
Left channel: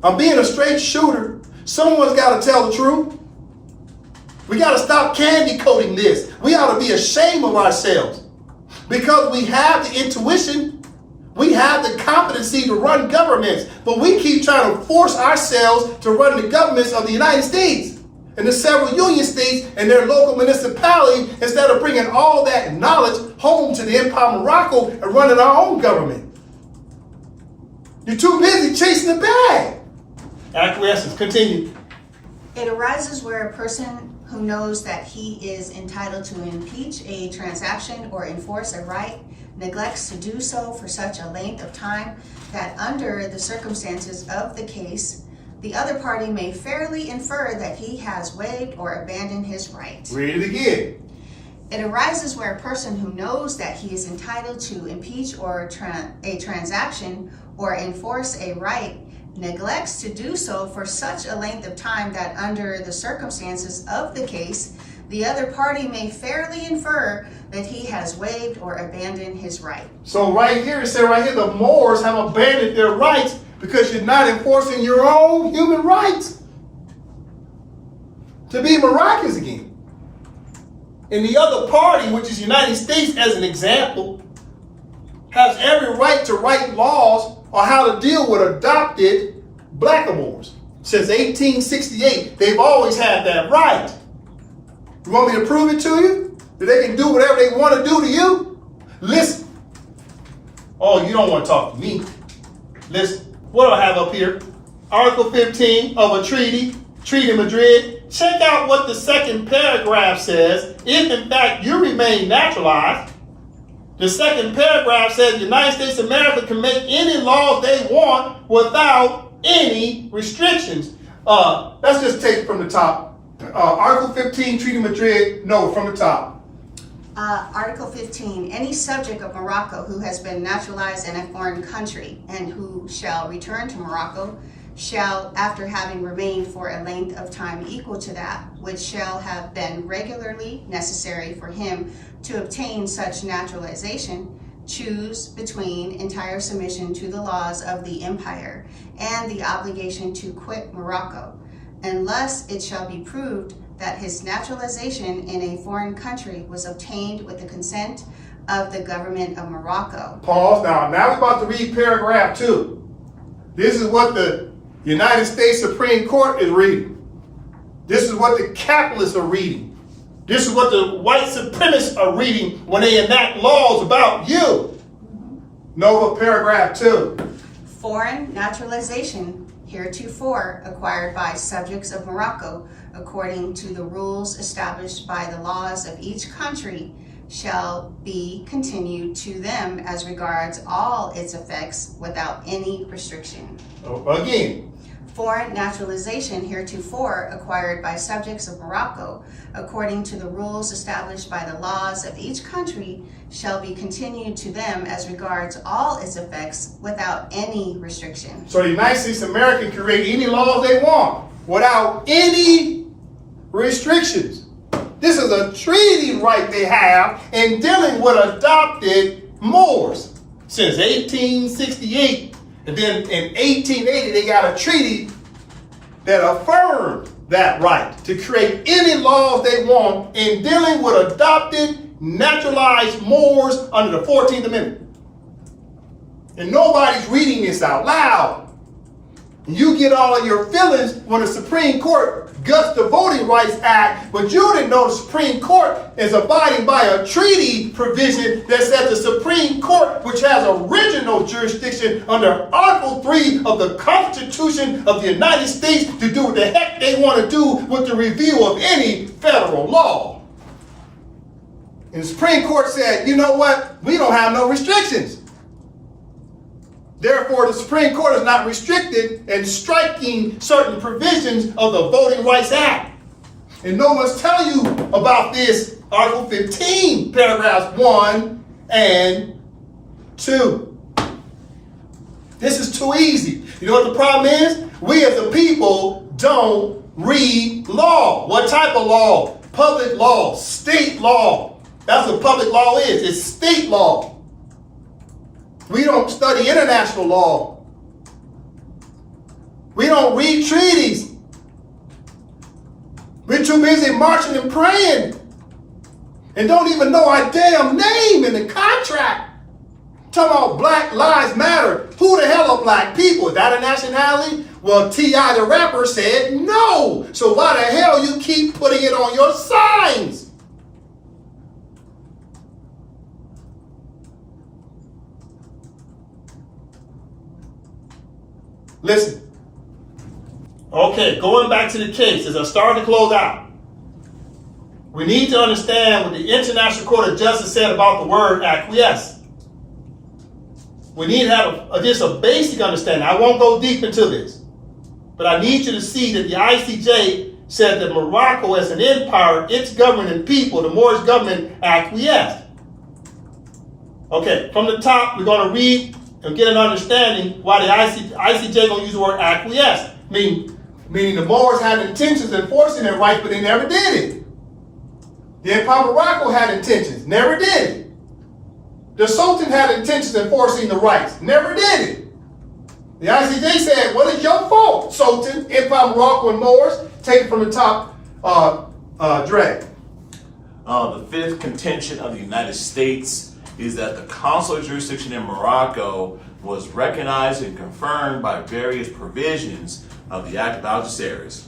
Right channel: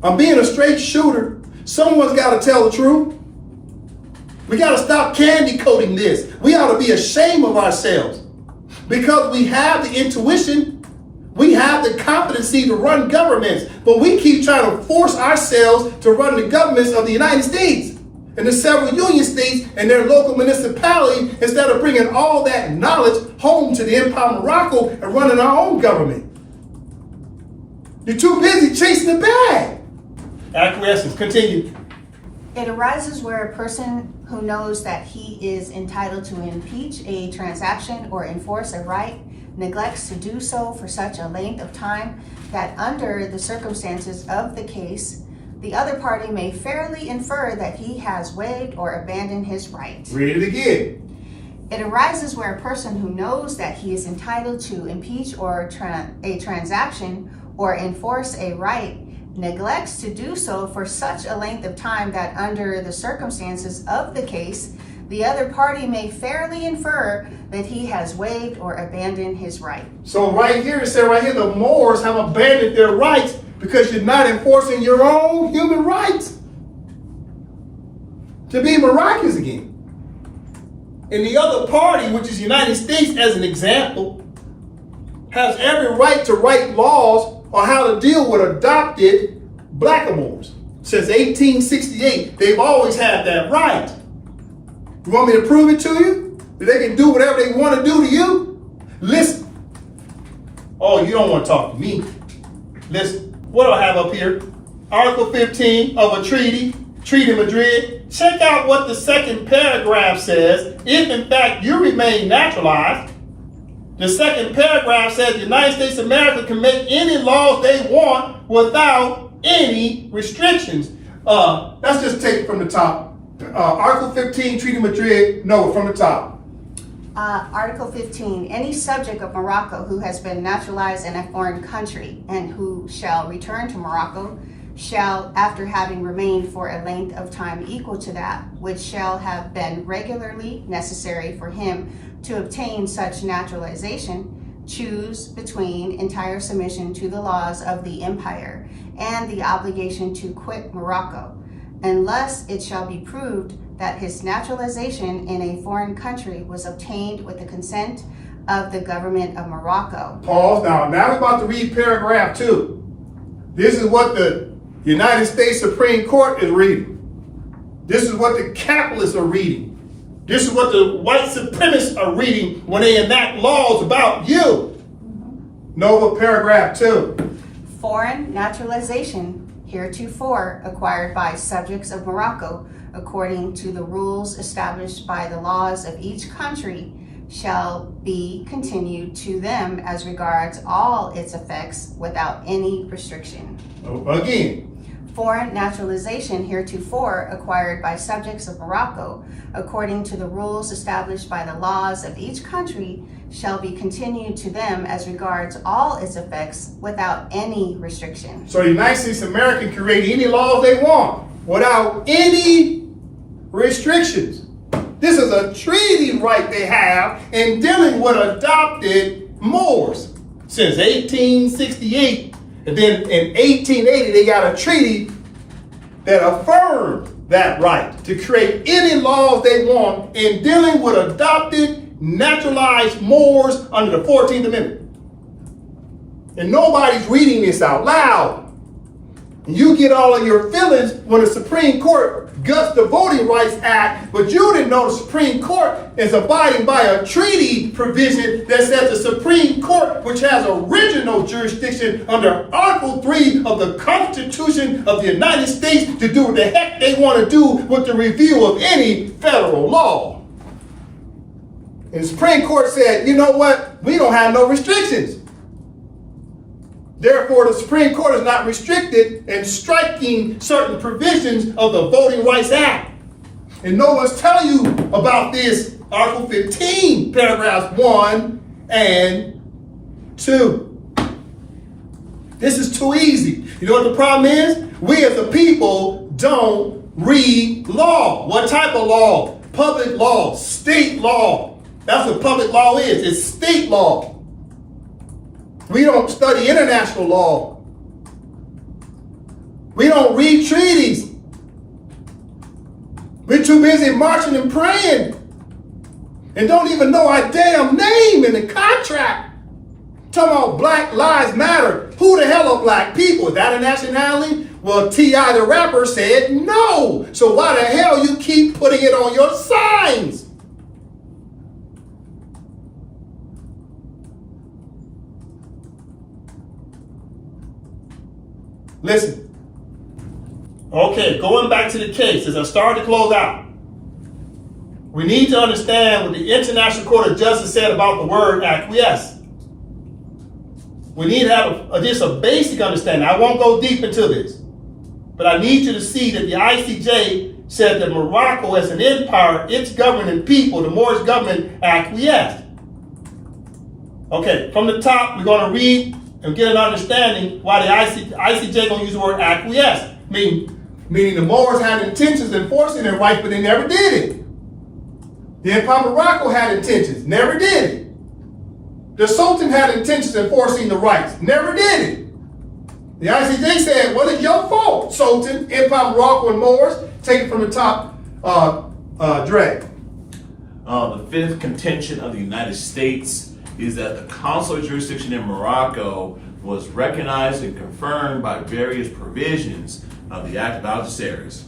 I'm being a straight shooter. Someone's got to tell the truth. We got to stop candy coating this. We ought to be ashamed of ourselves because we have the intuition, we have the competency to run governments, but we keep trying to force ourselves to run the governments of the United States and the several union states and their local municipality instead of bringing all that knowledge home to the Empire of Morocco and running our own government. You're too busy chasing the bag. Acquiescence, continue. It arises where a person who knows that he is entitled to impeach a transaction or enforce a right neglects to do so for such a length of time that under the circumstances of the case, the other party may fairly infer that he has waived or abandoned his right. Read it again. It arises where a person who knows that he is entitled to impeach or a transaction or enforce a right neglects to do so for such a length of time that under the circumstances of the case, the other party may fairly infer that he has waived or abandoned his right. So right here, it says right here, the Moors have abandoned their rights because you're not enforcing your own human rights to be Moroccans again. And the other party, which is the United States as an example, has every right to write laws on how to deal with adopted blackamoors. Since 1868, they've always had that right. You want me to prove it to you? That they can do whatever they want to do to you? Listen. Oh, you don't want to talk to me. Listen. What do I have up here? Article 15 of a treaty, Treaty of Madrid. Check out what the second paragraph says. If in fact you remain naturalized, the second paragraph says the United States of America can make any laws they want without any restrictions. Let's just take it from the top. Article 15, Treaty of Madrid, no, from the top. Article 15, any subject of Morocco who has been naturalized in a foreign country and who shall return to Morocco shall, after having remained for a length of time equal to that which shall have been regularly necessary for him to obtain such naturalization, choose between entire submission to the laws of the empire and the obligation to quit Morocco, unless it shall be proved that his naturalization in a foreign country was obtained with the consent of the government of Morocco. Pause. Now we're about to read paragraph 2. This is what the United States Supreme Court is reading. This is what the capitalists are reading. This is what the white supremacists are reading when they enact laws about you. Nova paragraph 2. Foreign naturalization heretofore acquired by subjects of Morocco according to the rules established by the laws of each country shall be continued to them as regards all its effects without any restriction. Again. Foreign naturalization heretofore acquired by subjects of Morocco according to the rules established by the laws of each country shall be continued to them as regards all its effects without any restriction. So the United States of America can create any laws they want without any restrictions. This is a treaty right they have in dealing with adopted Moors since 1868. And then in 1880, they got a treaty that affirmed that right to create any laws they want in dealing with adopted, naturalized Moors under the 14th Amendment. And nobody's reading this out loud. And you get all of your feelings when the Supreme Court guts the Voting Rights Act, but you didn't know the Supreme Court is abiding by a treaty provision that says the Supreme Court, which has original jurisdiction under Article 3 of the Constitution of the United States, to do what the heck they want to do with the review of any federal law. And the Supreme Court said, you know what? We don't have no restrictions. Therefore, the Supreme Court is not restricted in striking certain provisions of the Voting Rights Act. And no one's telling you about this Article 15, paragraphs 1 and 2. This is too easy. You know what the problem is? We as a people don't read law. What type of law? Public law, state law. That's what public law is. It's state law. We don't study international law. We don't read treaties. We're too busy marching and praying and don't even know our damn name in the contract. Talking about Black Lives Matter. Who the hell are black people? Is that a nationality? Well, T.I. the rapper said no. So why the hell you keep putting it on your signs? Listen. Okay, going back to the case, as I start to close out, we need to understand what the International Court of Justice said about the word acquiesce. We need to have just a basic understanding. I won't go deep into this, but I need you to see that the I.C.J. said that Morocco as an empire, its governing people, the Moorish government, acquiesced. Okay, from the top, we're going to read and get an understanding why the I.C.J. going to use the word acquiesce. Meaning the Moors had intentions of enforcing their rights, but they never did it. The Empire of Morocco had intentions, never did it. The Sultan had intentions of enforcing the rights, never did it. The I.C.J. said, well, it's your fault, Sultan, Empire of Morocco, and Moors. Take it from the top, Dre. The fifth contention of the United States is that the consular jurisdiction in Morocco was recognized and confirmed by various provisions of the Act of Algeciras,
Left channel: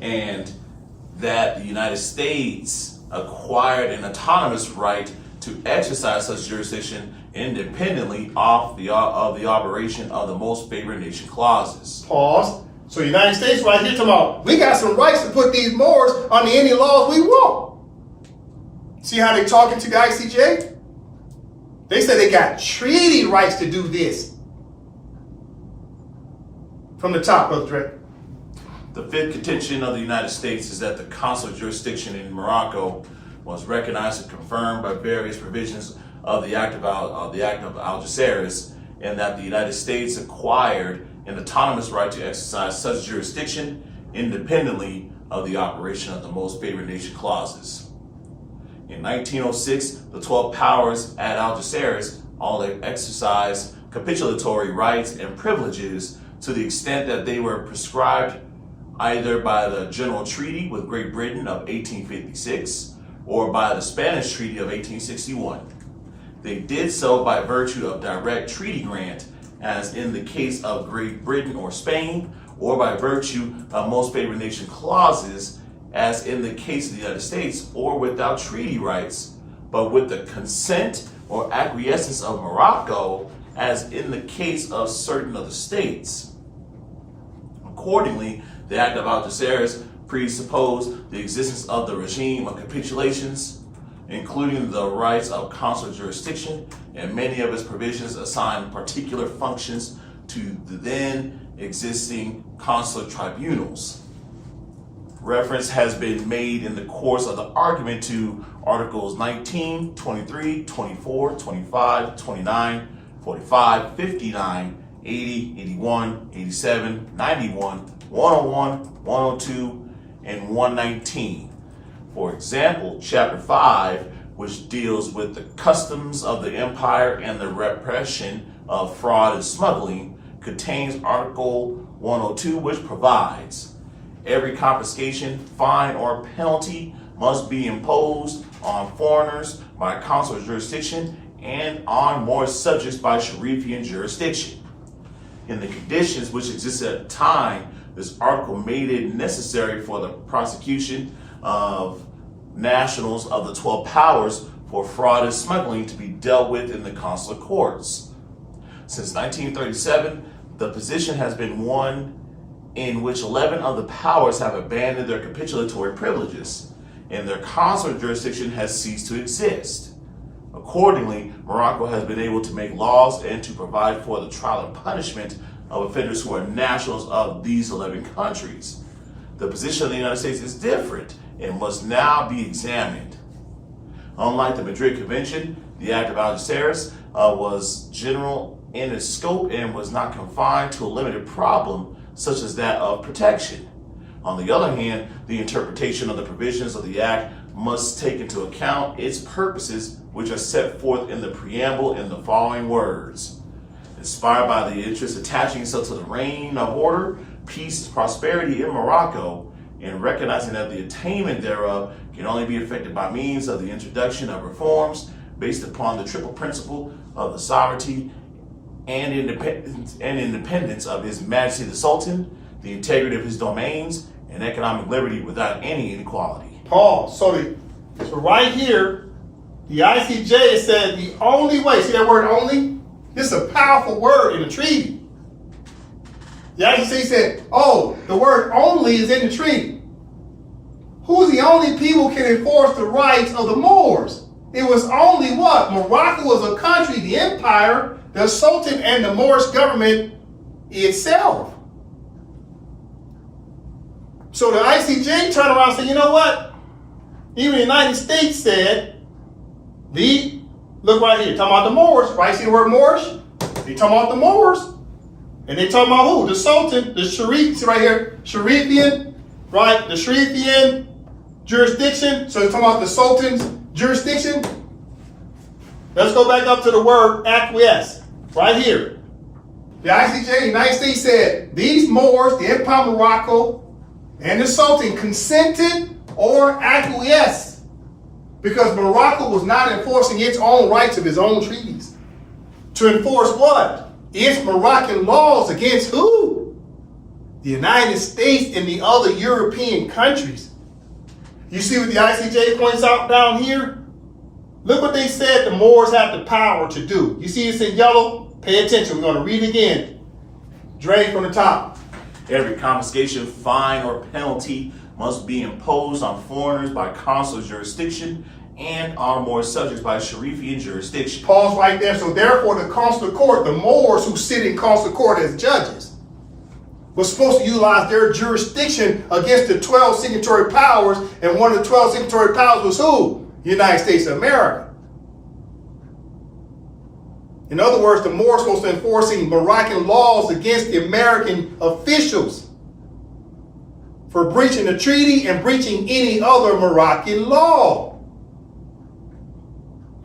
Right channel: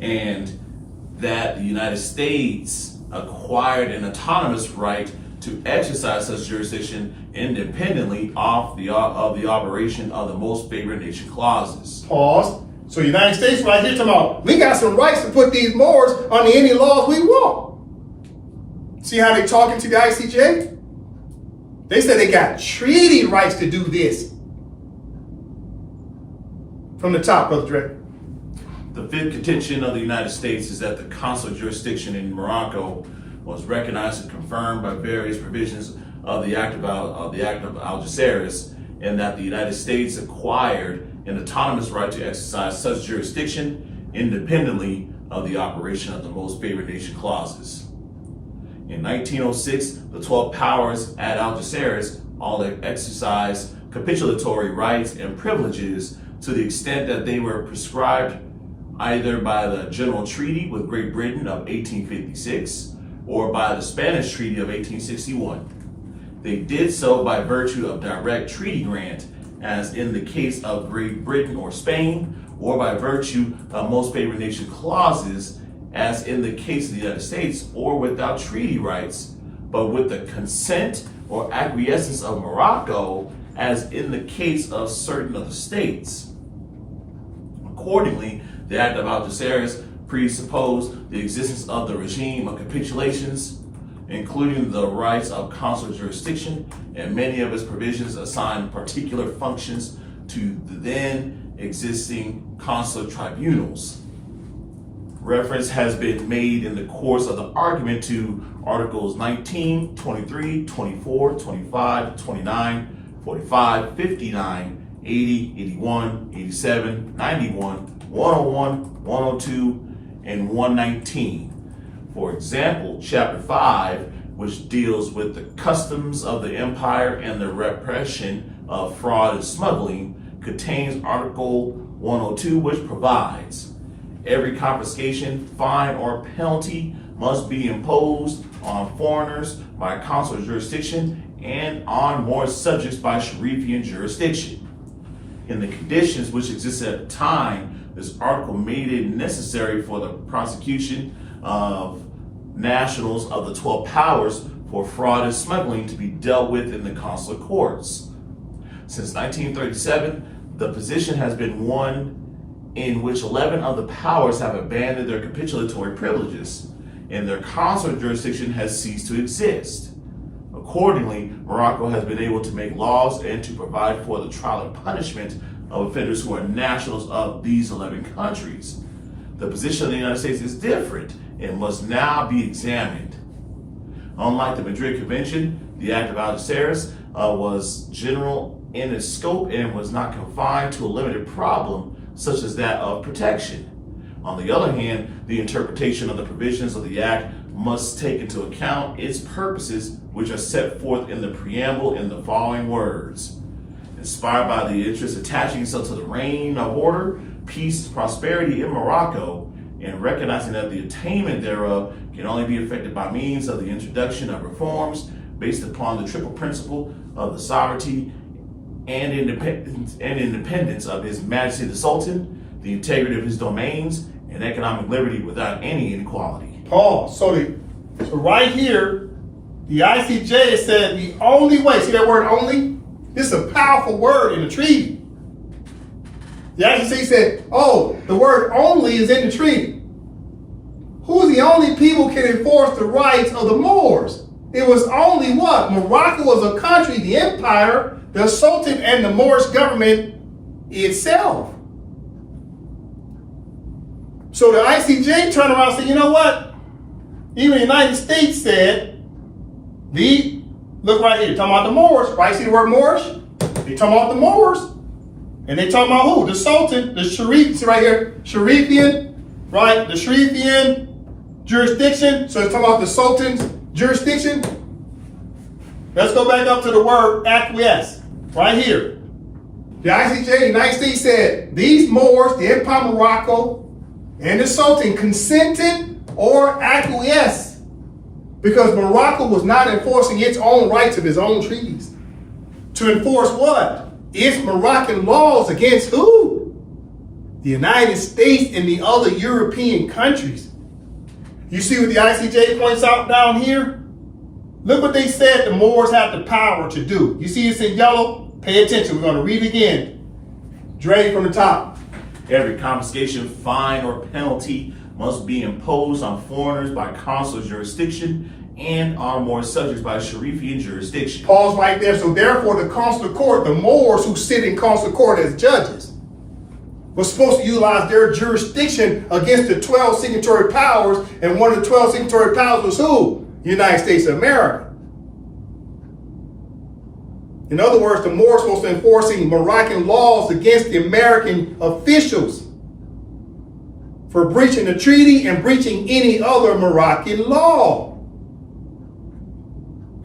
and that the United States acquired an autonomous right to exercise such jurisdiction independently of the operation of the most favored nation clauses. Pause. So the United States right here talking about, we got some rights to put these Moors under any laws we want. See how they talking to the I.C.J.? They said they got treaty rights to do this. From the top, Brother Dre. The fifth contention of the United States is that the consular jurisdiction in Morocco was recognized and confirmed by various provisions of the Act of Algeciras, and that the United States acquired an autonomous right to exercise such jurisdiction independently of the operation of the most favored nation clauses. In 1906, the 12 powers at Algeciras all exercised capitulatory rights and privileges to the extent that they were prescribed either by the General Treaty with Great Britain of 1856 or by the Spanish Treaty of 1861. They did so by virtue of direct treaty grant, as in the case of Great Britain or Spain, or by virtue of most favored nation clauses, as in the case of the United States, or without treaty rights, but with the consent or acquiescence of Morocco, as in the case of certain of the states. Accordingly, the Act of Algeciras presupposed the existence of the regime of capitulations, including the rights of consular jurisdiction, and many of its provisions assigned particular functions to the then existing consular tribunals. Reference has been made in the course of the argument to Articles 19, 23, 24, 25, 29, 45, 59, 80, 81, 87, 91, 101, 102, and 119. For example, Chapter 5, which deals with the customs of the empire and the repression of fraud and smuggling, contains Article 102, which provides every confiscation, fine, or penalty must be imposed on foreigners by consular jurisdiction and on Moorish subjects by Sharifian jurisdiction. In the conditions which existed at the time, this article made it necessary for the prosecution of nationals of the 12 powers for fraud and smuggling to be dealt with in the consular courts. Since 1937, the position has been one in which 11 of the powers have abandoned their capitulatory privileges, and their consular jurisdiction has ceased to exist. Accordingly, Morocco has been able to make laws and to provide for the trial and punishment of offenders who are nationals of these 11 countries. The position of the United States is different and must now be examined. Unlike the Madrid Convention, the Act of Algeciras was general in its scope and was not confined to a limited problem such as that of protection. On the other hand, the interpretation of the provisions of the Act must take into account its purposes, which are set forth in the preamble in the following words. Inspired by the interest attaching itself to the reign of order, peace, prosperity in Morocco, and recognizing that the attainment thereof can only be effected by means of the introduction of reforms based upon the triple principle of the sovereignty and independence of His Majesty the Sultan, the integrity of his domains, and economic liberty without any inequality. Pause. So right here, the I.C.J. said the only way, see that word only? This is a powerful word in the treaty. The I.C.J. said, oh, the word only is in the treaty. Who's the only people who can enforce the rights of the Moors? It was only what? Morocco was a country, the empire, the Sultan, and the Moorish government itself. So the I.C.J. turned around and said, you know what? Even the United States said, look right here, talking about the Moors, right? See the word Moorish? They talking about the Moors. And they talking about who? The Sultan, the Sharif, see right here, Sharifian, right? The Sharifian jurisdiction. So it's talking about the Sultan's jurisdiction. Let's go back up to the word acquiesce, right here. The I.C.J. in the United States said, these Moors, the Empire of Morocco, and the Sultan consented or acquiesced because Morocco was not enforcing its own rights of its own treaties. To enforce what? Its Moroccan laws against who? The United States and the other European countries. You see what the I.C.J. points out down here? Look what they said the Moors have the power to do. You see it's in yellow? Pay attention. We're going to read it again. Dre from the top. Every confiscation, fine, or penalty must be imposed on foreigners by consular jurisdiction and on Moor subjects by Sharifian jurisdiction. Pause right there. So therefore, the consular court, the Moors who sit in consular court as judges, was supposed to utilize their jurisdiction against the 12 signatory powers, and one of the 12 signatory powers was who? The United States of America. In other words, the Moors were supposed to enforcing Moroccan laws against the American officials for breaching the treaty and breaching any other Moroccan law.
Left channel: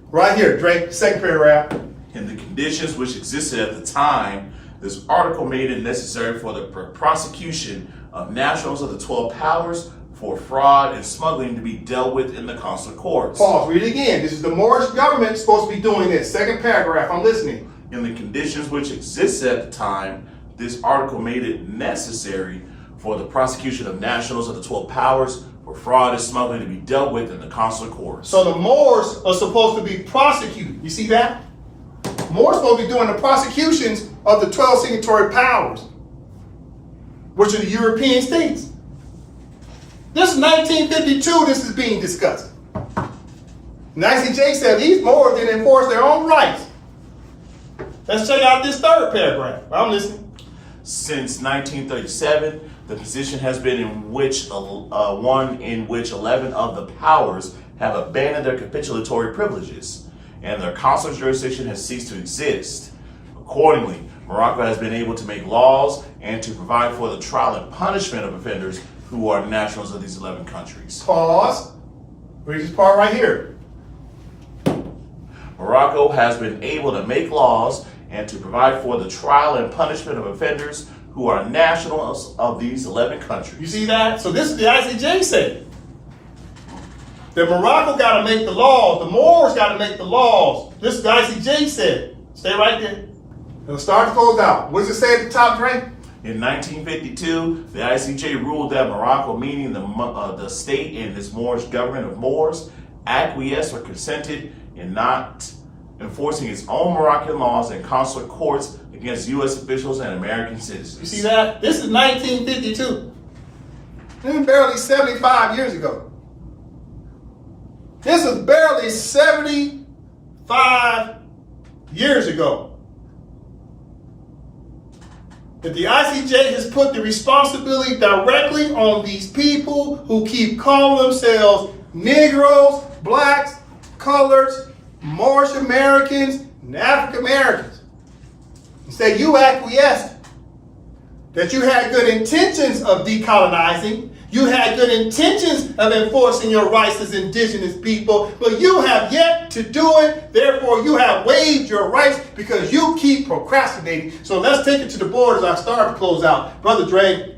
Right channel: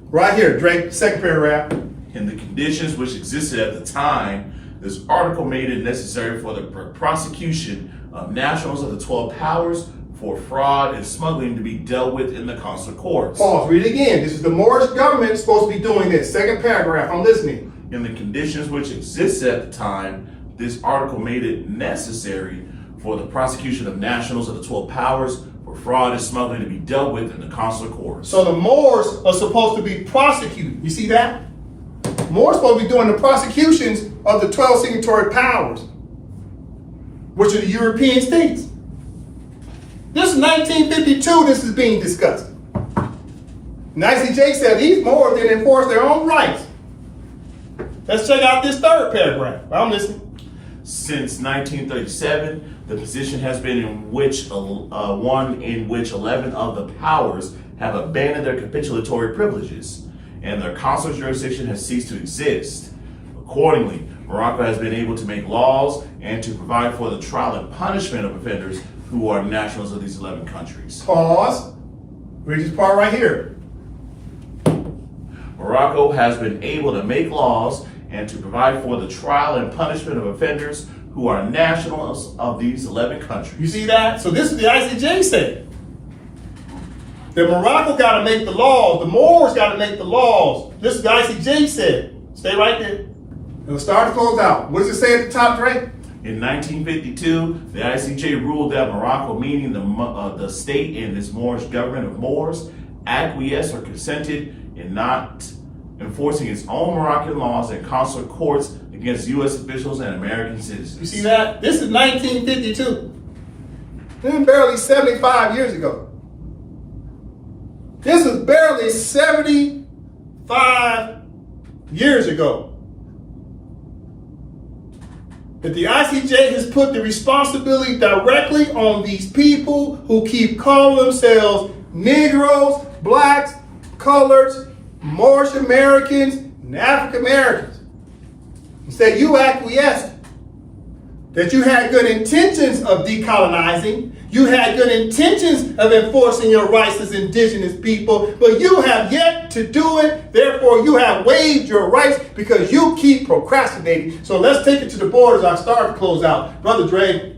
Right here, Drake, second paragraph. In the conditions which existed at the time, this article made it necessary for the prosecution of nationals of the 12 powers for fraud and smuggling to be dealt with in the consular courts. Pause, read it again. This is the Moorish government supposed to be doing this. Second paragraph, I'm listening. In the conditions which existed at the time, this article made it necessary for the prosecution of nationals of the 12 powers for fraud and smuggling to be dealt with in the consular courts. So the Moors are supposed to be prosecuted. You see that? Moors are supposed to be doing the prosecutions of the 12 signatory powers, which are the European states. This is 1952, this is being discussed. And I.C.J. said these Moors didn't enforce their own rights. Let's check out this third paragraph. I'm listening. Since 1937, the position has been in which one in which 11 of the powers have abandoned their capitulatory privileges, and their consular jurisdiction has ceased to exist. Accordingly, Morocco has been able to make laws and to provide for the trial and punishment of offenders who are nationals of these 11 countries. Pause. Read this part right here. Morocco has been able to make laws and to provide for the trial and punishment of offenders who are nationals of these 11 countries. You see that? So this is the I.C.J. said. That Morocco got to make the laws. The Moors got to make the laws. This is the I.C.J. said. Stay right there. It'll start to close out. What does it say at the top, Dre? In 1952, the I.C.J. ruled that Morocco, meaning the state and its Moorish government of Moors, acquiesced or consented in not enforcing its own Moroccan laws and consular courts against U.S. officials and American citizens. You see that? This is 1952. This is barely 75 years ago. This is barely 75 years ago. That the I.C.J. has put the responsibility directly on these people who keep calling themselves Negroes, blacks, coloreds, Moorish Americans, and African Americans. And say you acquiesced. That you had good intentions of decolonizing. You had good intentions of enforcing your rights as indigenous people, but you have yet to do it. Therefore, you have waived your rights because you keep procrastinating. So let's take it to the board as I start to close out. Brother Dre.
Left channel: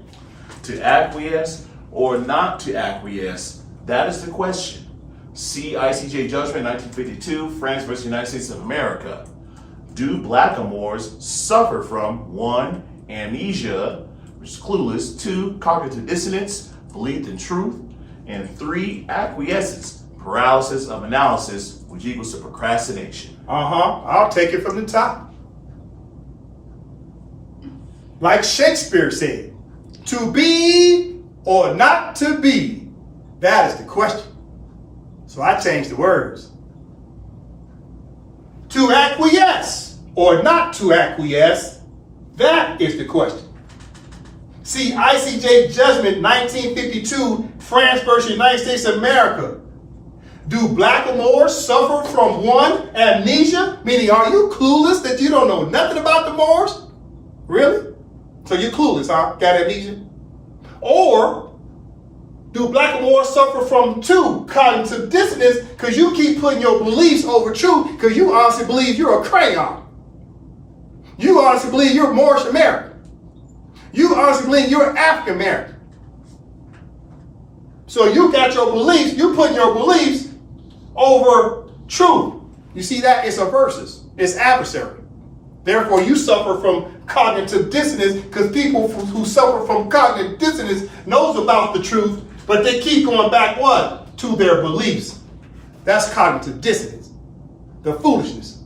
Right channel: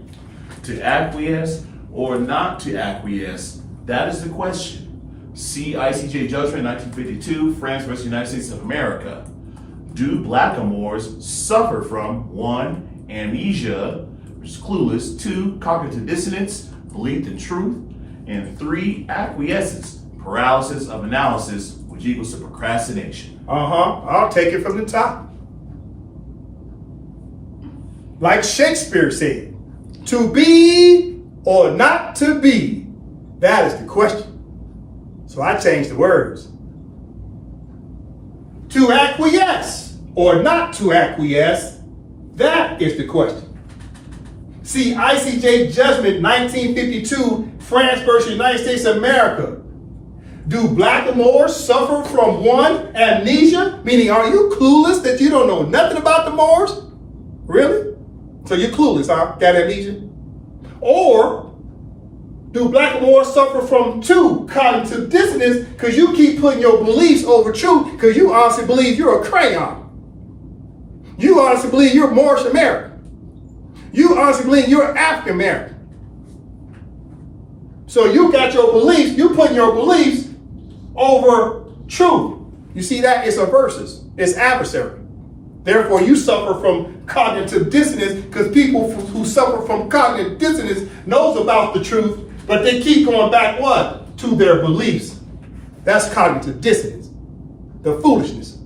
To acquiesce or not to acquiesce, that is the question. See I.C.J. Judgement 1952, France versus United States of America. Do blackamoors suffer from 1. Amnesia, which is clueless, 2. Cognitive dissonance, belief in truth, and 3. Acquiescence, paralysis of analysis, which equals to procrastination. I'll take it from the top. Like Shakespeare said, to be or not to be, that is the question. So I changed the words. To acquiesce or not to acquiesce, that is the question. See I.C.J. Judgement 1952, France versus United States of America. Do blackamoors suffer from 1. Amnesia? Meaning, are you clueless that you don't know nothing about the Moors? Really? So you're clueless, huh? Got amnesia? Or do blackamoors suffer from 2. Cognitive dissonance, because you keep putting your beliefs over truth because you honestly believe you're a crayon. You honestly believe you're Moorish American. You honestly believe you're African American. So you got your beliefs, you putting your beliefs over truth. You see that? It's a versus. It's adversary. Therefore, you suffer from cognitive dissonance because people who suffer from cognitive dissonance knows about the truth, but they keep going back what? To their beliefs. That's cognitive dissonance. The foolishness.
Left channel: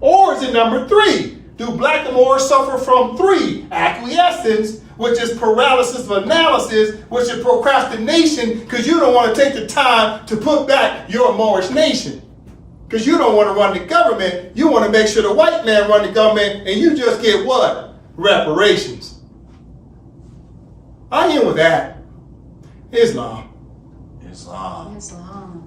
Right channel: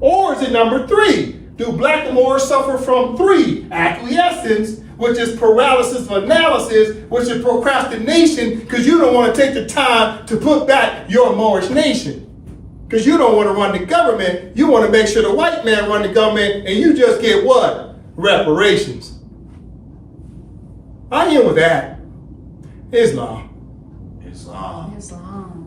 Or is it number 3? Do blackamoors suffer from 3? Acquiescence, which is paralysis of analysis, which is procrastination, because you don't want to take the time to put back your Moorish nation. Because you don't want to run the government. You want to make sure the white man run the government, and you just get what? Reparations. I end with that. Islam. Islam. Islam.